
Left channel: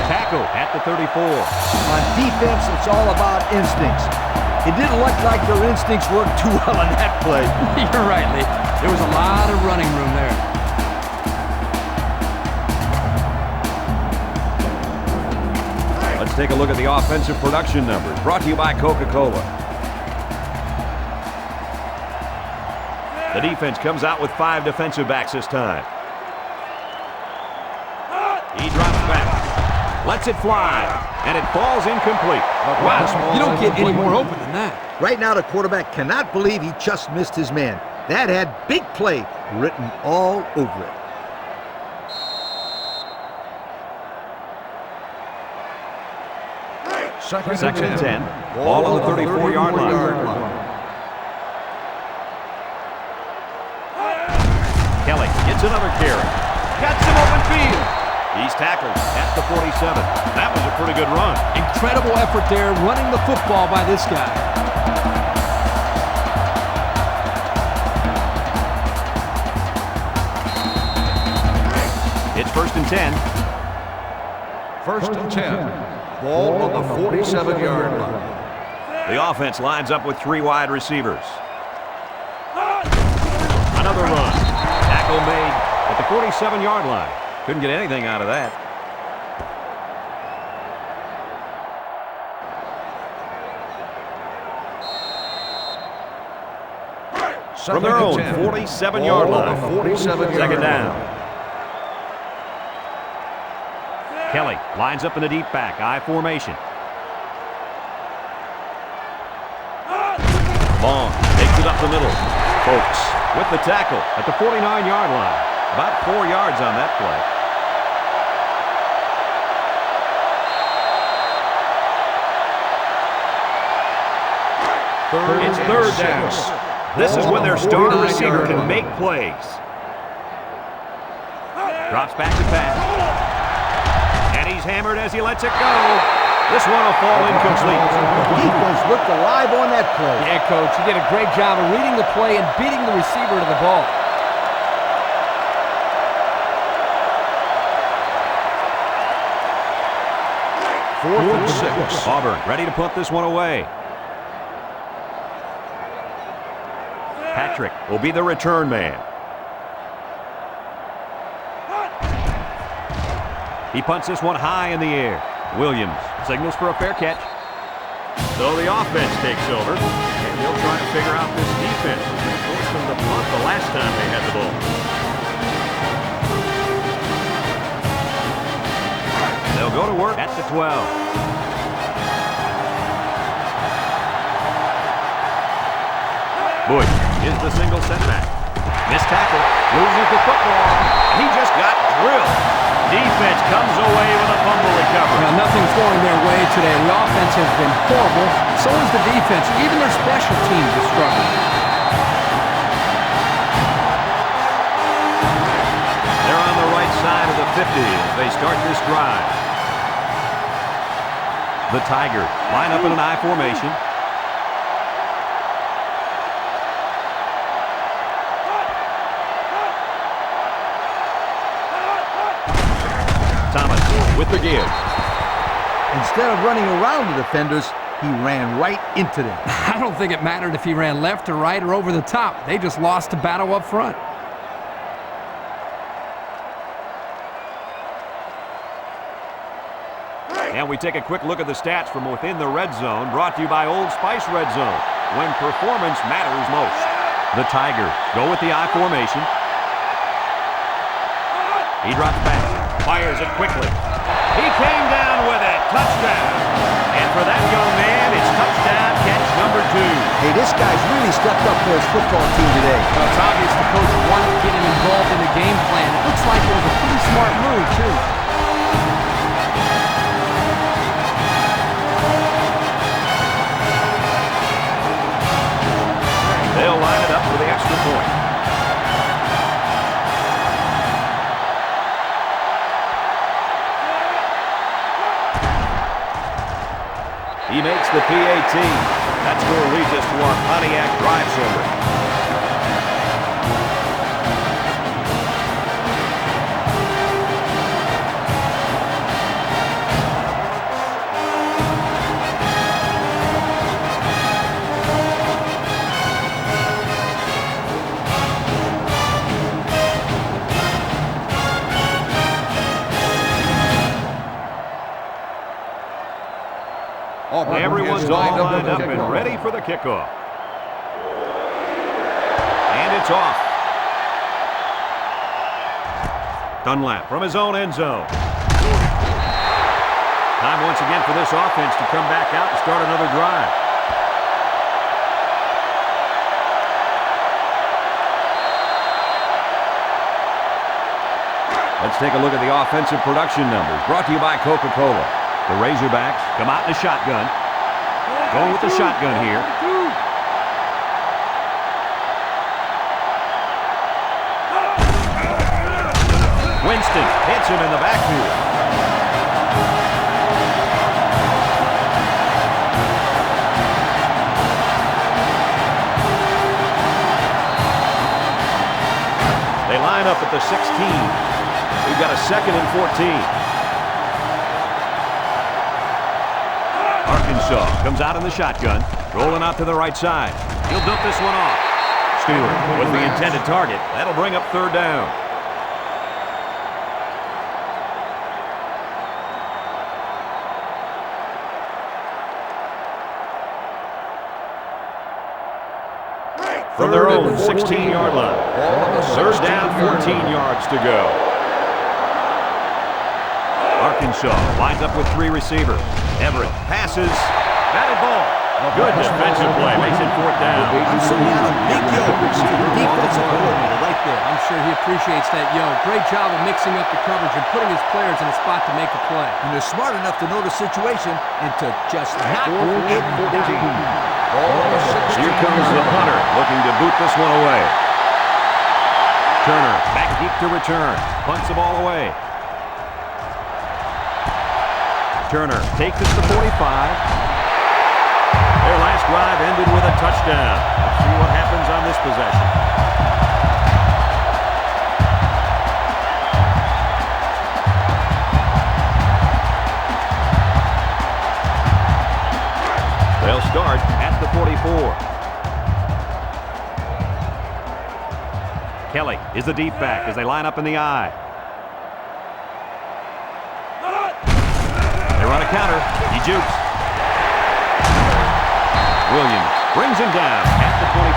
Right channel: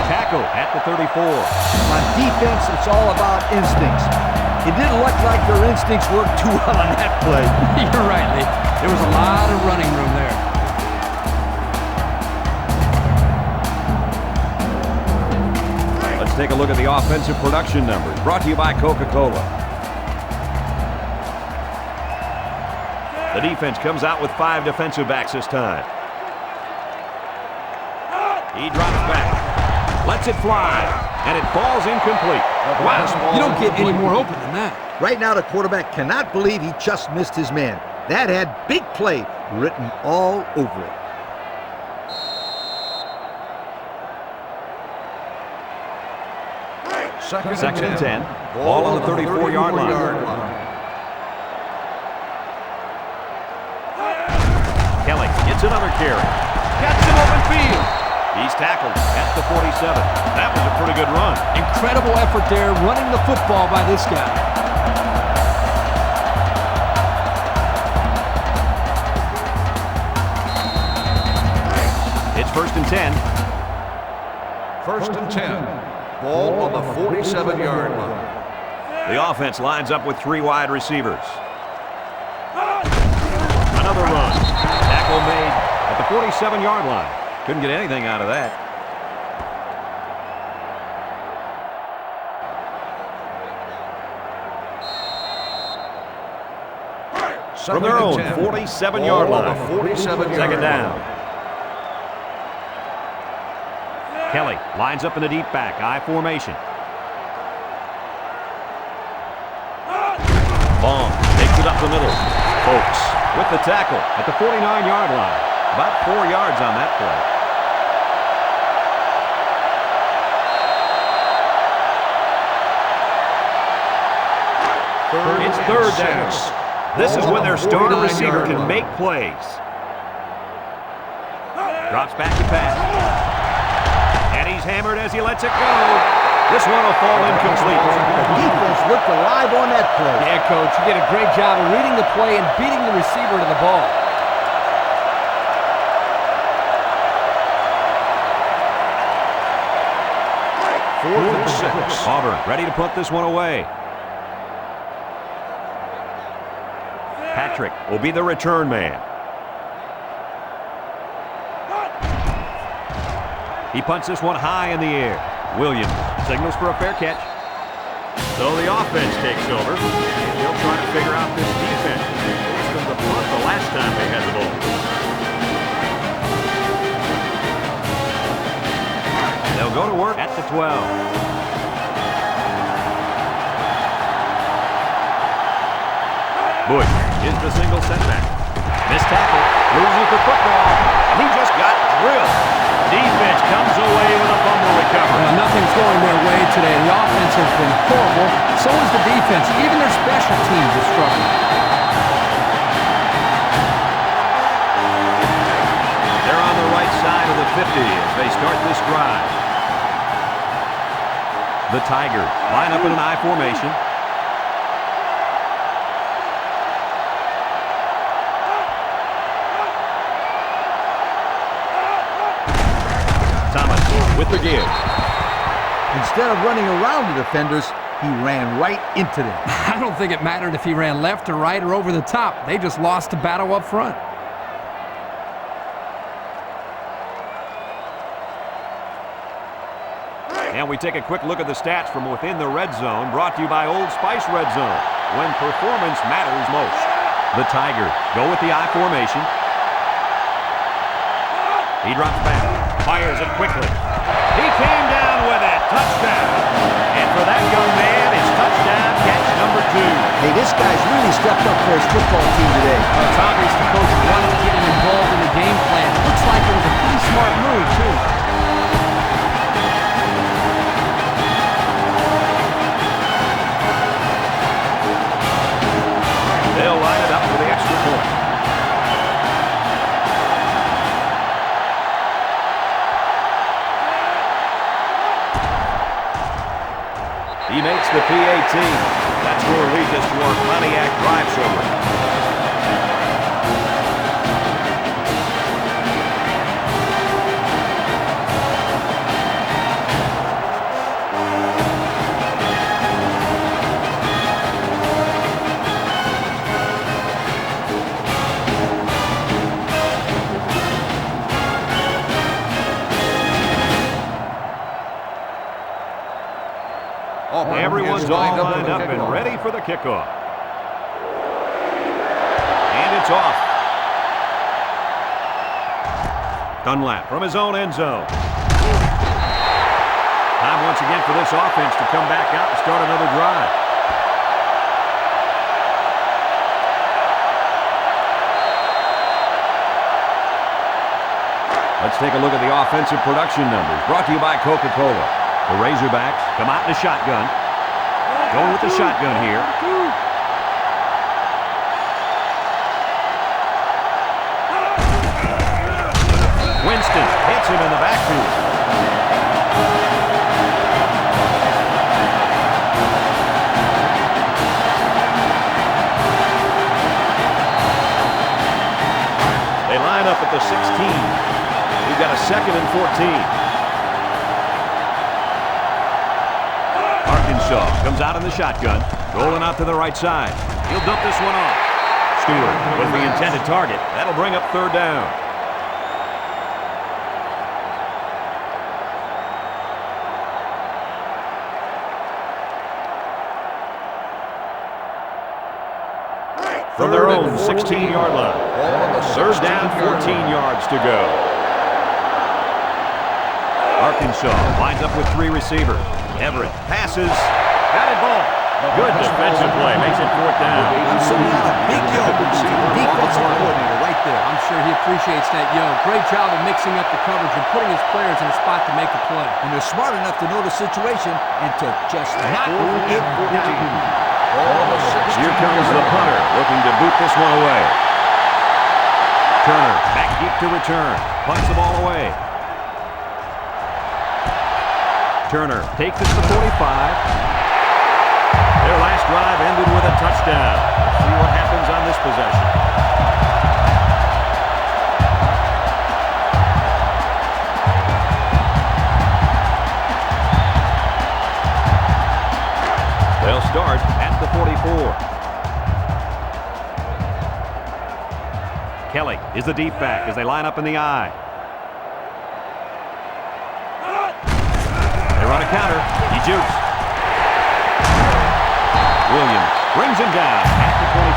Tackle at the 34. On defense, it's all about instincts. It didn't look like their instincts worked too well on that play. You're right, Lee. There was a lot of running room there. Let's take a look at the offensive production numbers, brought to you by Coca-Cola. The defense comes out with 5 defensive backs this time. He drops back, lets it fly, and it falls incomplete. Wow, you don't get any more open than that. Right now, the quarterback cannot believe he just missed his man. That had big play written all over it. Second and 10. Ball on the 34-yard line. Kelly gets another carry. Got some open field. He's tackled at the 47. That was a pretty good run. Incredible effort there running the football by this guy. It's 1st and 10. 1st and 10. Ball on the 47-yard line. The offense lines up with 3 wide receivers. Another run. Tackle made at the 47-yard line. Couldn't get anything out of that. From their own 47-yard line. 47-yard Second down. Kelly lines up in the deep back, I formation. Long takes it up the middle. Folks with the tackle at the 49-yard line. About 4 yards on that play. It's third down. This is when their star receiver can make plays. Drops back to pass. And he's hammered as he lets it go. This one will fall incomplete. The defense looked alive on that play. Yeah, Coach, you did a great job of reading the play and beating the receiver to the ball. Fourth and 6. Auburn ready to punt this one away. Patrick will be the return man. He punts this one high in the air. Williams signals for a fair catch. So the offense takes over, and they'll try to figure out this defense as they forced them to punt the last time they had the ball. They'll go to work at the 12. Bush is the single setback. Missed tackle, loses the football, and he just got drilled. Defense comes away with a fumble recovery. Well, nothing's going their way today. The offense has been horrible. So is the defense. Even their special teams is struggling. outside of the 50 as they start this drive. The Tigers line up in an I formation. Thomas with the give. Instead of running around the defenders, he ran right into them. I don't think it mattered if he ran left or right or over the top. They just lost the battle up front. And we take a quick look at the stats from within the red zone, brought to you by Old Spice Red Zone, when performance matters most. The Tigers go with the I formation. He drops back, fires it quickly. He came down with it, touchdown. And for that young man, it's touchdown catch number 2. Hey, this guy's really stepped up for his football team today. Well, it's obvious the coach wanted to get him involved in the game plan. It looks like it was a pretty smart move, too. They'll line it up for the extra point. He makes the PAT. That score leads us to our Pontiac drive summary. Everyone's all lined up and ready for the kickoff. And it's off. Dunlap from his own end zone. Time once again for this offense to come back out and start another drive. Let's take a look at the offensive production numbers, brought to you by Coca-Cola. The Razorbacks come out in a shotgun. Going with the shotgun here. Winston hits him in the backfield. They line up at the 16. We've got a 2nd and 14. Arkansas comes out in the shotgun, rolling out to the right side. He'll dump this one off. Stewart was the intended target. That'll bring up 3rd down. From their own 16-yard line. 3rd down, 14 yards to go. Arkansas lines up with 3 receivers. Everett passes. Batted ball. Good defensive play. Makes it 4th down. I'm sending out a big yo to the defensive coordinator right there. I'm sure he appreciates that yo. Great job of mixing up the coverage and putting his players in a spot to make a play. And they're smart enough to know the situation and to just knock it down. Here comes the punter, looking to boot this one away. Turner back deep to return. Punts the ball away. Turner takes it to the 45. Their last drive ended with a touchdown. Let's see what happens on this possession. They'll start at the 44. Kelly is the deep back as they line up in the I. They run a counter. He jukes. Williams brings him down at the 25.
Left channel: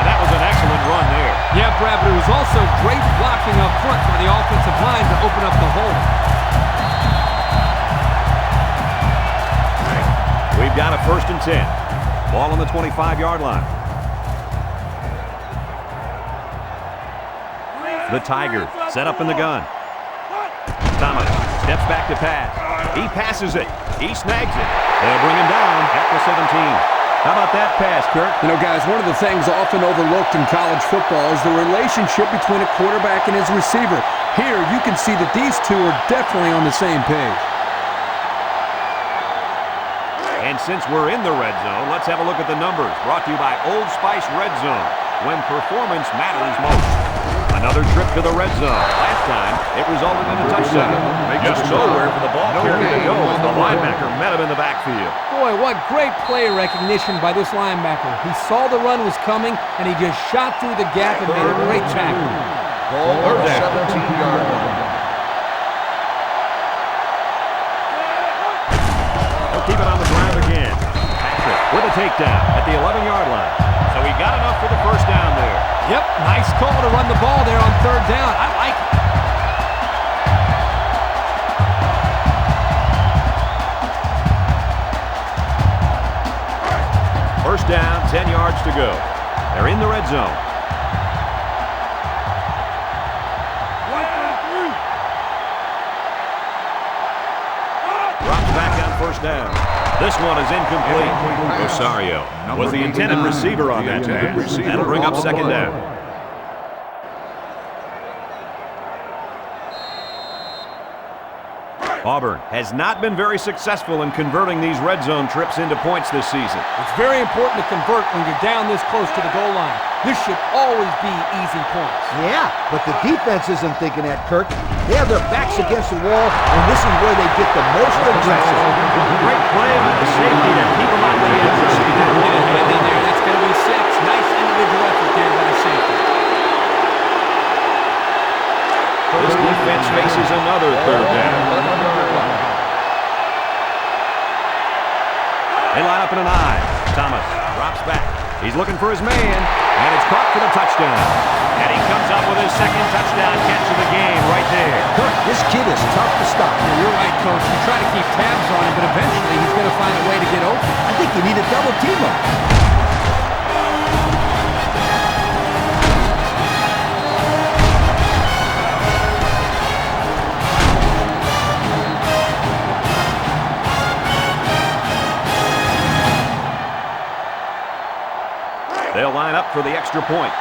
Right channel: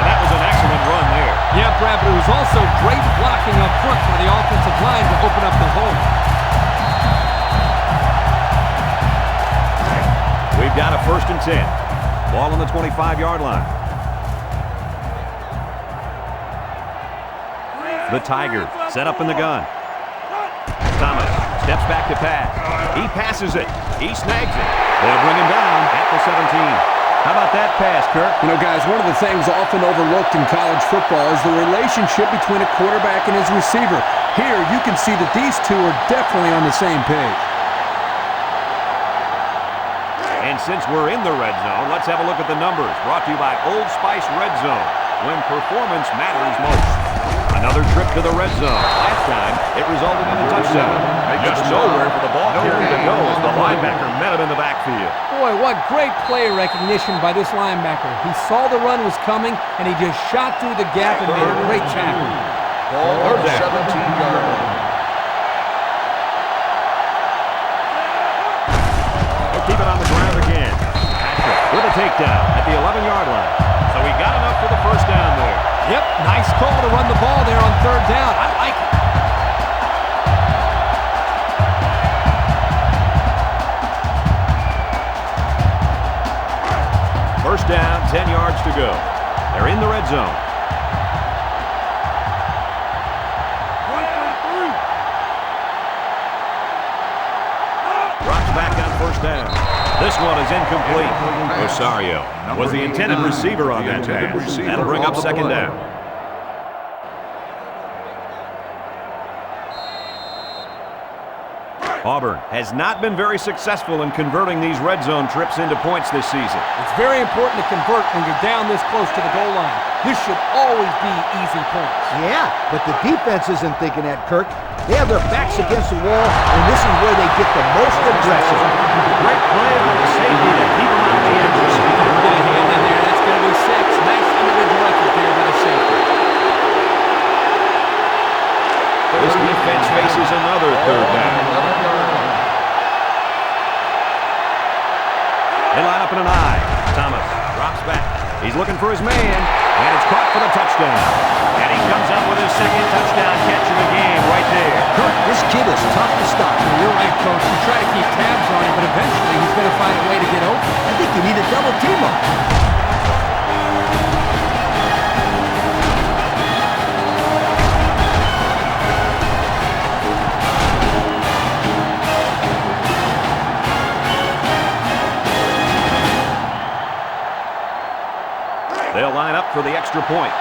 And that was an excellent run there. Yeah, Brad, but it was also great blocking up front by the offensive line to open up the hole. We've got a 1st and 10. Ball on the 25-yard line. The Tigers set up in the gun. Thomas steps back to pass. He passes it. He snags it. They'll bring him down at the 17. How about that pass, Kirk? You know, guys, one of the things often overlooked in college football is the relationship between a quarterback and his receiver. Here, you can see that these two are definitely on the same page. And since we're in the red zone, let's have a look at the numbers. Brought to you by Old Spice Red Zone, when performance matters most. Another trip to the red zone. Last time, it resulted in a touchdown. Just nowhere for the ball carrier to go as the linebacker met him in the backfield. Boy, what great play recognition by this linebacker. He saw the run was coming, and he just shot through the gap and made a great tackle. Ball on the 17-yard line. He'll keep it on the ground again. Patrick with a takedown at the 11-yard line. So he got enough for the first down there. Yep, nice call to run the ball there on third down. I like it. First down, 10 yards to go. They're in the red zone. Drops back on first down. This one is incomplete. Rosario was the intended receiver on that pass. That'll bring up second down. Auburn has not been very successful in converting these red zone trips into points this season. It's very important to convert when you're down this close to the goal line. This should always be easy points. Yeah, but the defense isn't thinking that, Kirk. They have their backs against the wall, and this is where they get the most aggressive. Great play by the safety to keep him out of the end zone. He didn't get a hand in there. That's going to be 6. Nice individual effort there by the safety. This defense faces another third down. 11-yard line. They line up in an I. Thomas drops back. He's looking for his man, and it's caught for the touchdown. And he comes up with his second touchdown catch of the game right there. Kirk, this kid is tough to stop. Yeah, you're right, Coach. You try to keep tabs on him, but eventually he's going to find a way to get open. I think you need to double team him. They'll line up for the extra point.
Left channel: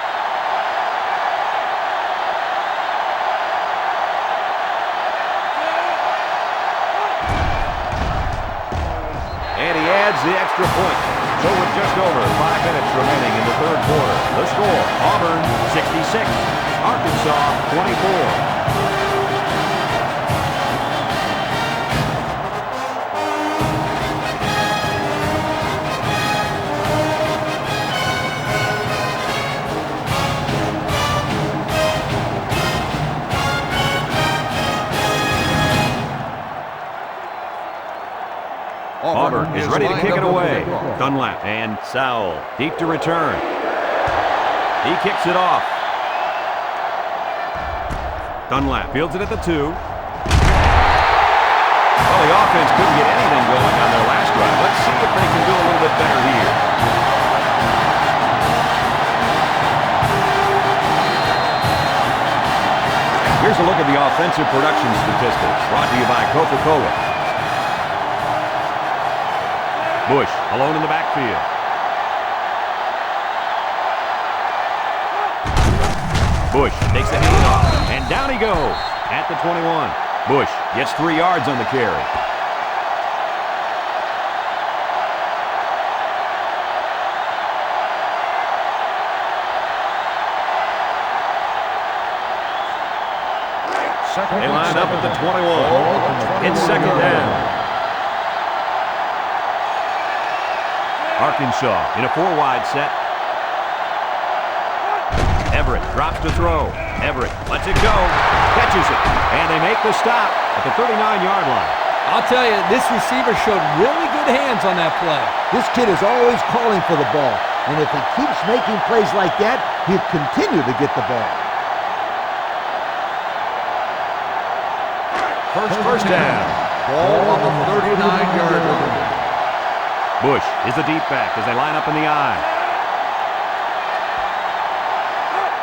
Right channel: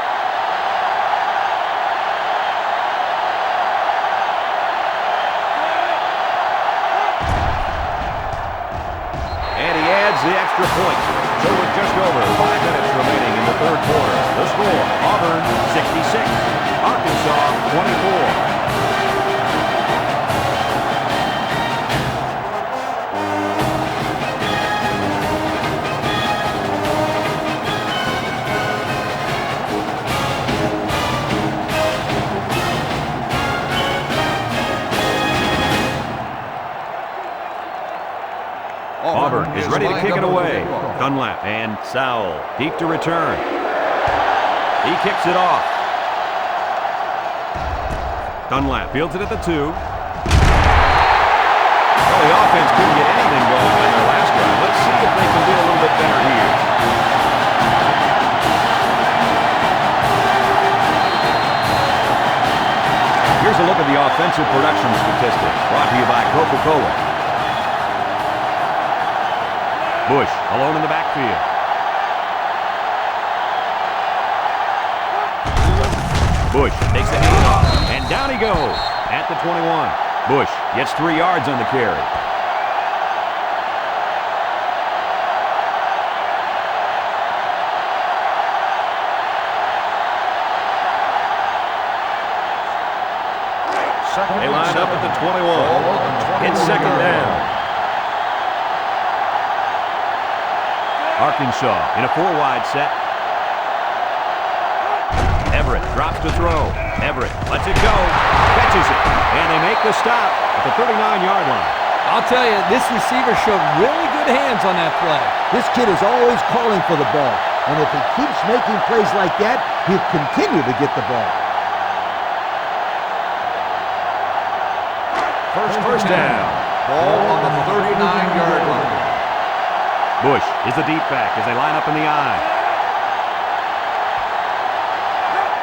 And he adds the extra point. So with just over 5 minutes remaining in the third quarter, the score, Auburn 66, Arkansas 24. Auburn is ready to kick it away. Dunlap and Sowell deep to return. He kicks it off. Dunlap fields it at the 2. Well, the offense couldn't get anything going on their last drive. Let's see if they can do a little bit better here. Here's a look at the offensive production statistics brought to you by Coca-Cola. Bush alone in the backfield. Bush takes the handoff, and down he goes at the 21. Bush gets 3 yards on the carry. They line up at the 21. It's second down. Arkansas in a 4-wide set. Everett drops to throw. Everett lets it go. Catches it. And they make the stop at the 39-yard line. I'll tell you, this receiver showed really good hands on that play. This kid is always calling for the ball. And if he keeps making plays like that, he'll continue to get the ball. First down. Ball on the 39-yard line. Bush is the deep back as they line up in the I.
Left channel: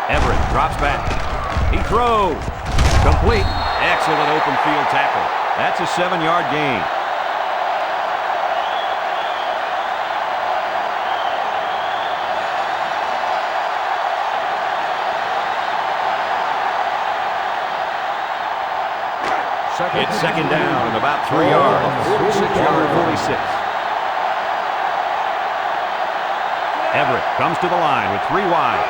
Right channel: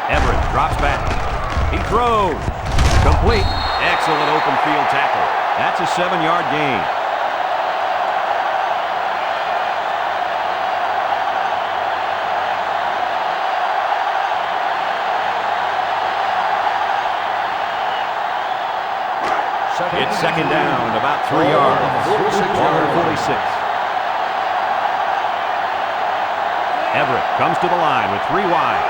Everett drops back. He throws. Complete. Excellent open field tackle. That's a 7-yard gain. It's second down and about 3 yards. 46-yard 46. Everett comes to the line with 3 wide.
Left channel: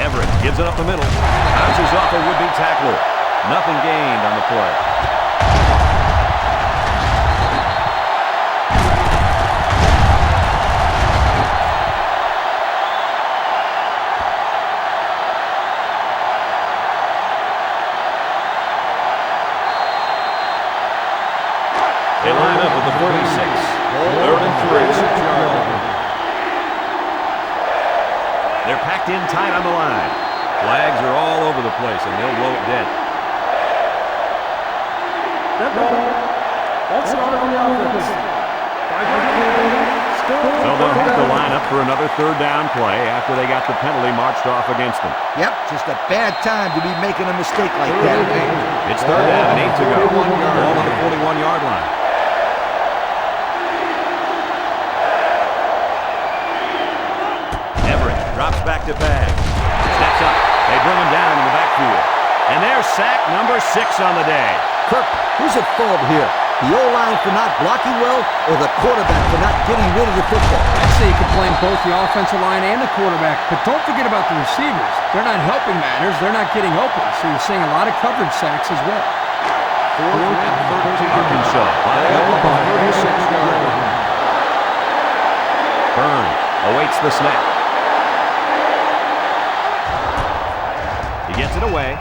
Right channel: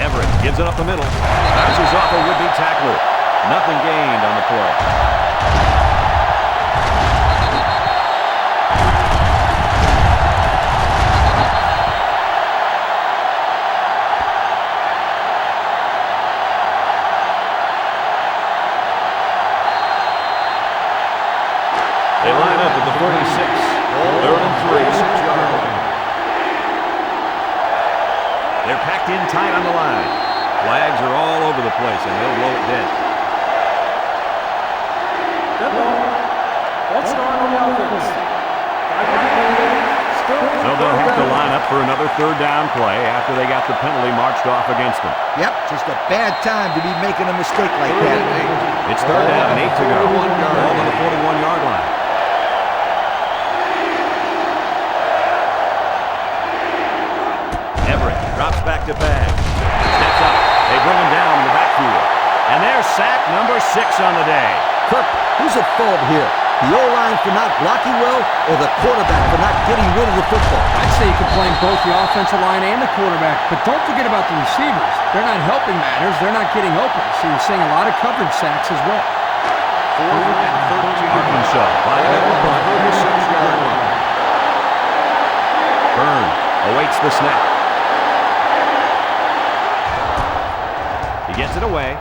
Everett gives it up the middle. Bounces off a would-be tackler. Nothing gained on the play. They line up at the 46. 3rd and 3. 6-yard line. They're packed in tight on the line. Flags are all over the place, and they'll blow it dead. Dead ball. False start on the offense. 5-yard penalty. Still. So they'll have to line up for another 3rd down play after they got the penalty marched off against them. Yep, just a bad time to be making a mistake like 3rd that. and 8. It's 3rd down and 8 to go. 41-yard Ball on the line. 41-yard line. Everett drops back to pass. Steps up. They bring him down in the backfield. And there's sack number 6 on the day. Kirk, who's at fault here? The O-line for not blocking well or the quarterback for not getting rid of the football? I'd say you can blame both the offensive line and the quarterback, but don't forget about the receivers. They're not helping matters. They're not getting open, so you're seeing a lot of coverage sacks as well. 4th and 13. Arkansas lining up the punt. 36-yard line. Burns awaits the snap. He gets it away.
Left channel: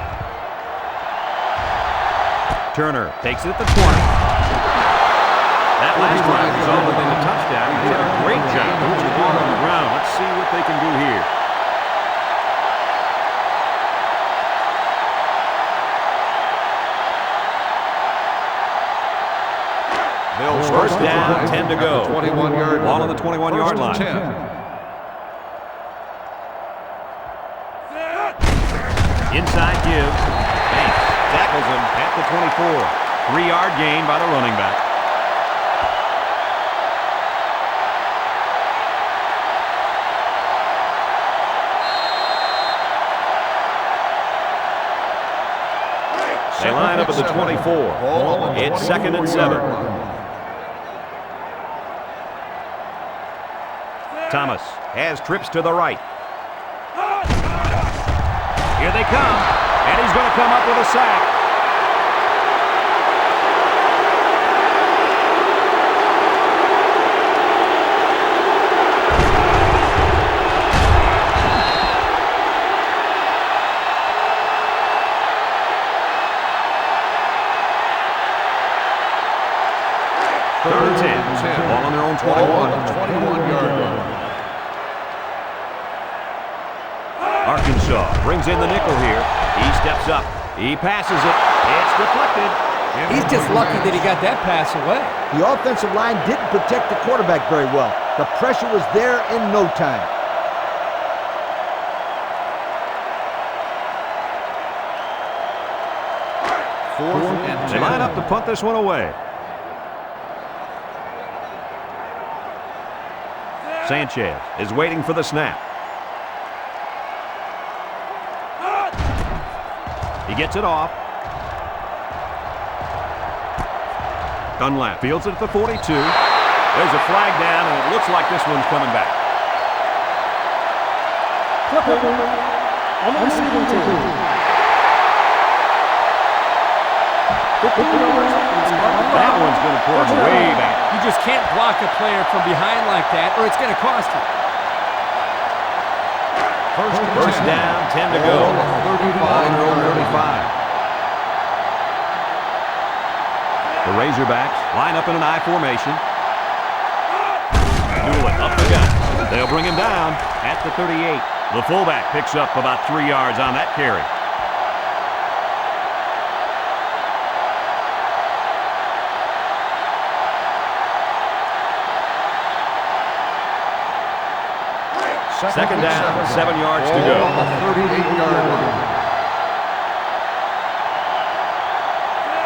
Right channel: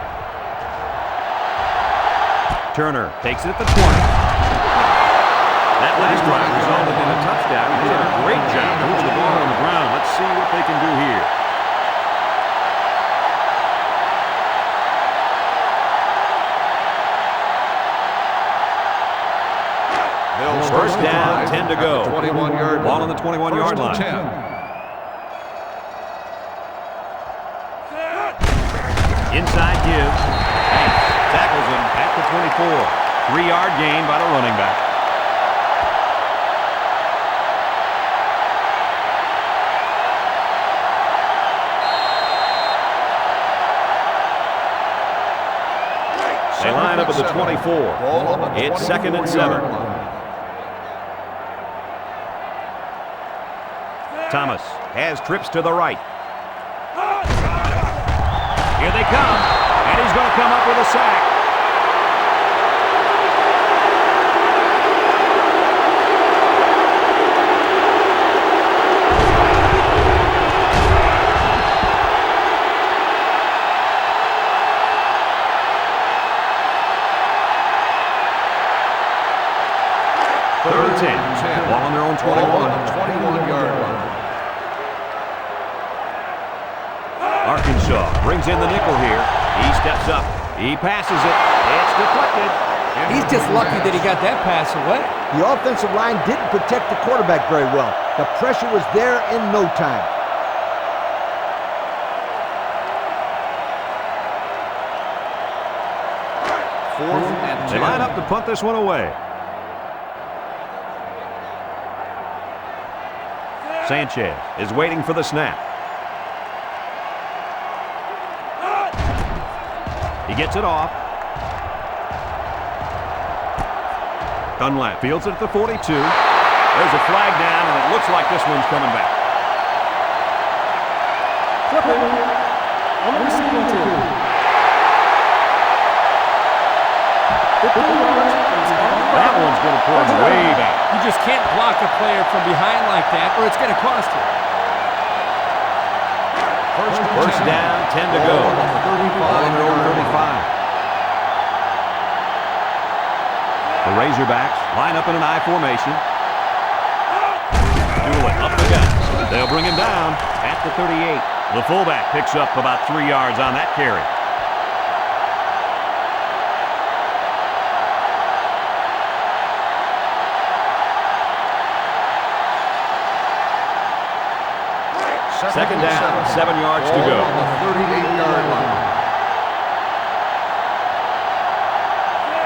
Turner takes it at the 20. That last drive resulted in a touchdown. He did a great job moving the ball on the ground. Let's see what they can do here. They'll First down, 10 to go. 21-yard Ball on the 21-yard line. 10. Inside give. Banks tackles him at the 24. 3-yard gain by the running back. They line up at the 24. Ball on the It's 2nd and 7. 24-yard line. Thomas has trips to the right. Here they come, and he's going to come up with a sack. Third and 10. Ball on their own 21. Ball on the 21-yard line. Arkansas brings in the nickel here. He steps up. He passes it. It's deflected. He's just lucky that he got that pass away. The offensive line didn't protect the quarterback very well. The pressure was there in no time. Fourth and 10. They line up to punt this one away. Sanchez is waiting for the snap. He gets it off. Dunlap fields it at the 42. There's a flag down, and it looks like this one's coming back. Clipping on the receiving team. 15 yards from the spot on the That ground. one's going to put him way back. You just can't block a player from behind like that, or it's going to cost you. First down, 10 to go. Ball on the Ball on their own 35-yard 35. line. The Razorbacks line up in an I formation. Doolin up the gut. They'll bring him down at the 38. The fullback picks up about 3 yards on that carry. Second down, 7 yards to go. Ball on the 38-yard line.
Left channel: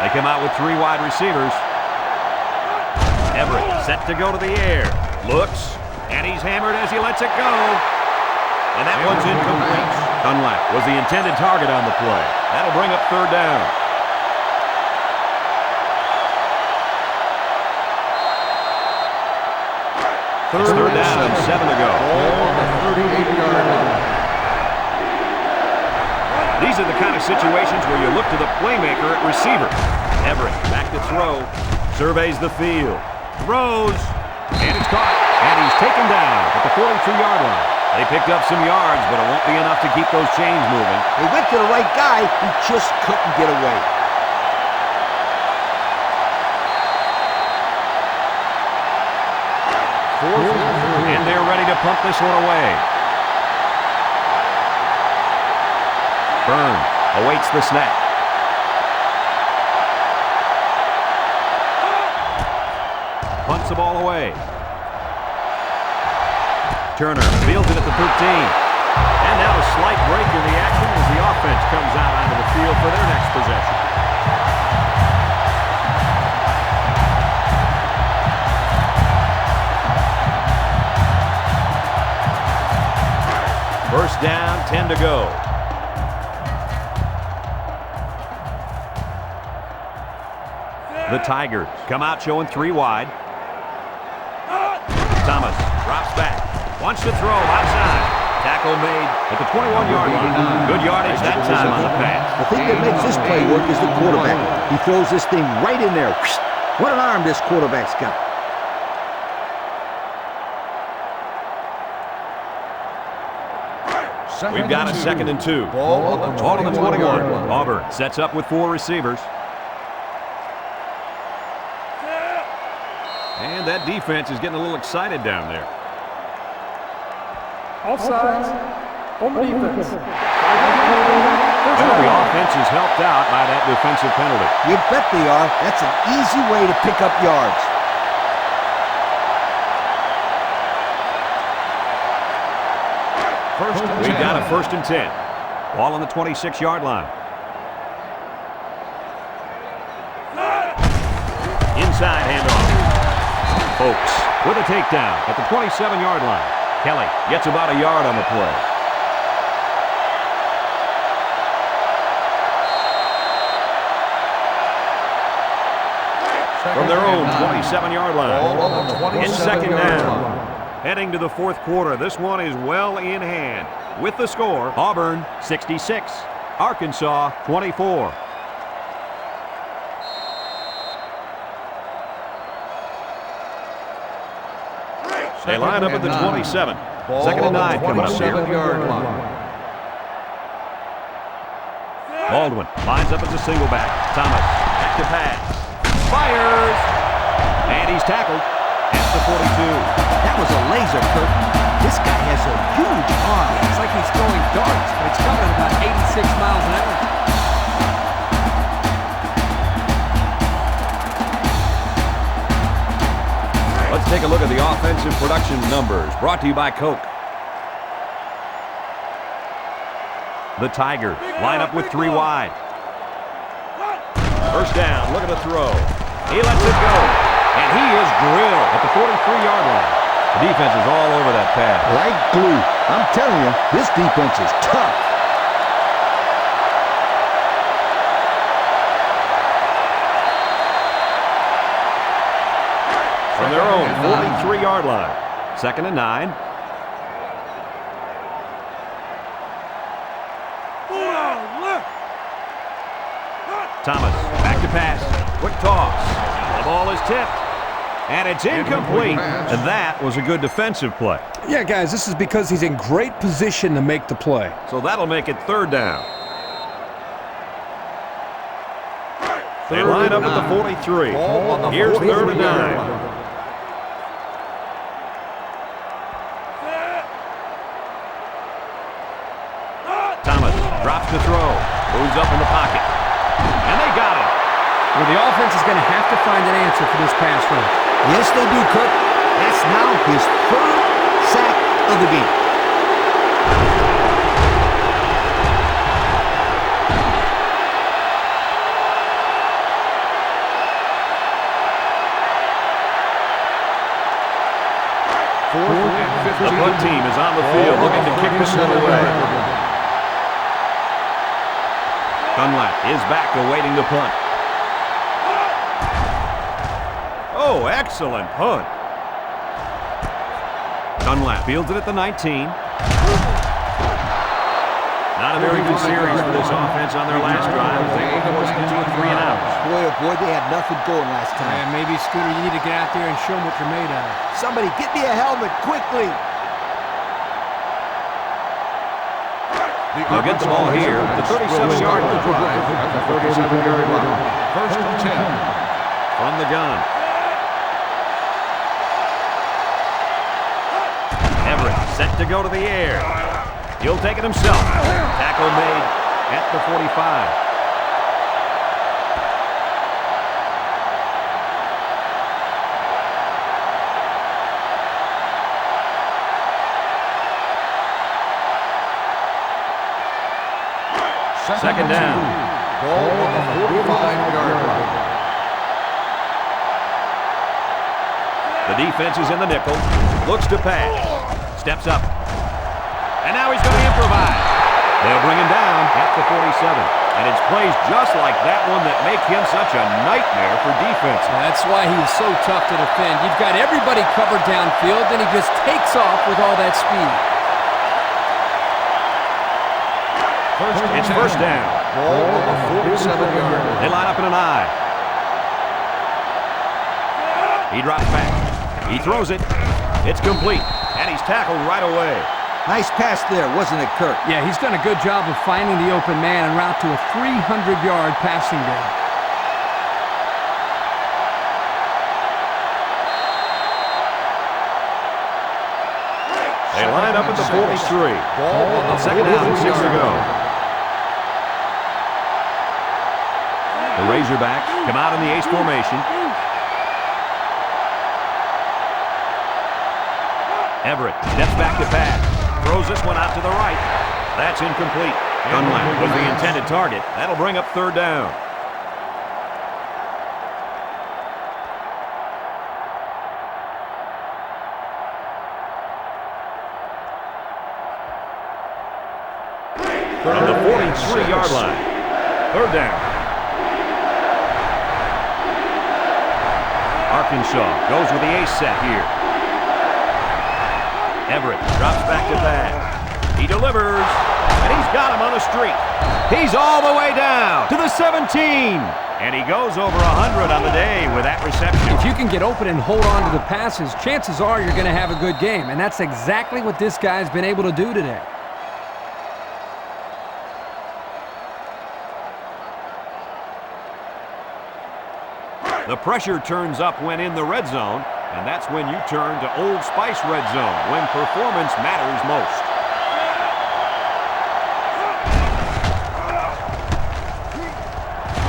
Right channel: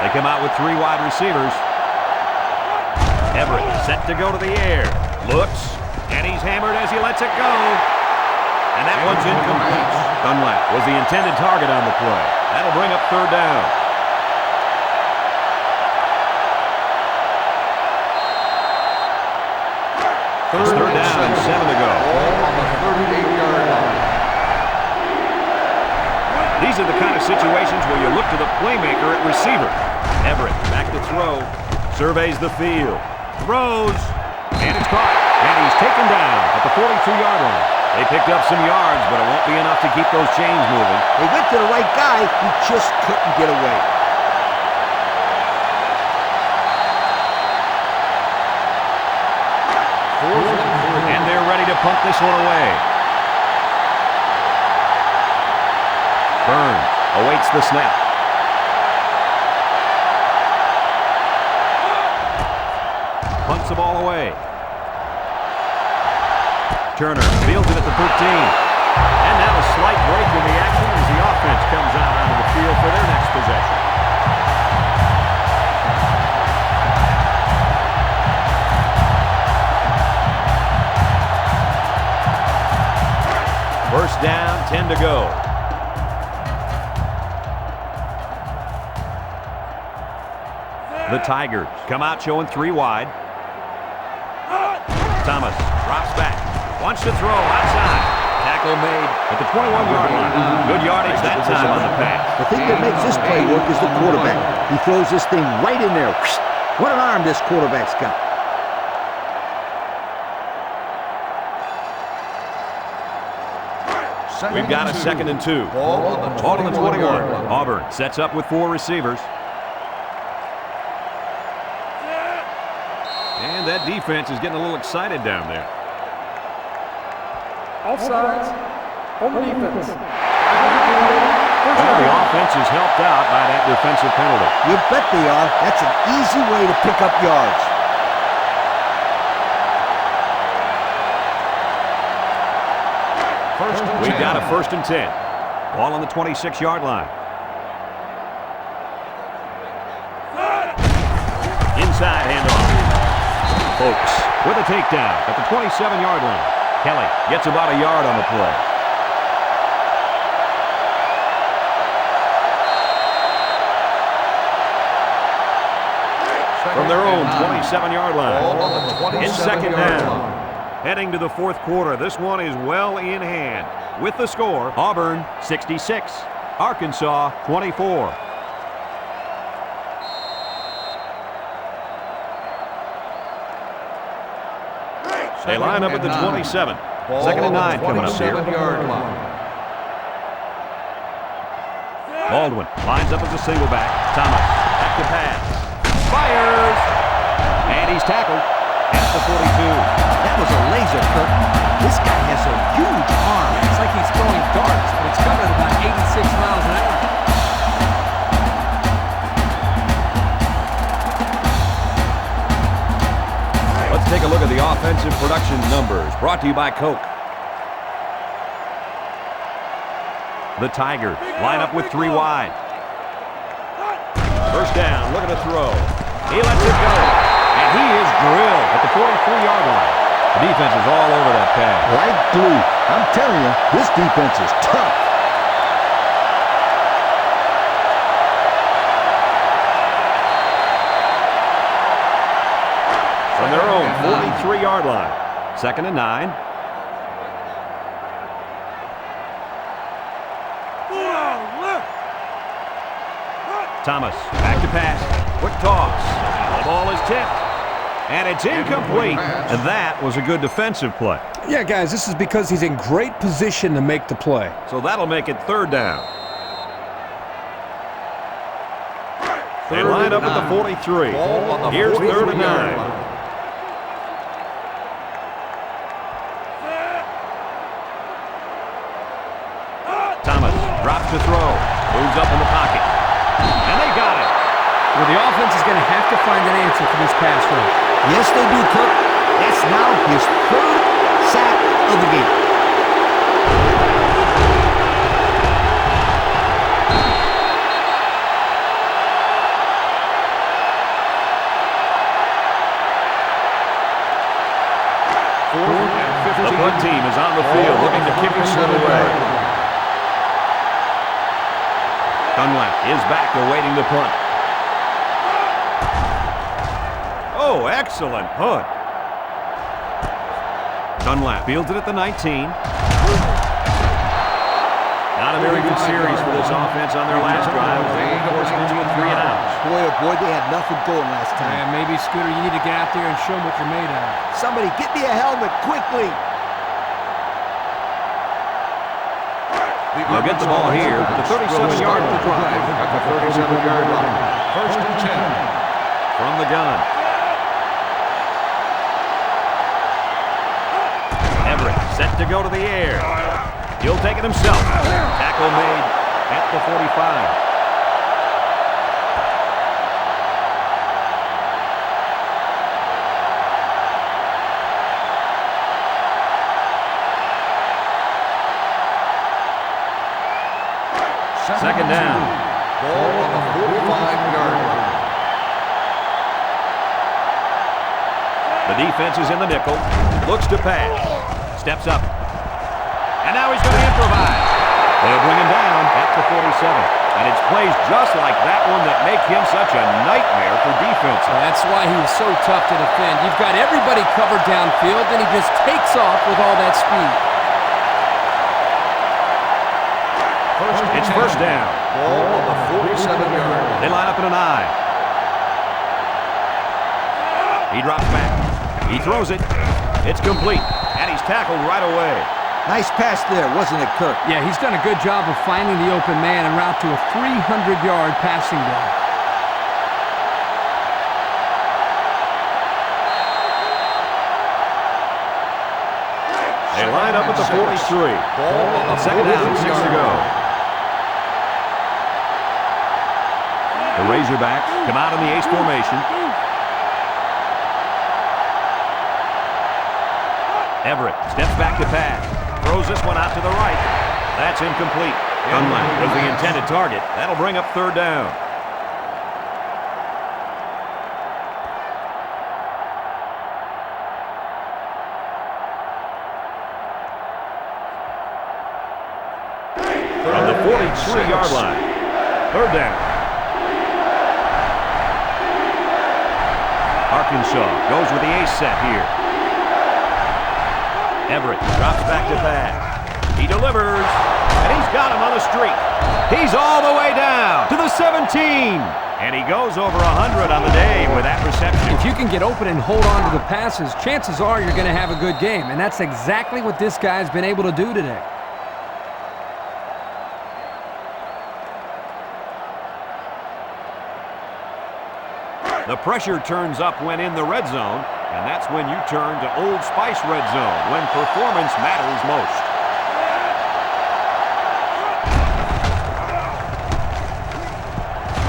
They come out with 3 wide receivers. Everett set to go to the air. Looks, and he's hammered as he lets it go. And that one's incomplete. Dunlap was the intended target on the play. That'll bring up third down. Third down and 7 to go. Ball on the 38-yard line. These are the kind of situations where you look to the playmaker at receiver. Everett back to throw. Surveys the field. Throws. And it's caught. And he's taken down at the 42-yard line. They picked up some yards, but it won't be enough to keep those chains moving. They went to the right guy. He just couldn't get away. Fourth and 3. And they're ready to punt this one away. Burns awaits the snap. Punts the ball away. Turner fields it at the 13. And now a slight break in the action as the offense comes out onto the field for their next possession. First down, 10 to go. The Tigers come out showing 3 wide. Thomas drops back. Wants to throw outside. Tackle made at the 21-yard line. Good yardage that time on the pass. The thing that makes this play work is the quarterback. He throws this thing right in there. What an arm this quarterback's got. We've got a 2nd and 2. Ball on the 21-yard line. Auburn sets up with 4 receivers. And that defense is getting a little excited down there. Offsides on the defense. 5-yard penalty. First Well, the down. offense is helped out by that defensive penalty. You bet they are. That's an easy way to pick up yards. First and 10. We've got a 1st and 10. Ball on the 26-yard line. Inside handoff. Folks with a takedown at the 27-yard line. Kelly gets about a yard on the play. From their own 27-yard line. Ball on the 27-yard In second down. line. Heading to the 4th quarter. This one is well in hand. With the score, Auburn 66, Arkansas 24. They line up at the 27. Ball 2nd and on 9 the coming up here. 27-yard line. Baldwin lines up as a single back. Thomas back to pass. Fires. And he's tackled at the 42. That was a laser, Kirk. This guy has a huge arm. It's like he's throwing darts, but it's coming at about 86 miles an hour. Let's take a look at the offensive production numbers brought to you by Coke. The Tigers line up with 3 wide. First down, look at the throw. He lets it go. And he is drilled at the 43-yard line. The defense is all over that pass. Like glue. I'm telling you, this defense is tough. From their own 43-yard line. 2nd and 9. Thomas back to pass. Quick toss. The ball is tipped. And it's incomplete. And that was a good defensive play. Yeah, guys, this is because he's in great position to make the play. So that'll make it 3rd down. They line up at the 43. Ball on the Here's 3rd and 43-yard 9. line. Thomas drops to throw. Moves up in the pocket. And they got it. Well, the offense is going to have to find an answer for this pass rush. Yes, they do, Kirk. That's now his 3rd sack of the game. Fourth and 15. The punt team is on the field looking to kick this one away. Dunlap is back awaiting the punt. Oh, excellent punt. Dunlap fields it at the 19. Not a very good series for this offense on their last drive as they were forced into a 3 and out. Boy, oh boy, they had nothing going last time. Yeah, maybe, Scooter, you need to get out there and show them what you're made of. Somebody get me a helmet quickly. They'll get the ball here at the 37-yard line. Drive at the 37-yard line. First and 10. From the gun. Everett set to go to the air. He'll take it himself. Tackle made at the 45. Second down. Ball on the 45-yard line. The defense is in the nickel. Looks to pass. Steps up. And now he's going to improvise. They'll bring him down at the 47. And it's plays just like that one that make him such a nightmare for defenses. Well, that's why he's so tough to defend. You've got everybody covered downfield, and he just takes off with all that speed. It's first down. Ball on the 47-yard line. They line up in an I. He drops back. He throws it. It's complete. And he's tackled right away. Nice pass there, wasn't it, Kirk? Yeah, he's done a good job of finding the open man en route to a 300-yard passing day. They line up at the 43. Ball on the Second down and 6 to go. The Razorbacks come out in the ace formation. Everett steps back to pass. Throws this one out to the right. That's incomplete. Dunlap was the intended target. That'll bring up third down. From the 43-yard line. Third down. Arkansas goes with the ace set here. Everett drops back to pass. He delivers, and he's got him on the streak. He's all the way down to the 17. And he goes over 100 on the day with that reception. If you can get open and hold on to the passes, chances are you're going to have a good game. And that's exactly what this guy's been able to do today. The pressure turns up when in the red zone, and that's when you turn to Old Spice red zone, when performance matters most.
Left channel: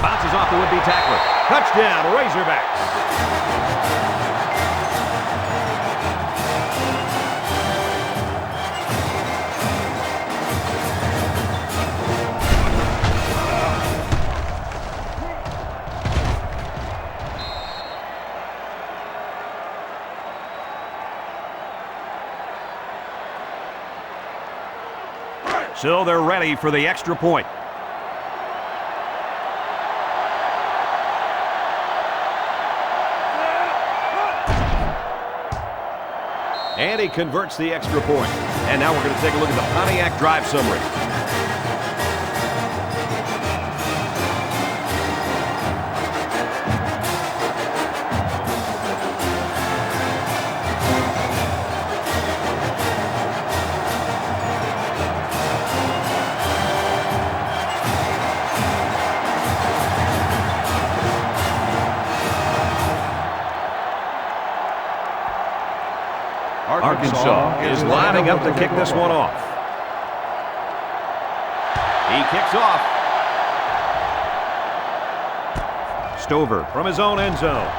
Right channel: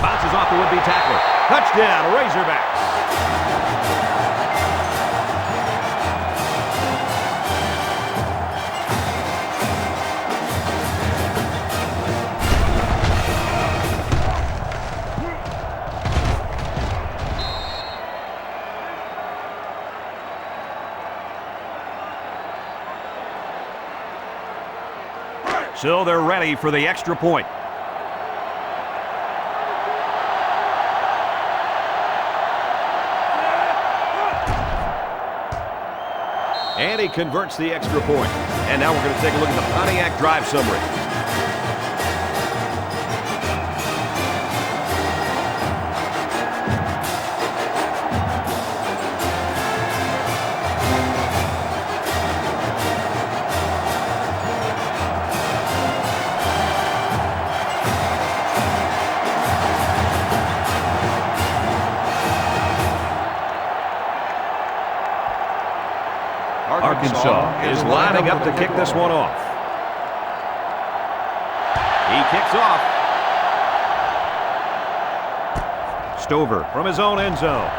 Bounces off the would-be tackler. Touchdown, Razorbacks. So they're ready for the extra point. And he converts the extra point. And now we're going to take a look at the Pontiac drive summary. Arkansas is lining up to kick this one off. He kicks off. Stover from his own end zone.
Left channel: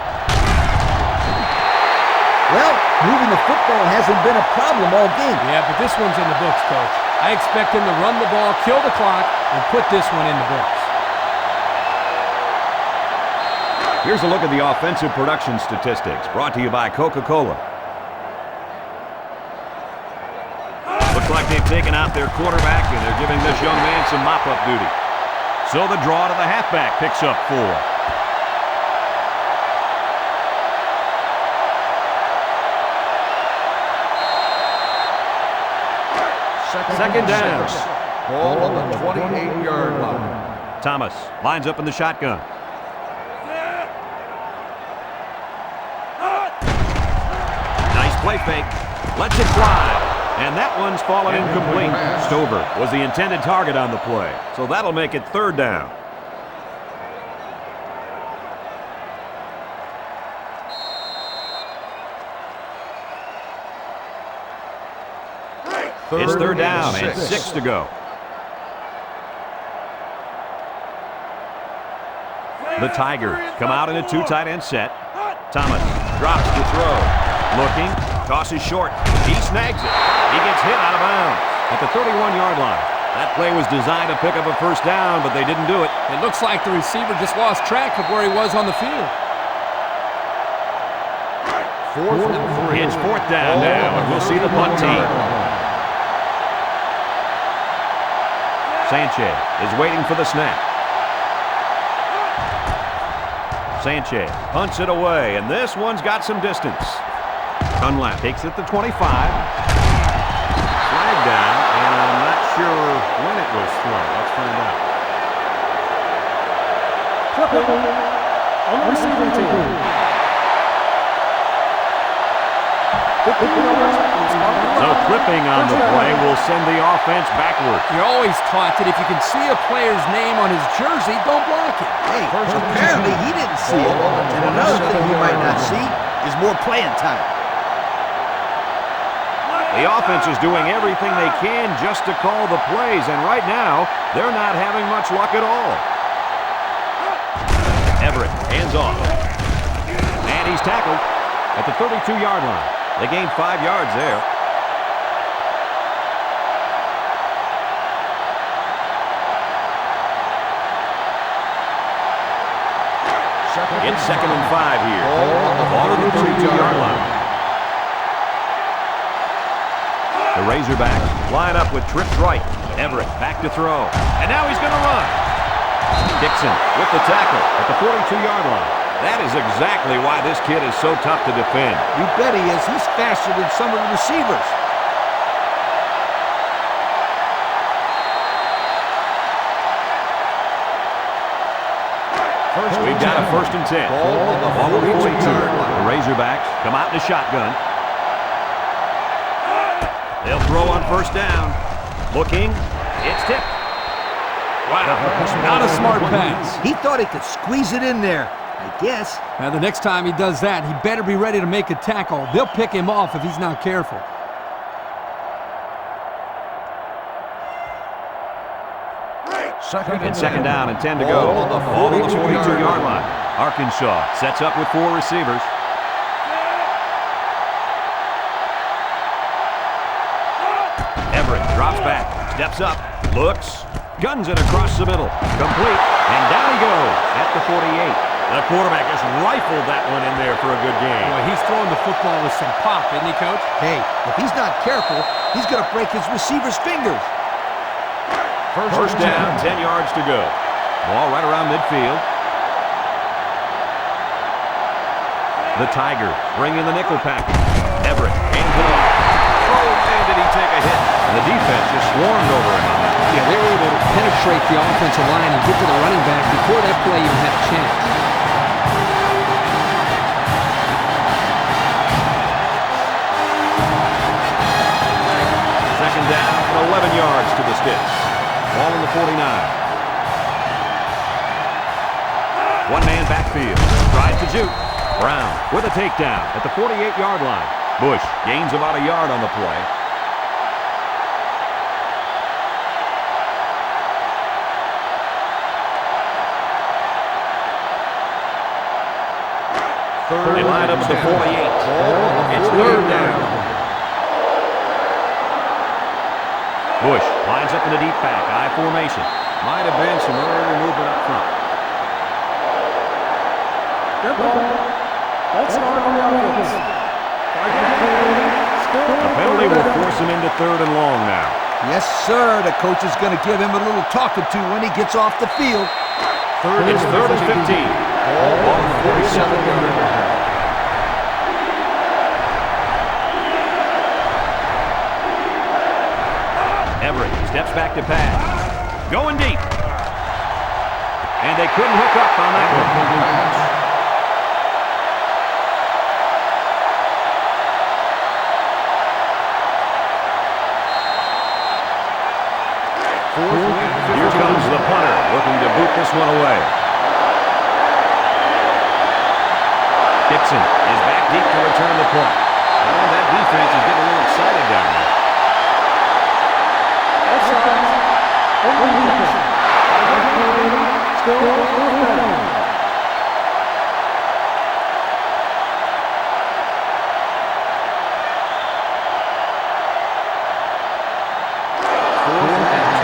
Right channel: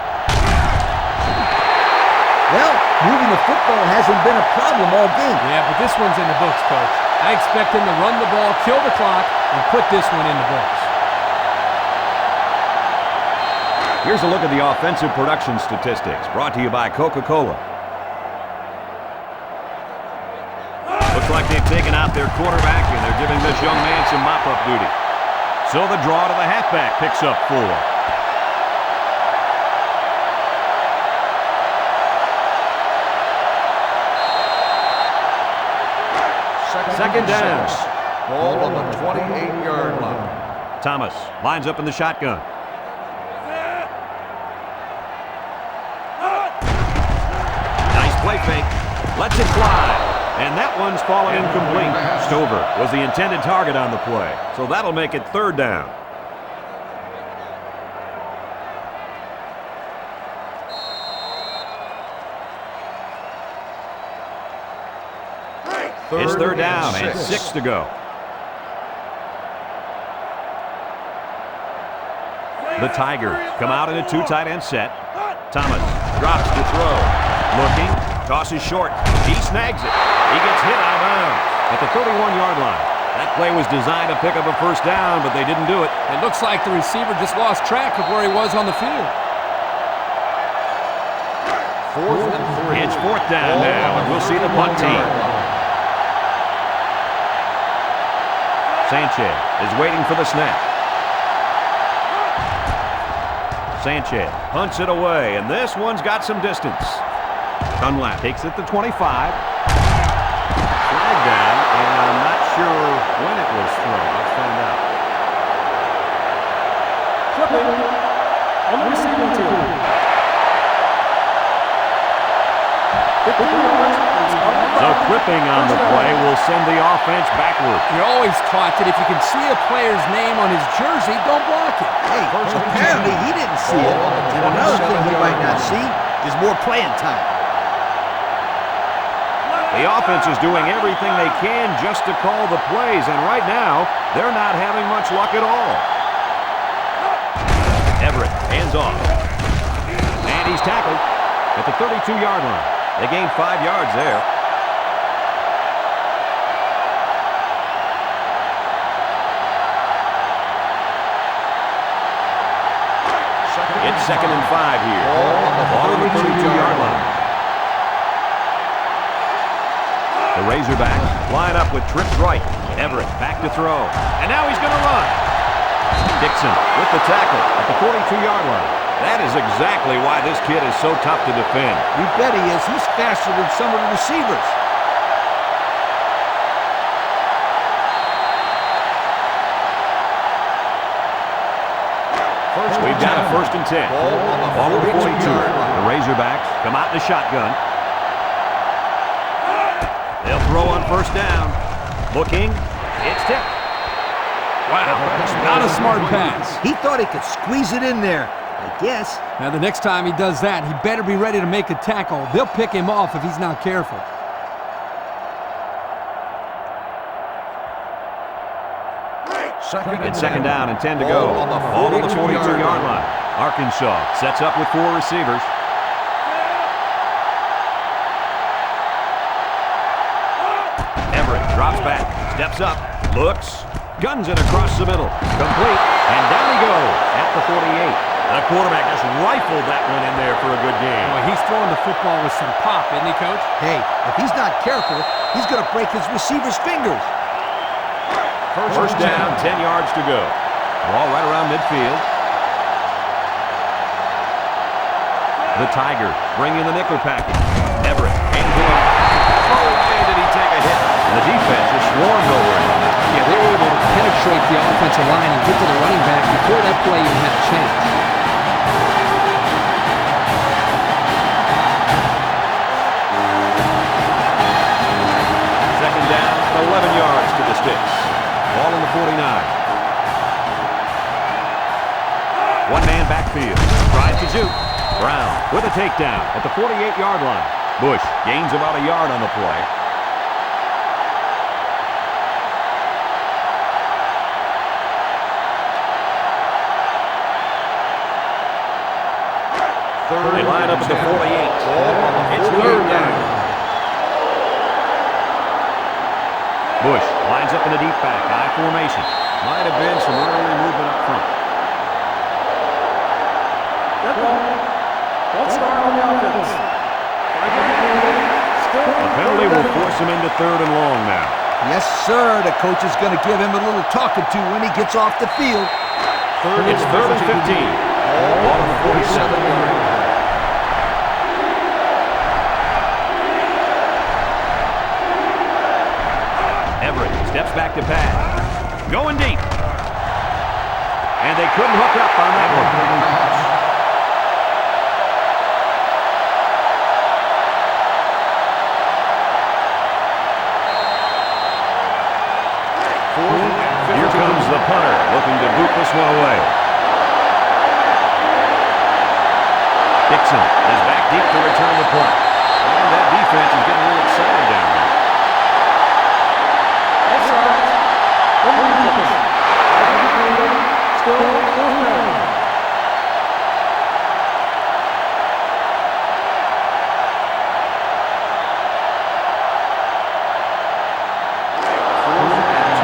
Well, moving the football hasn't been a problem all game. Yeah, but this one's in the books, Coach. I expect him to run the ball, kill the clock, and put this one in the books. Here's a look at the offensive production statistics brought to you by Coca-Cola. Looks like they've taken out their quarterback, and they're giving this young man some mop-up duty. So the draw to the halfback picks up 4. Second down. 6. Ball on the 28-yard line. Thomas lines up in the shotgun. Nice play fake. Lets it fly. And that one's fallen incomplete. Stover was the intended target on the play. So that'll make it 3rd down. It's 3rd down and 6 to go. The Tigers come out in a 2 tight end set. Thomas drops to throw. Looking, tosses short. He snags it. He gets hit out of bounds at the 31-yard line. That play was designed to pick up a 1st down, but they didn't do it. It looks like the receiver just lost track of where he was on the field. 4th and 3. It's 4th down now, and we'll see the punt team. Sanchez is waiting for the snap. Sanchez punts it away, and this one's got some distance. Dunlap takes it to 25. Flag down, and I'm not sure when it was thrown. Let's find out. Clipping on the receiving team. 15 yards. So clipping on the play will send the offense backward. You're always taught that if you can see a player's name on his jersey, don't block it. Hey, apparently he didn't see it. And another thing he might not see is more playing time. The offense is doing everything they can just to call the plays, and right now, they're not having much luck at all. Everett, hands off. And he's tackled at the 32-yard line. They gained 5 yards there. It's 2nd and 5 here. Ball on the 32-yard line. The Razorbacks line up with trips right. Everett back to throw. And now he's going to run. Dixon with the tackle at the 42-yard line. That is exactly why this kid is so tough to defend. You bet he is. He's faster than some of the receivers. We've got a 1st and 10. Ball on the 42-yard line. The Razorbacks come out in a shotgun. They'll throw on 1st down. Looking. It's tipped. Wow, not a smart pass. He thought he could squeeze it in there, I guess. Now, the next time he does that, he better be ready to make a tackle. They'll pick him off if he's not careful. It's 2nd down and 10 to go. Ball on the Ball on the 42-yard 42-yard line. Arkansas sets up with 4 receivers. Everett drops back, steps up, looks, guns it across the middle. Complete, and down he goes at the 48. The quarterback just rifled that one in there for a good game. Boy, he's throwing the football with some pop, isn't he, Coach? Hey, if he's not careful, he's going to break his receiver's fingers. First down, 10 yards to go. Ball right around midfield. The Tigers bring in the nickel package. Everett hands it off. Oh, man, did he take a hit. And the defense just swarmed over him on that. Yeah, they were able to penetrate the offensive line and get to the running back before that play even had a chance. Second down and 11 yards to the sticks. Ball in the 49. One man backfield. Tries to juke. Brown with a takedown at the 48-yard line. Bush gains about a yard on the play. They line up at the 48. It's 3rd down. Bush lines up in the deep back, I formation. Might have been some early movement up front. Dead ball. False start on the offense. 5-yard penalty. Still. The penalty will force him into 3rd and long now. Yes, sir. The coach is going to give him a little talking to when he gets off the field. It's third and 15. Ball on the 47-yard line. Everett steps back to pass. Going deep. And they couldn't hook up on that one. Here comes the punter, looking to boot this one away. Dixon is back deep to return the punt. And that defense is getting a little excited down there. Offside. On the defense. 5-yard penalty. Still fourth down.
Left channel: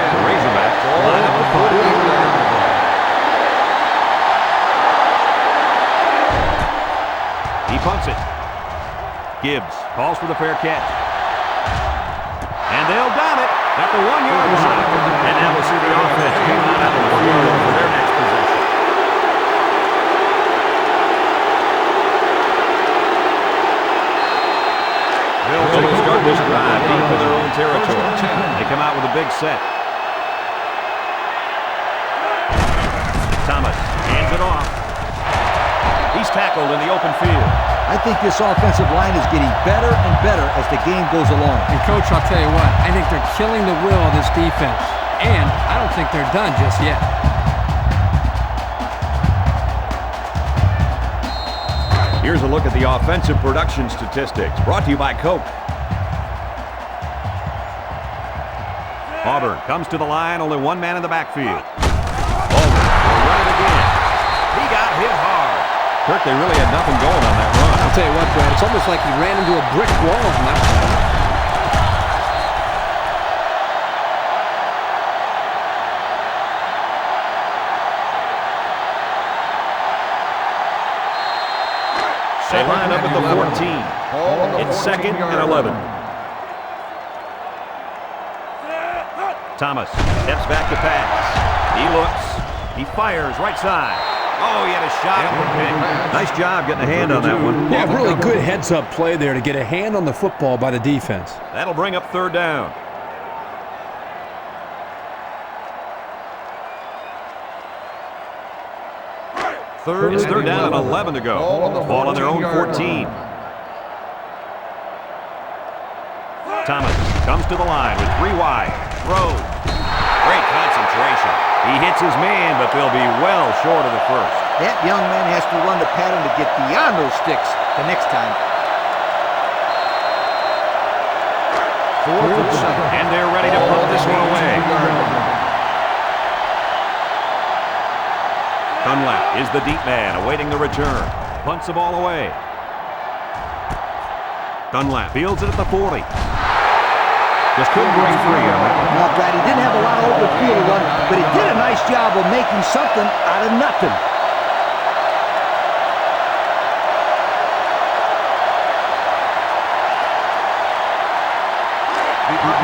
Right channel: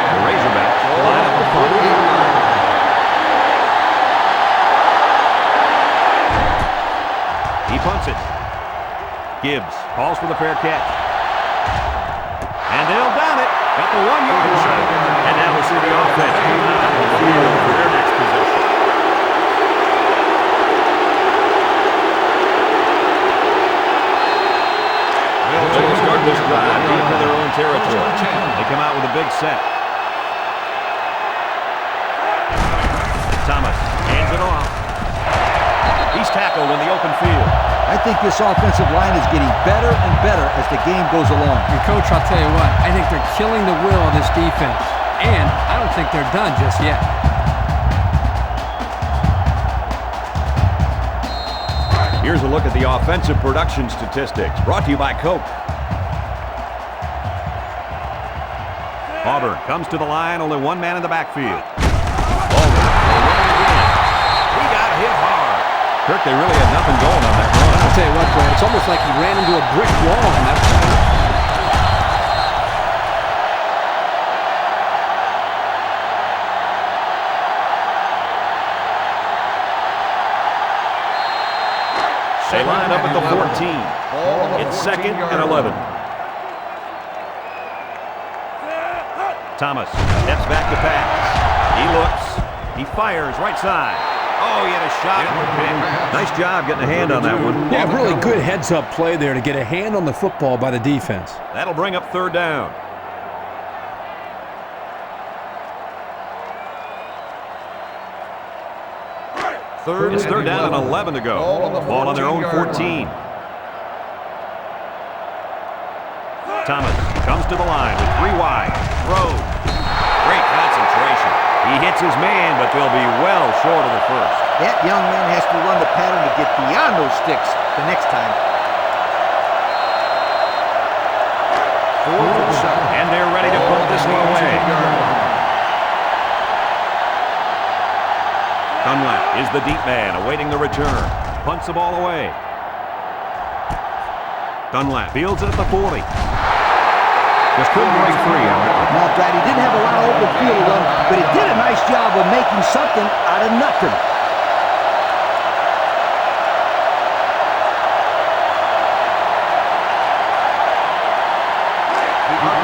The Razorbacks line up the punt. He punts it. Gibbs calls for the fair catch. And they'll down it at the 1-yard line. And now we'll see the offense come out of the field for their next possession. They'll start this drive deep in their own territory. They come out with a big set. Thomas hands it off. He's tackled in the open field. I think this offensive line is getting better and better as the game goes along. And, Coach, I'll tell you what. I think they're killing the will of this defense. And I don't think they're done just yet. Here's a look at the offensive production statistics, brought to you by Coke. Auburn comes to the line, only one man in the backfield. Auburn will run it again. He got hit hard. Kirk, they really had nothing going on that run. I'll tell you what, Brad, it's almost like he ran into a brick wall on that play. They line up at the 14. It's second and 11. Thomas steps back to pass. He looks. He fires right side. Oh, he had a shot at the pick. Nice job getting a hand on that one. Yeah, really good heads-up play there to get a hand on the football by the defense. That'll bring up third down. It's third down and 11 to go. Ball on their own 14. Thomas comes to the line with 3 wide. Throws. Great concentration. He hits his man, but they'll be well short of the first. That young man has to run the pattern to get beyond those sticks the next time. 4th and 7. And they're ready to punt this one away. Dunlap is the deep man awaiting the return. Punts the ball away. Dunlap fields it at the 40. Just couldn't break free on that one. Now, Brad, he didn't have a lot of open field to run, but he did a nice job of making something out of nothing.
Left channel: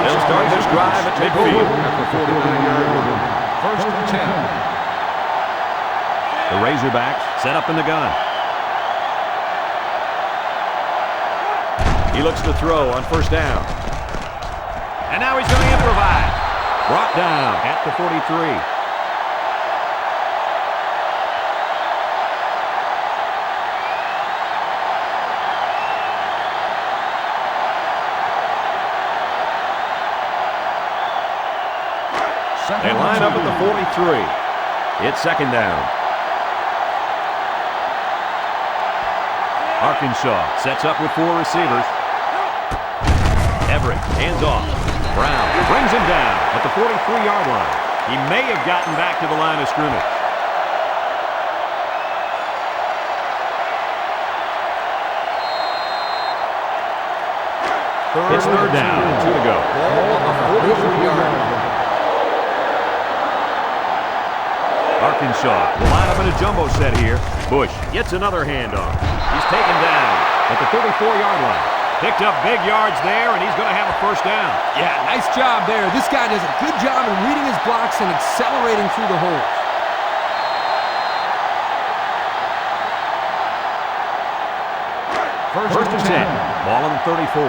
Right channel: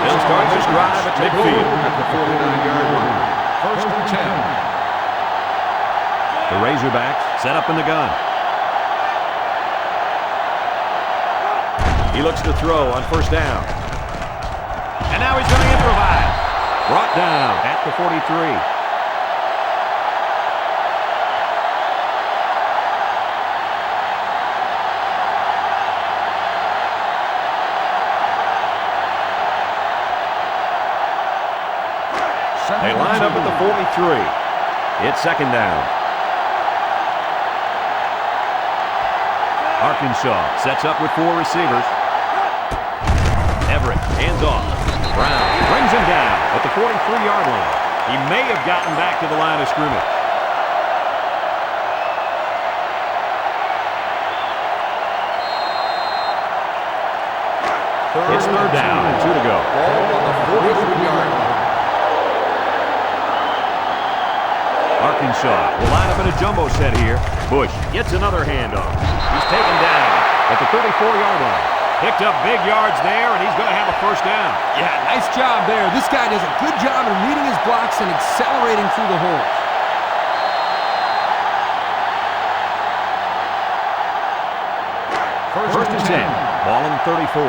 They'll start this drive at midfield. At the 49-yard line. 1st and 10. The Razorbacks set up in the gun. He looks to throw on first down. And now he's going to improvise. Brought down at the 43. They line up at the 43. It's second down. Arkansas sets up with 4 receivers. Everett hands off. Brown brings him down at the 43-yard line. He may have gotten back to the line of scrimmage. It's third down and 2 to go. Ball on the 43-yard line. Arkansas will line up in a jumbo set here. Bush gets another handoff. He's taken down at the 34-yard line. Picked up big yards there, and he's going to have a first down. Yeah, nice job there. This guy does a good job in reading his blocks and accelerating through the holes. First and 10. Ball on the 34.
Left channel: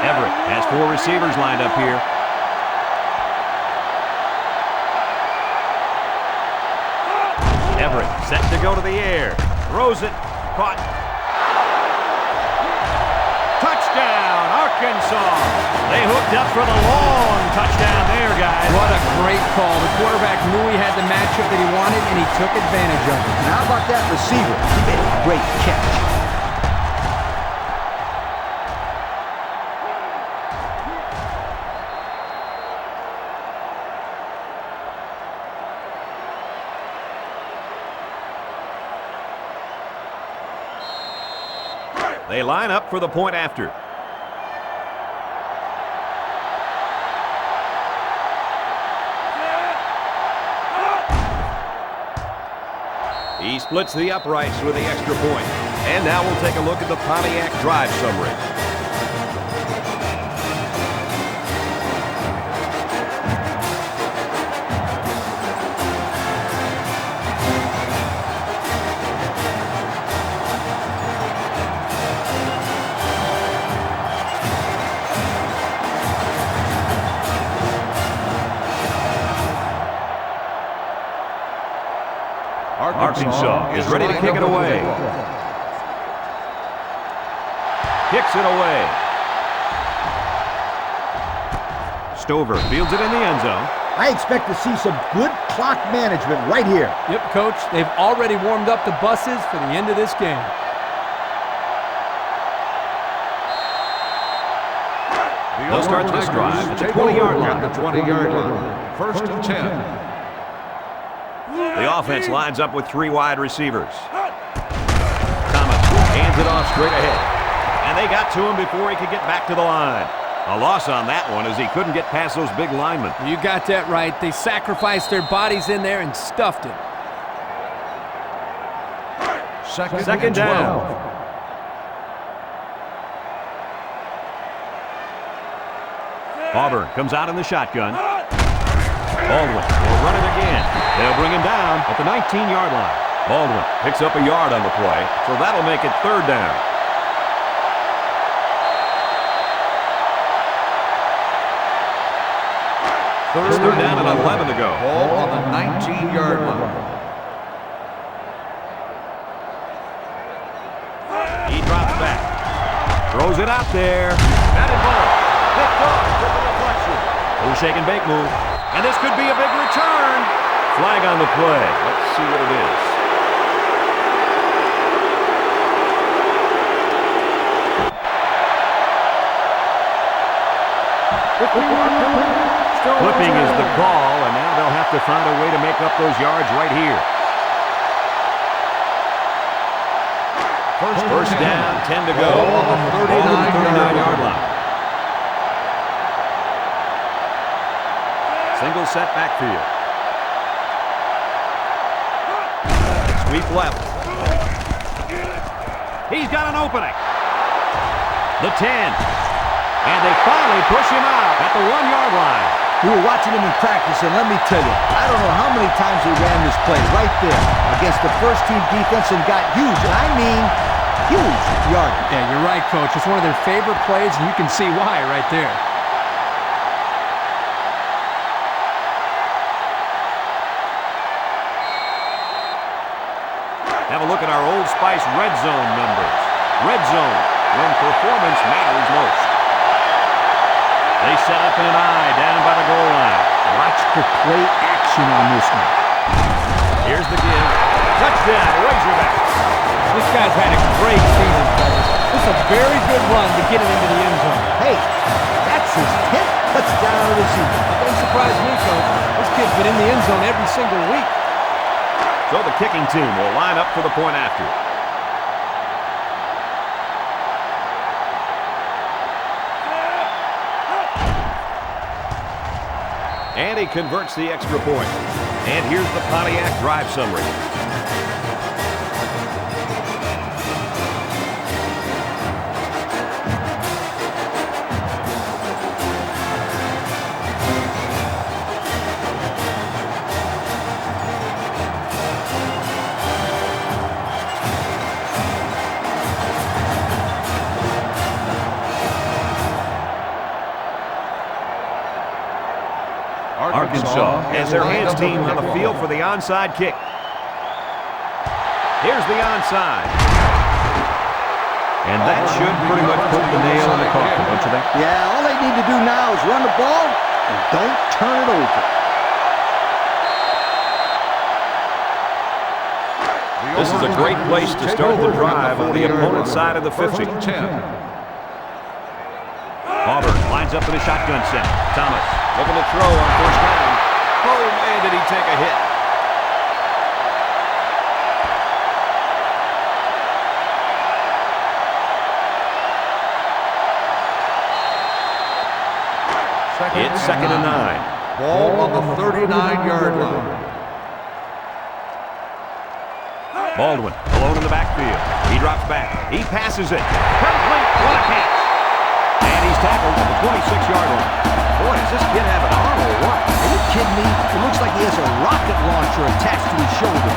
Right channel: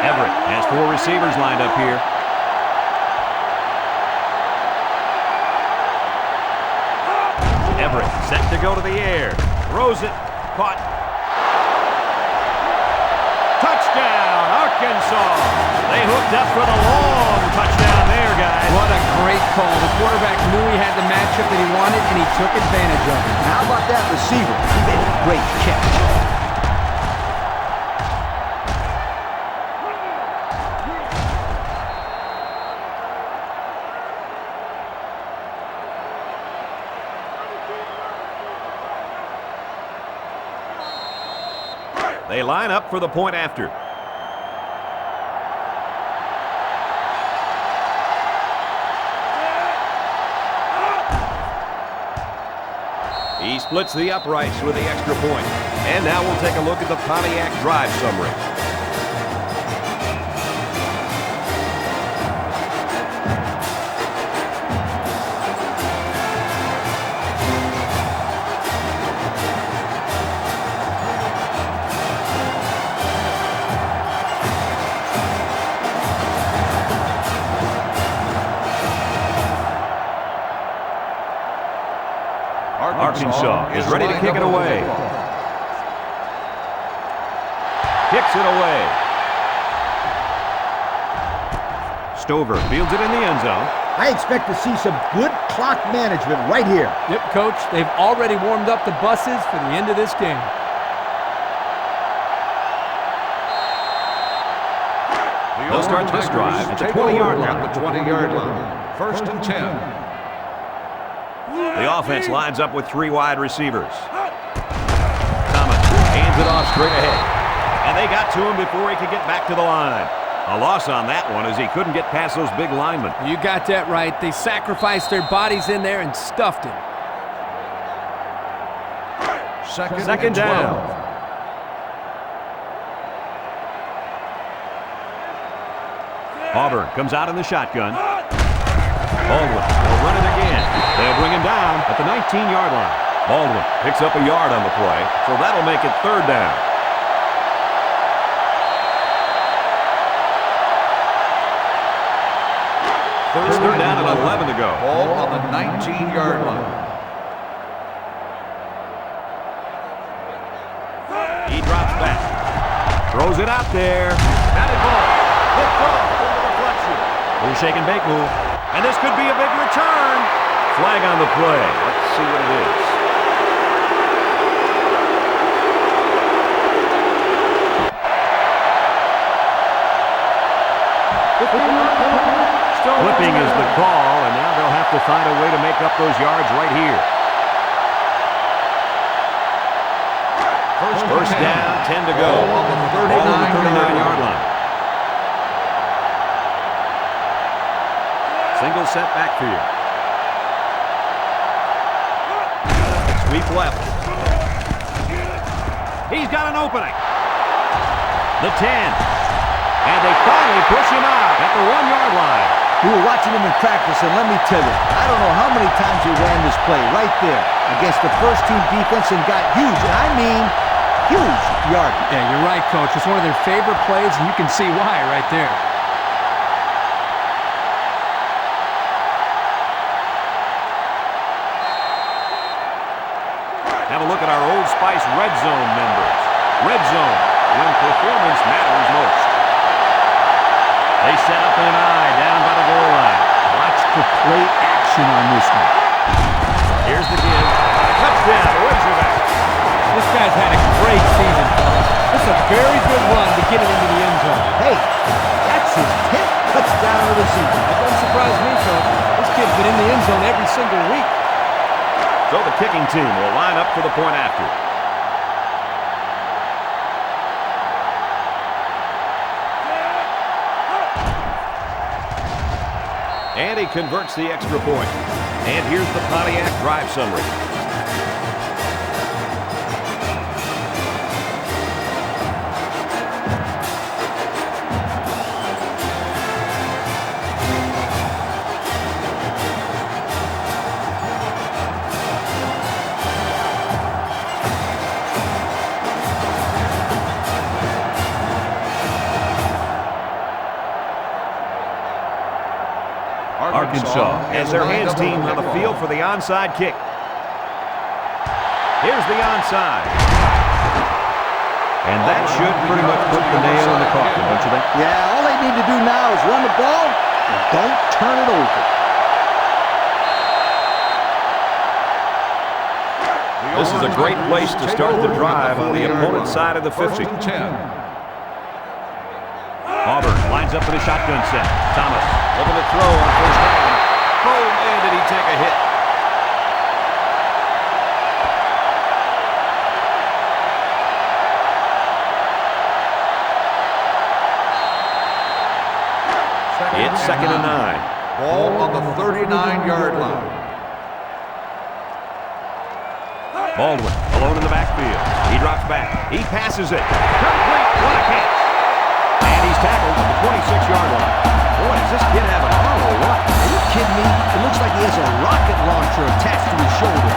Everett has 4 receivers lined up here. Everett set to go to the air. Throws it. Caught. Touchdown, Arkansas. They hooked up for the long touchdown there, guys. What a great call. The quarterback knew he had the matchup that he wanted, and he took advantage of it. And how about that receiver? He made a great catch. They line up for the point after. He splits the uprights with the extra point. And now we'll take a look at the Pontiac drive summary. Arkansas is ready to kick it away. Kicks it away. Stover fields it in the end zone. I expect to see some good clock management right here. Yep, Coach. They've already warmed up the buses for the end of this game. They'll start this drive at the 20-yard line. At the 20-yard line. First and 10. The offense lines up with 3 wide receivers. Thomas hands it off straight ahead. And they got to him before he could get back to the line. A loss on that one as he couldn't get past those big linemen. You got that right. They sacrificed their bodies in there and stuffed him. Second down. Auburn comes out in the shotgun. Baldwin will run it again. They'll bring him down at the 19-yard line. Baldwin picks up a yard on the play, so that'll make it 3rd down. Third down and 11 to go. Ball on the 19-yard line. He drops back. Throws it out there. Batted ball. Picked off from the deflection. Little shake and bake move. And this could be a big return. Flag on the play. Let's see what it is. Flipping is the call, and now they'll have to find a way to make up those yards right here. First down, 10 to go. Ball on the 39-yard line. Single set backfield. Sweep left. He's got an opening. The 10. And they finally push him out at the 1-yard line. We were watching him in practice, and let me tell you, I don't know how many times he ran this play right there against the first-team defense and got huge, and I mean huge yardage. Yeah, you're right, Coach. It's one of their favorite plays, and you can see why right there. Have a look at our Old Spice red zone numbers. Red zone, when performance matters most. They set up in an I down by the goal line. Watch the play action on this one. Here's the give. Touchdown, Razorbacks. This guy's had a great season, fellas. This is a very good run to get it into the end zone. Hey, that's his 10th touchdown of the season. That doesn't surprise me, Coach. This kid's been in the end zone every single week. So the kicking team will line up for the point after. And he converts the extra point. And here's the Pontiac drive summary. Arkansas has their hands team on the field for the onside kick. Here's the onside. And that should pretty much put the nail in the coffin, don't you think? Yeah, all they need to do now is run the ball and don't turn it over. This is a great place to start the drive on the opponent's side of the 50. Auburn lines up in a shotgun set. Thomas looking to throw on first down. Oh, man, did he take a hit. It's second and 9. Ball on the 39-yard line. Baldwin alone in the backfield. He drops back. He passes it. Complete. What a catch. And he's tackled at the 26-yard line. Boy, does this kid have an arm or what? Are you kidding me? It looks like he has a rocket launcher attached to his shoulder.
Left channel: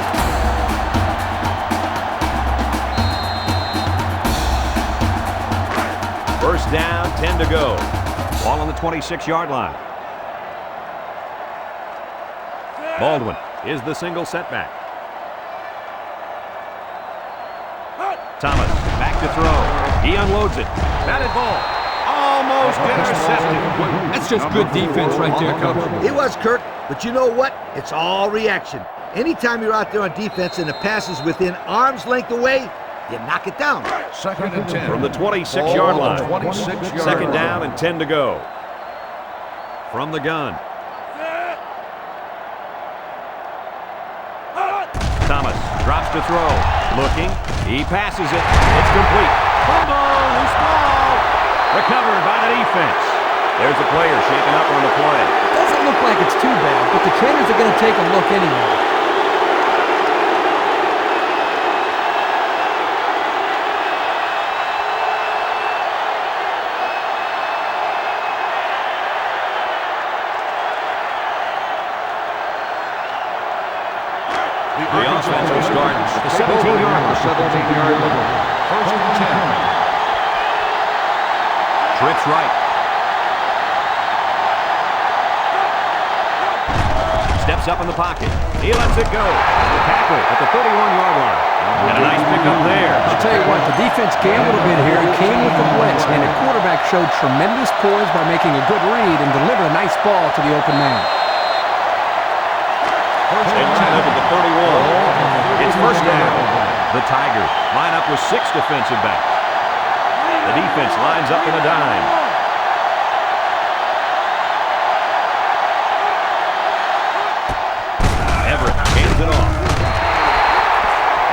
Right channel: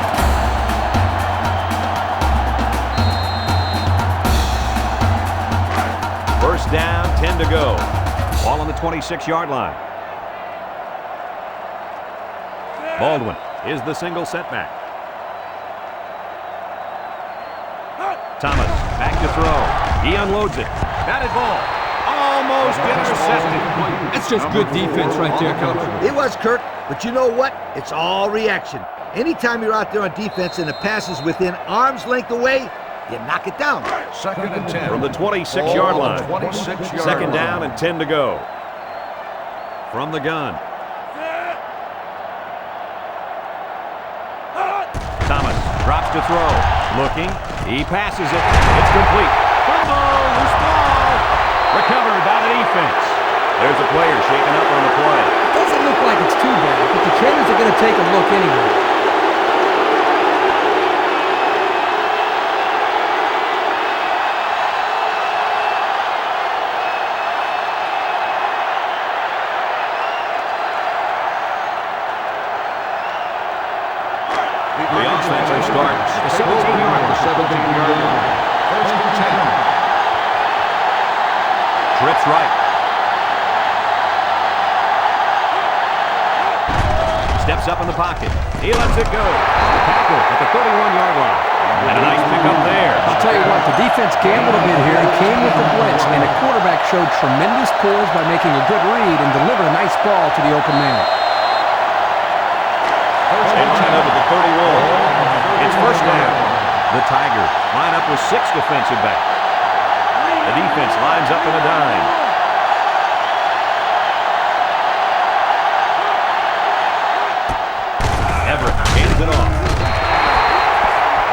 First down, 10 to go. Ball on the 26-yard line. Baldwin is the single setback. Thomas back to throw. He unloads it. Batted ball. Almost intercepted. That's just good defense right there, Coach. It was, Kirk, but you know what? It's all reaction. Anytime you're out there on defense and the pass is within arm's length away, you knock it down. Second and 10. From the 26-yard line. 26-yard Second line. down and 10 to go. From the gun. Thomas drops to throw. Looking. He passes it. It's complete. Fumble. Loose ball. Recovered by the defense. There's a player shaken up on the play. It doesn't look like it's too bad, but the trainers are going to take a look anyway. The offense will start at the 17-yard line. 17-yard line. First and 10. Trips right. Steps up in the pocket. He lets it go. The tackle at the 31-yard line. And a nice pickup there. I'll tell you what, the defense gambled a bit here and came with the blitz, and the quarterback showed tremendous poise by making a good read and delivered a nice ball to the open man. They line up at the 31. It's first down. The Tigers line up with 6 defensive backs. The defense lines up in a dime. Everett hands it off.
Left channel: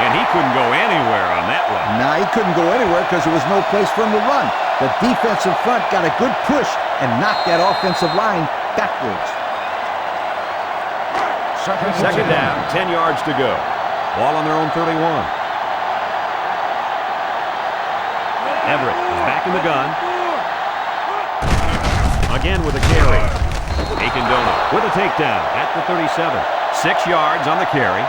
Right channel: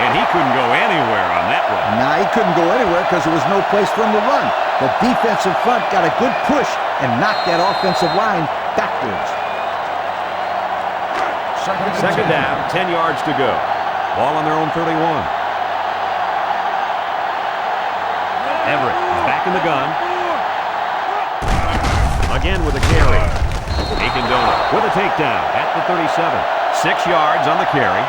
And he couldn't go anywhere on that run. Nah, he couldn't go anywhere because there was no place for him to run. The defensive front got a good push and knocked that offensive line backwards. Second down, 10 yards to go. Ball on their own 31. Everett is back in the gun. Again with a carry. Akindona with a takedown at the 37. 6 yards on the carry.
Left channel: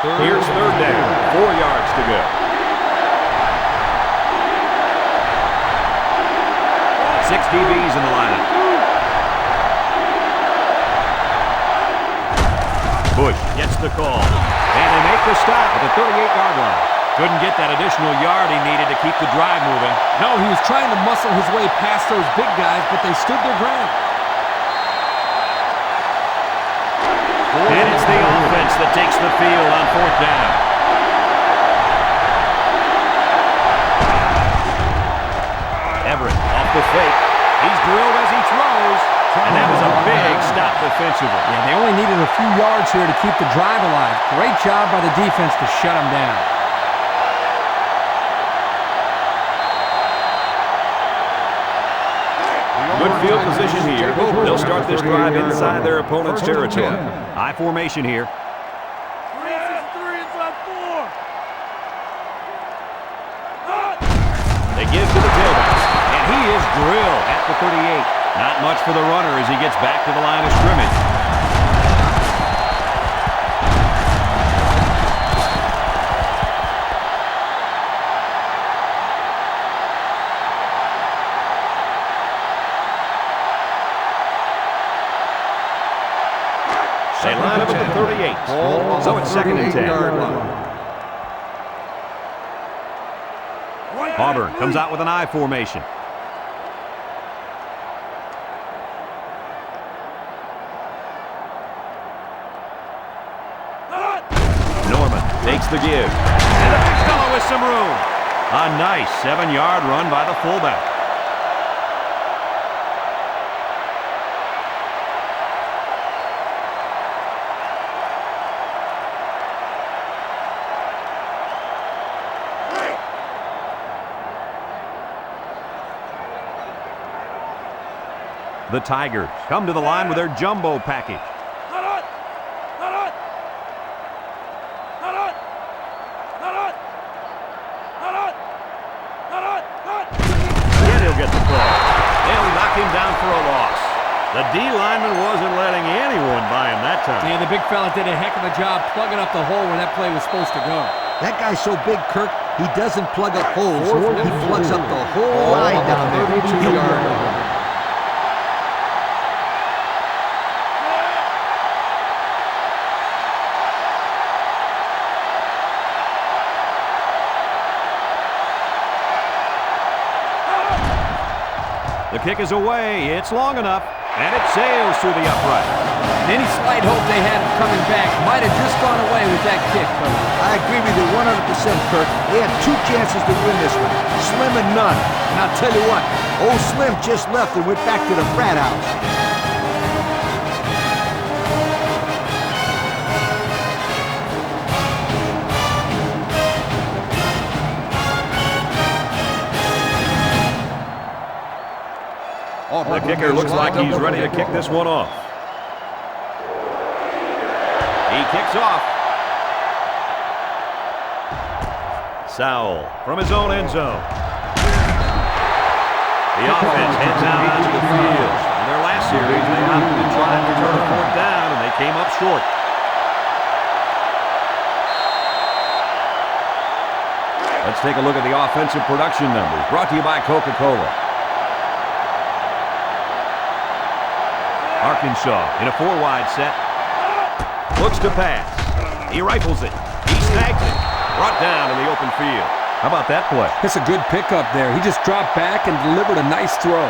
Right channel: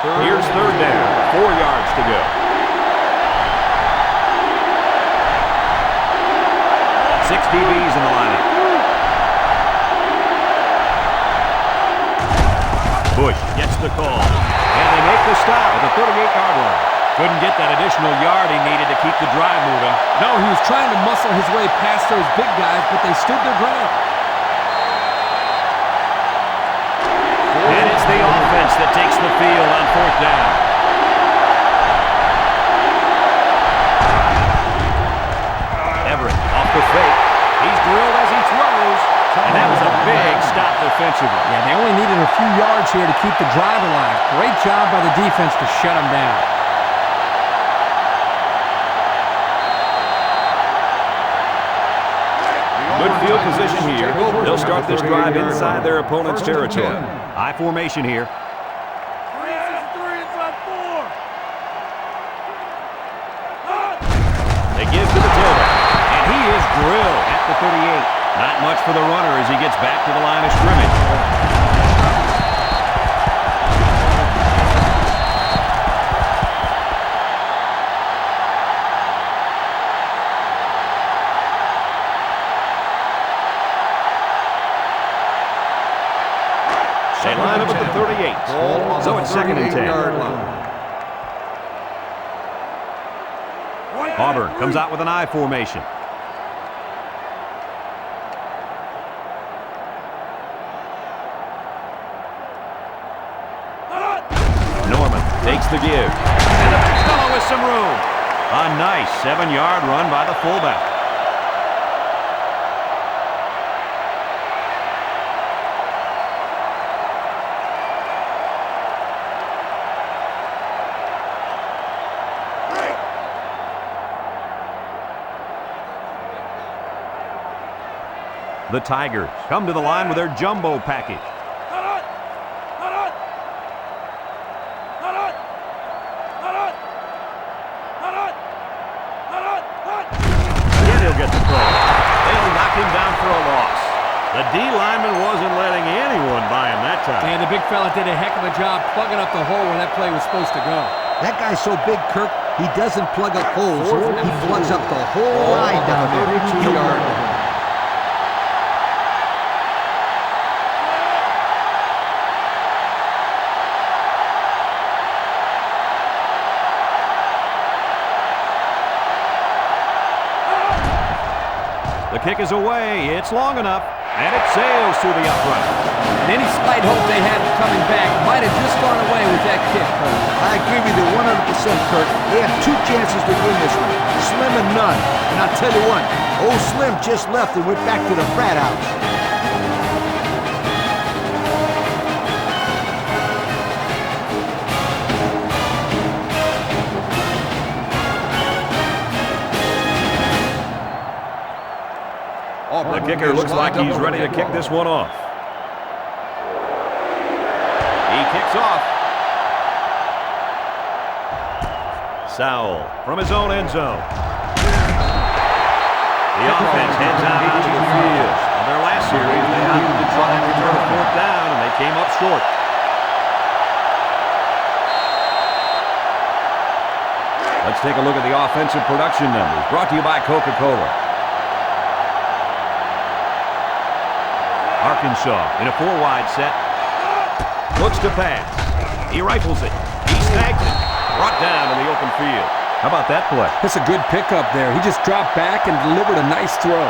Here's third down. 4 yards to go. 6 DBs in the lineup. Bush gets the call. And they make the stop at the 38-yard line. Couldn't get that additional yard he needed to keep the drive moving. No, he was trying to muscle his way past those big guys, but they stood their ground. And it's the offense that takes the field on fourth down. Everett off the fake. He's drilled as he throws. And that was a big stop defensively. Yeah, they only needed a few yards here to keep the drive alive. Great job by the defense to shut them down. Good field position here. They'll start this drive inside their opponent's territory. I formation here. 3-6-3 inside 4. They give to the tailback. And he is drilled at the 38. Not much for the runner as he gets back to the line of scrimmage. They line up at the 38. Ball on So the it's second and 10. 38-yard line. Auburn comes out with an I formation. Norman takes the give. And the big fellow with some room. A nice 7-yard run by the fullback. The Tigers come to the line with their jumbo package. Yet he'll get the call. They'll knock him down for a loss. The D lineman wasn't letting anyone by him that time. Yeah, the big fella did a heck of a job plugging up the hole where that play was supposed to go. That guy's so big, Kirk, he doesn't plug up holes. He plugs up the whole Ball line on the down there. 32-yard line. The kick is away. It's long enough, and it sails through the upright. And any slight hope they had of coming back might have just gone away with that kick, Coach. I agree with you 100%, Kirk. They had 2 chances to win this one. Slim and none. And I'll tell you what, old Slim just left and went back to the frat house. The kicker looks like he's ready to kick this one off. He kicks off. Sowell from his own end zone. The offense heads out onto the field. In their last series, they opted to try and return a 4th down, and they came up short. Let's take a look at the offensive production numbers, brought to you by Coca-Cola. Arkansas in a 4-wide set. Looks to pass. He rifles it. He snags it. Brought down in the open field. How about that play? That's a good pickup there. He just dropped back and delivered a nice throw.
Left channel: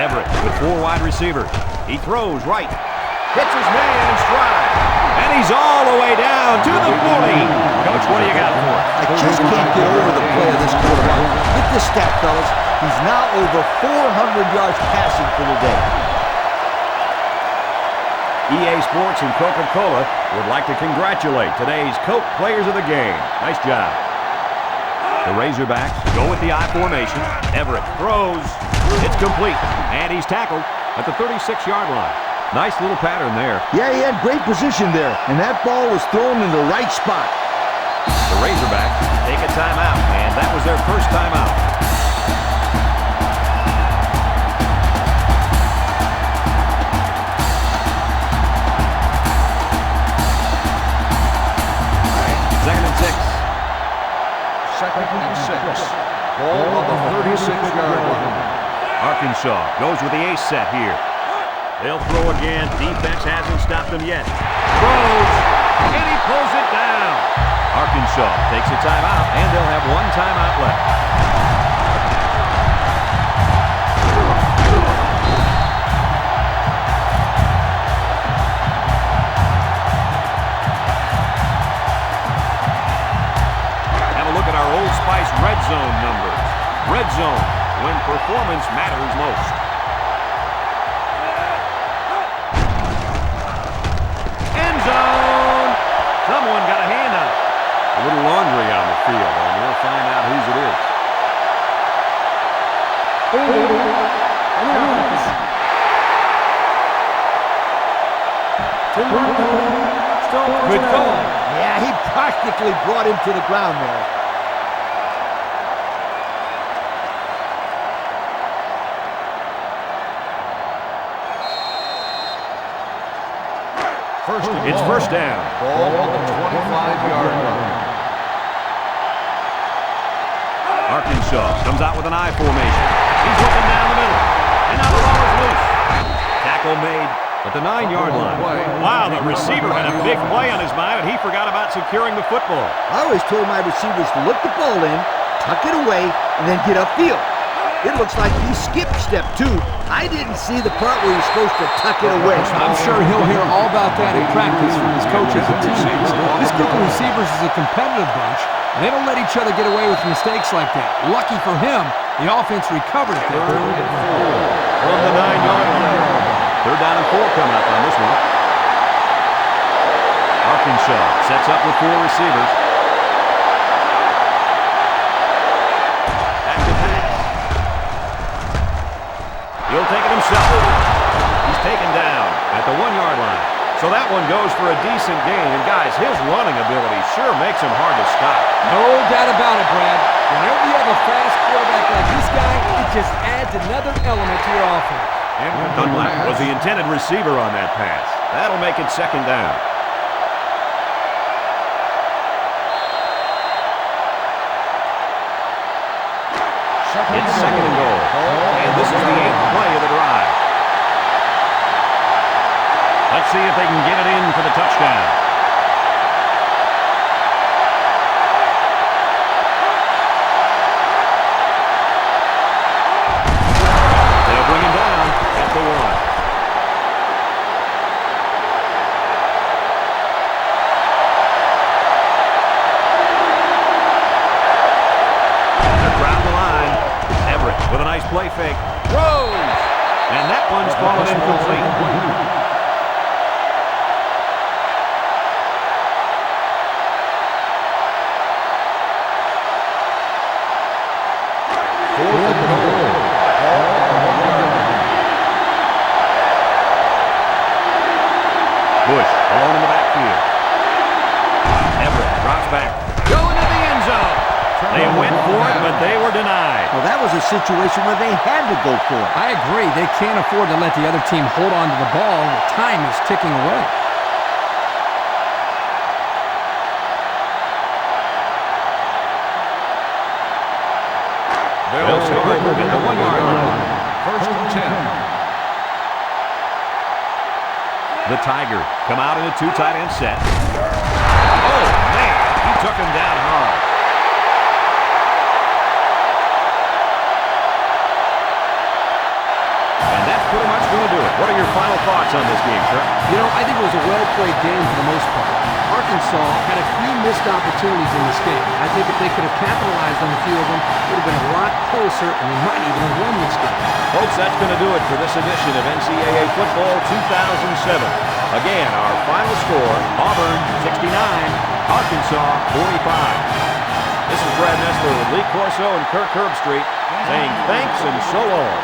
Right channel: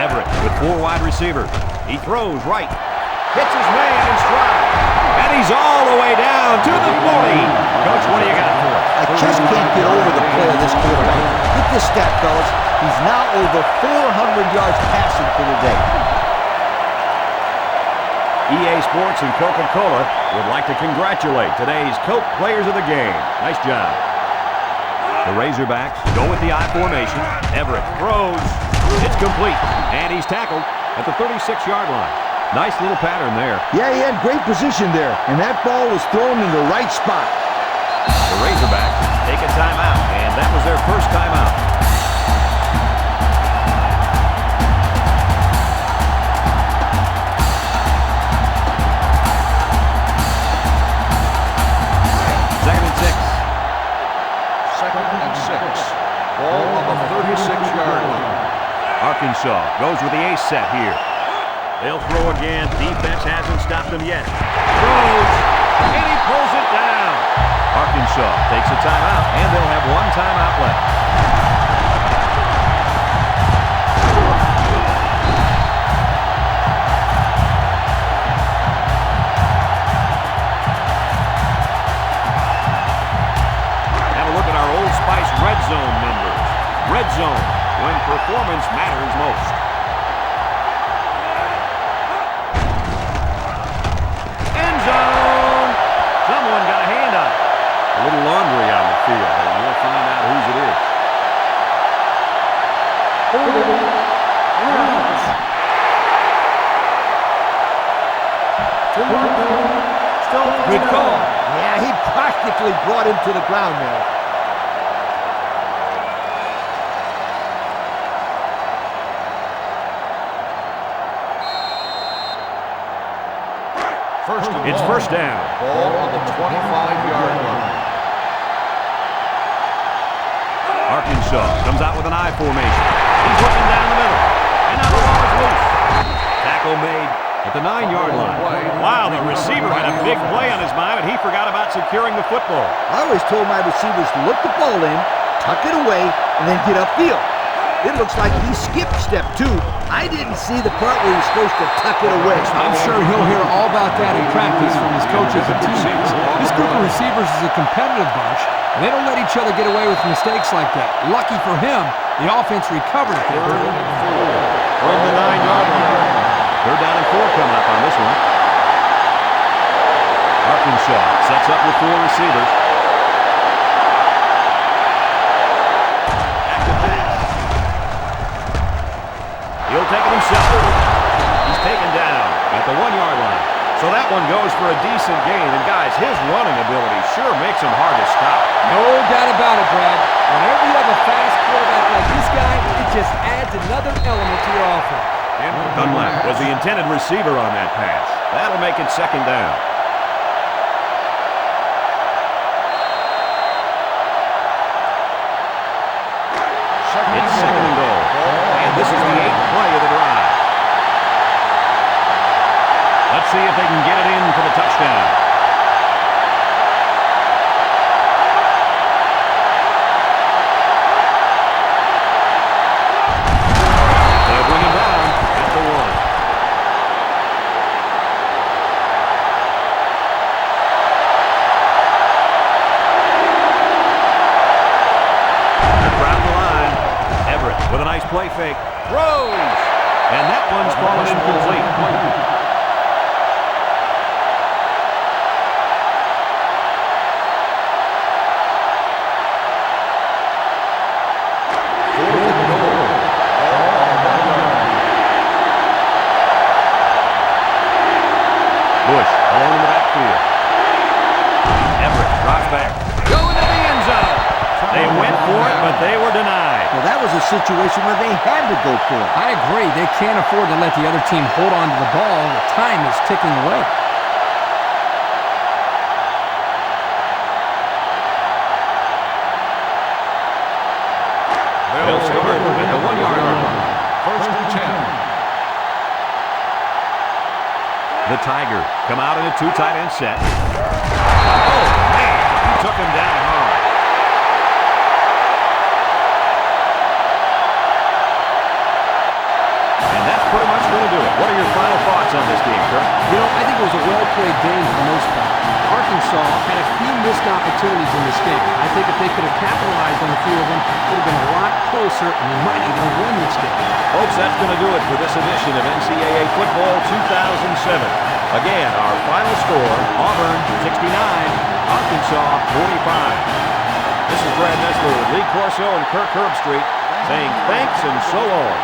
Everett with 4 wide receivers. He throws right. Hits his man in stride. And he's all the way down to the 40. Coach, what do you got for us? I just can't get over the play of this quarterback. Get this stat, fellas. He's now over 400 yards passing for the day. EA Sports and Coca-Cola would like to congratulate today's Coke players of the game. Nice job. The Razorbacks go with the I formation. Everett throws. It's complete. And he's tackled at the 36-yard line. Nice little pattern there. Yeah, he had great position there, and that ball was thrown in the right spot. The Razorbacks take a timeout, and that was their first timeout. Second and 6. 2nd and 6. Ball on the 36-yard line. Arkansas goes with the ace set here. They'll throw again. Defense hasn't stopped them yet. Throws, and he pulls it down. Arkansas takes a timeout, and they'll have 1 timeout left. Have a look at our Old Spice red zone numbers. Red zone, when performance matters most. End zone. Someone got a hand on it. A little laundry on the field, and we'll find out whose it is. Holding on the offense. 10-yard penalty. Still first Good down. call. Yeah, he practically brought him to the ground there. It's first down. Ball on the 25-yard line. Arkansas comes out with an I formation. He's looking down the middle. And now the ball is loose. Tackle made at the 9-yard line. Wow, the receiver had a big play on his mind, and he forgot about securing the football. I always told my receivers to look the ball in, tuck it away, and then get upfield. It looks like he skipped step 2. I didn't see the part where he's supposed to tuck it away. I'm sure he'll hear all about that in practice from his coaches and teammates. This group of receivers is a competitive bunch, and they don't let each other get away with mistakes like that. Lucky for him, the offense recovered it. Third and 4 from the 9-yard line. Third down and 4 coming up on this one. Arkansas sets up with 4 receivers. Back to pass. He'll take it himself. He's taken down at the 1-yard line. So that one goes for a decent gain. And, guys, his running ability sure makes him hard to stop. No doubt about it, Brad. Whenever you have a fast quarterback like this guy, it just adds another element to your offense. Dunlap was the intended receiver on that pass. That'll make it second down. It's second and goal. And this is the 8th play of the drive. Let's see if they can get it in for the touchdown. They'll bring him down at the 1. With a nice play fake. Throws! And that one's fallen incomplete. Fourth and goal. Ball on the 1-yard line. Bush alone in the backfield. Everett drops back. Go into the end zone. They went for it, but they were denied. Well, that was a situation where they had to go for it. I agree. They can't afford to let the other team hold on to the ball. The time is ticking away. They'll start at the 1-yard line. First and 10. The Tigers come out in a 2 tight end set. Oh, man, he took him down hard. And that's pretty much going to do it. What are your final thoughts on this game, Kirk? You know, I think it was a well-played game for the most part. Arkansas had a few missed opportunities in this game. I think if they could have capitalized on a few of them, it would have been a lot closer, and they might even have won this game. Folks, that's going to do it for this edition of NCAA Football 2007. Again, our final score, Auburn 69, Arkansas 45. This is Brad Nessler with Lee Corso and Kirk Herbstreit saying thanks and so long.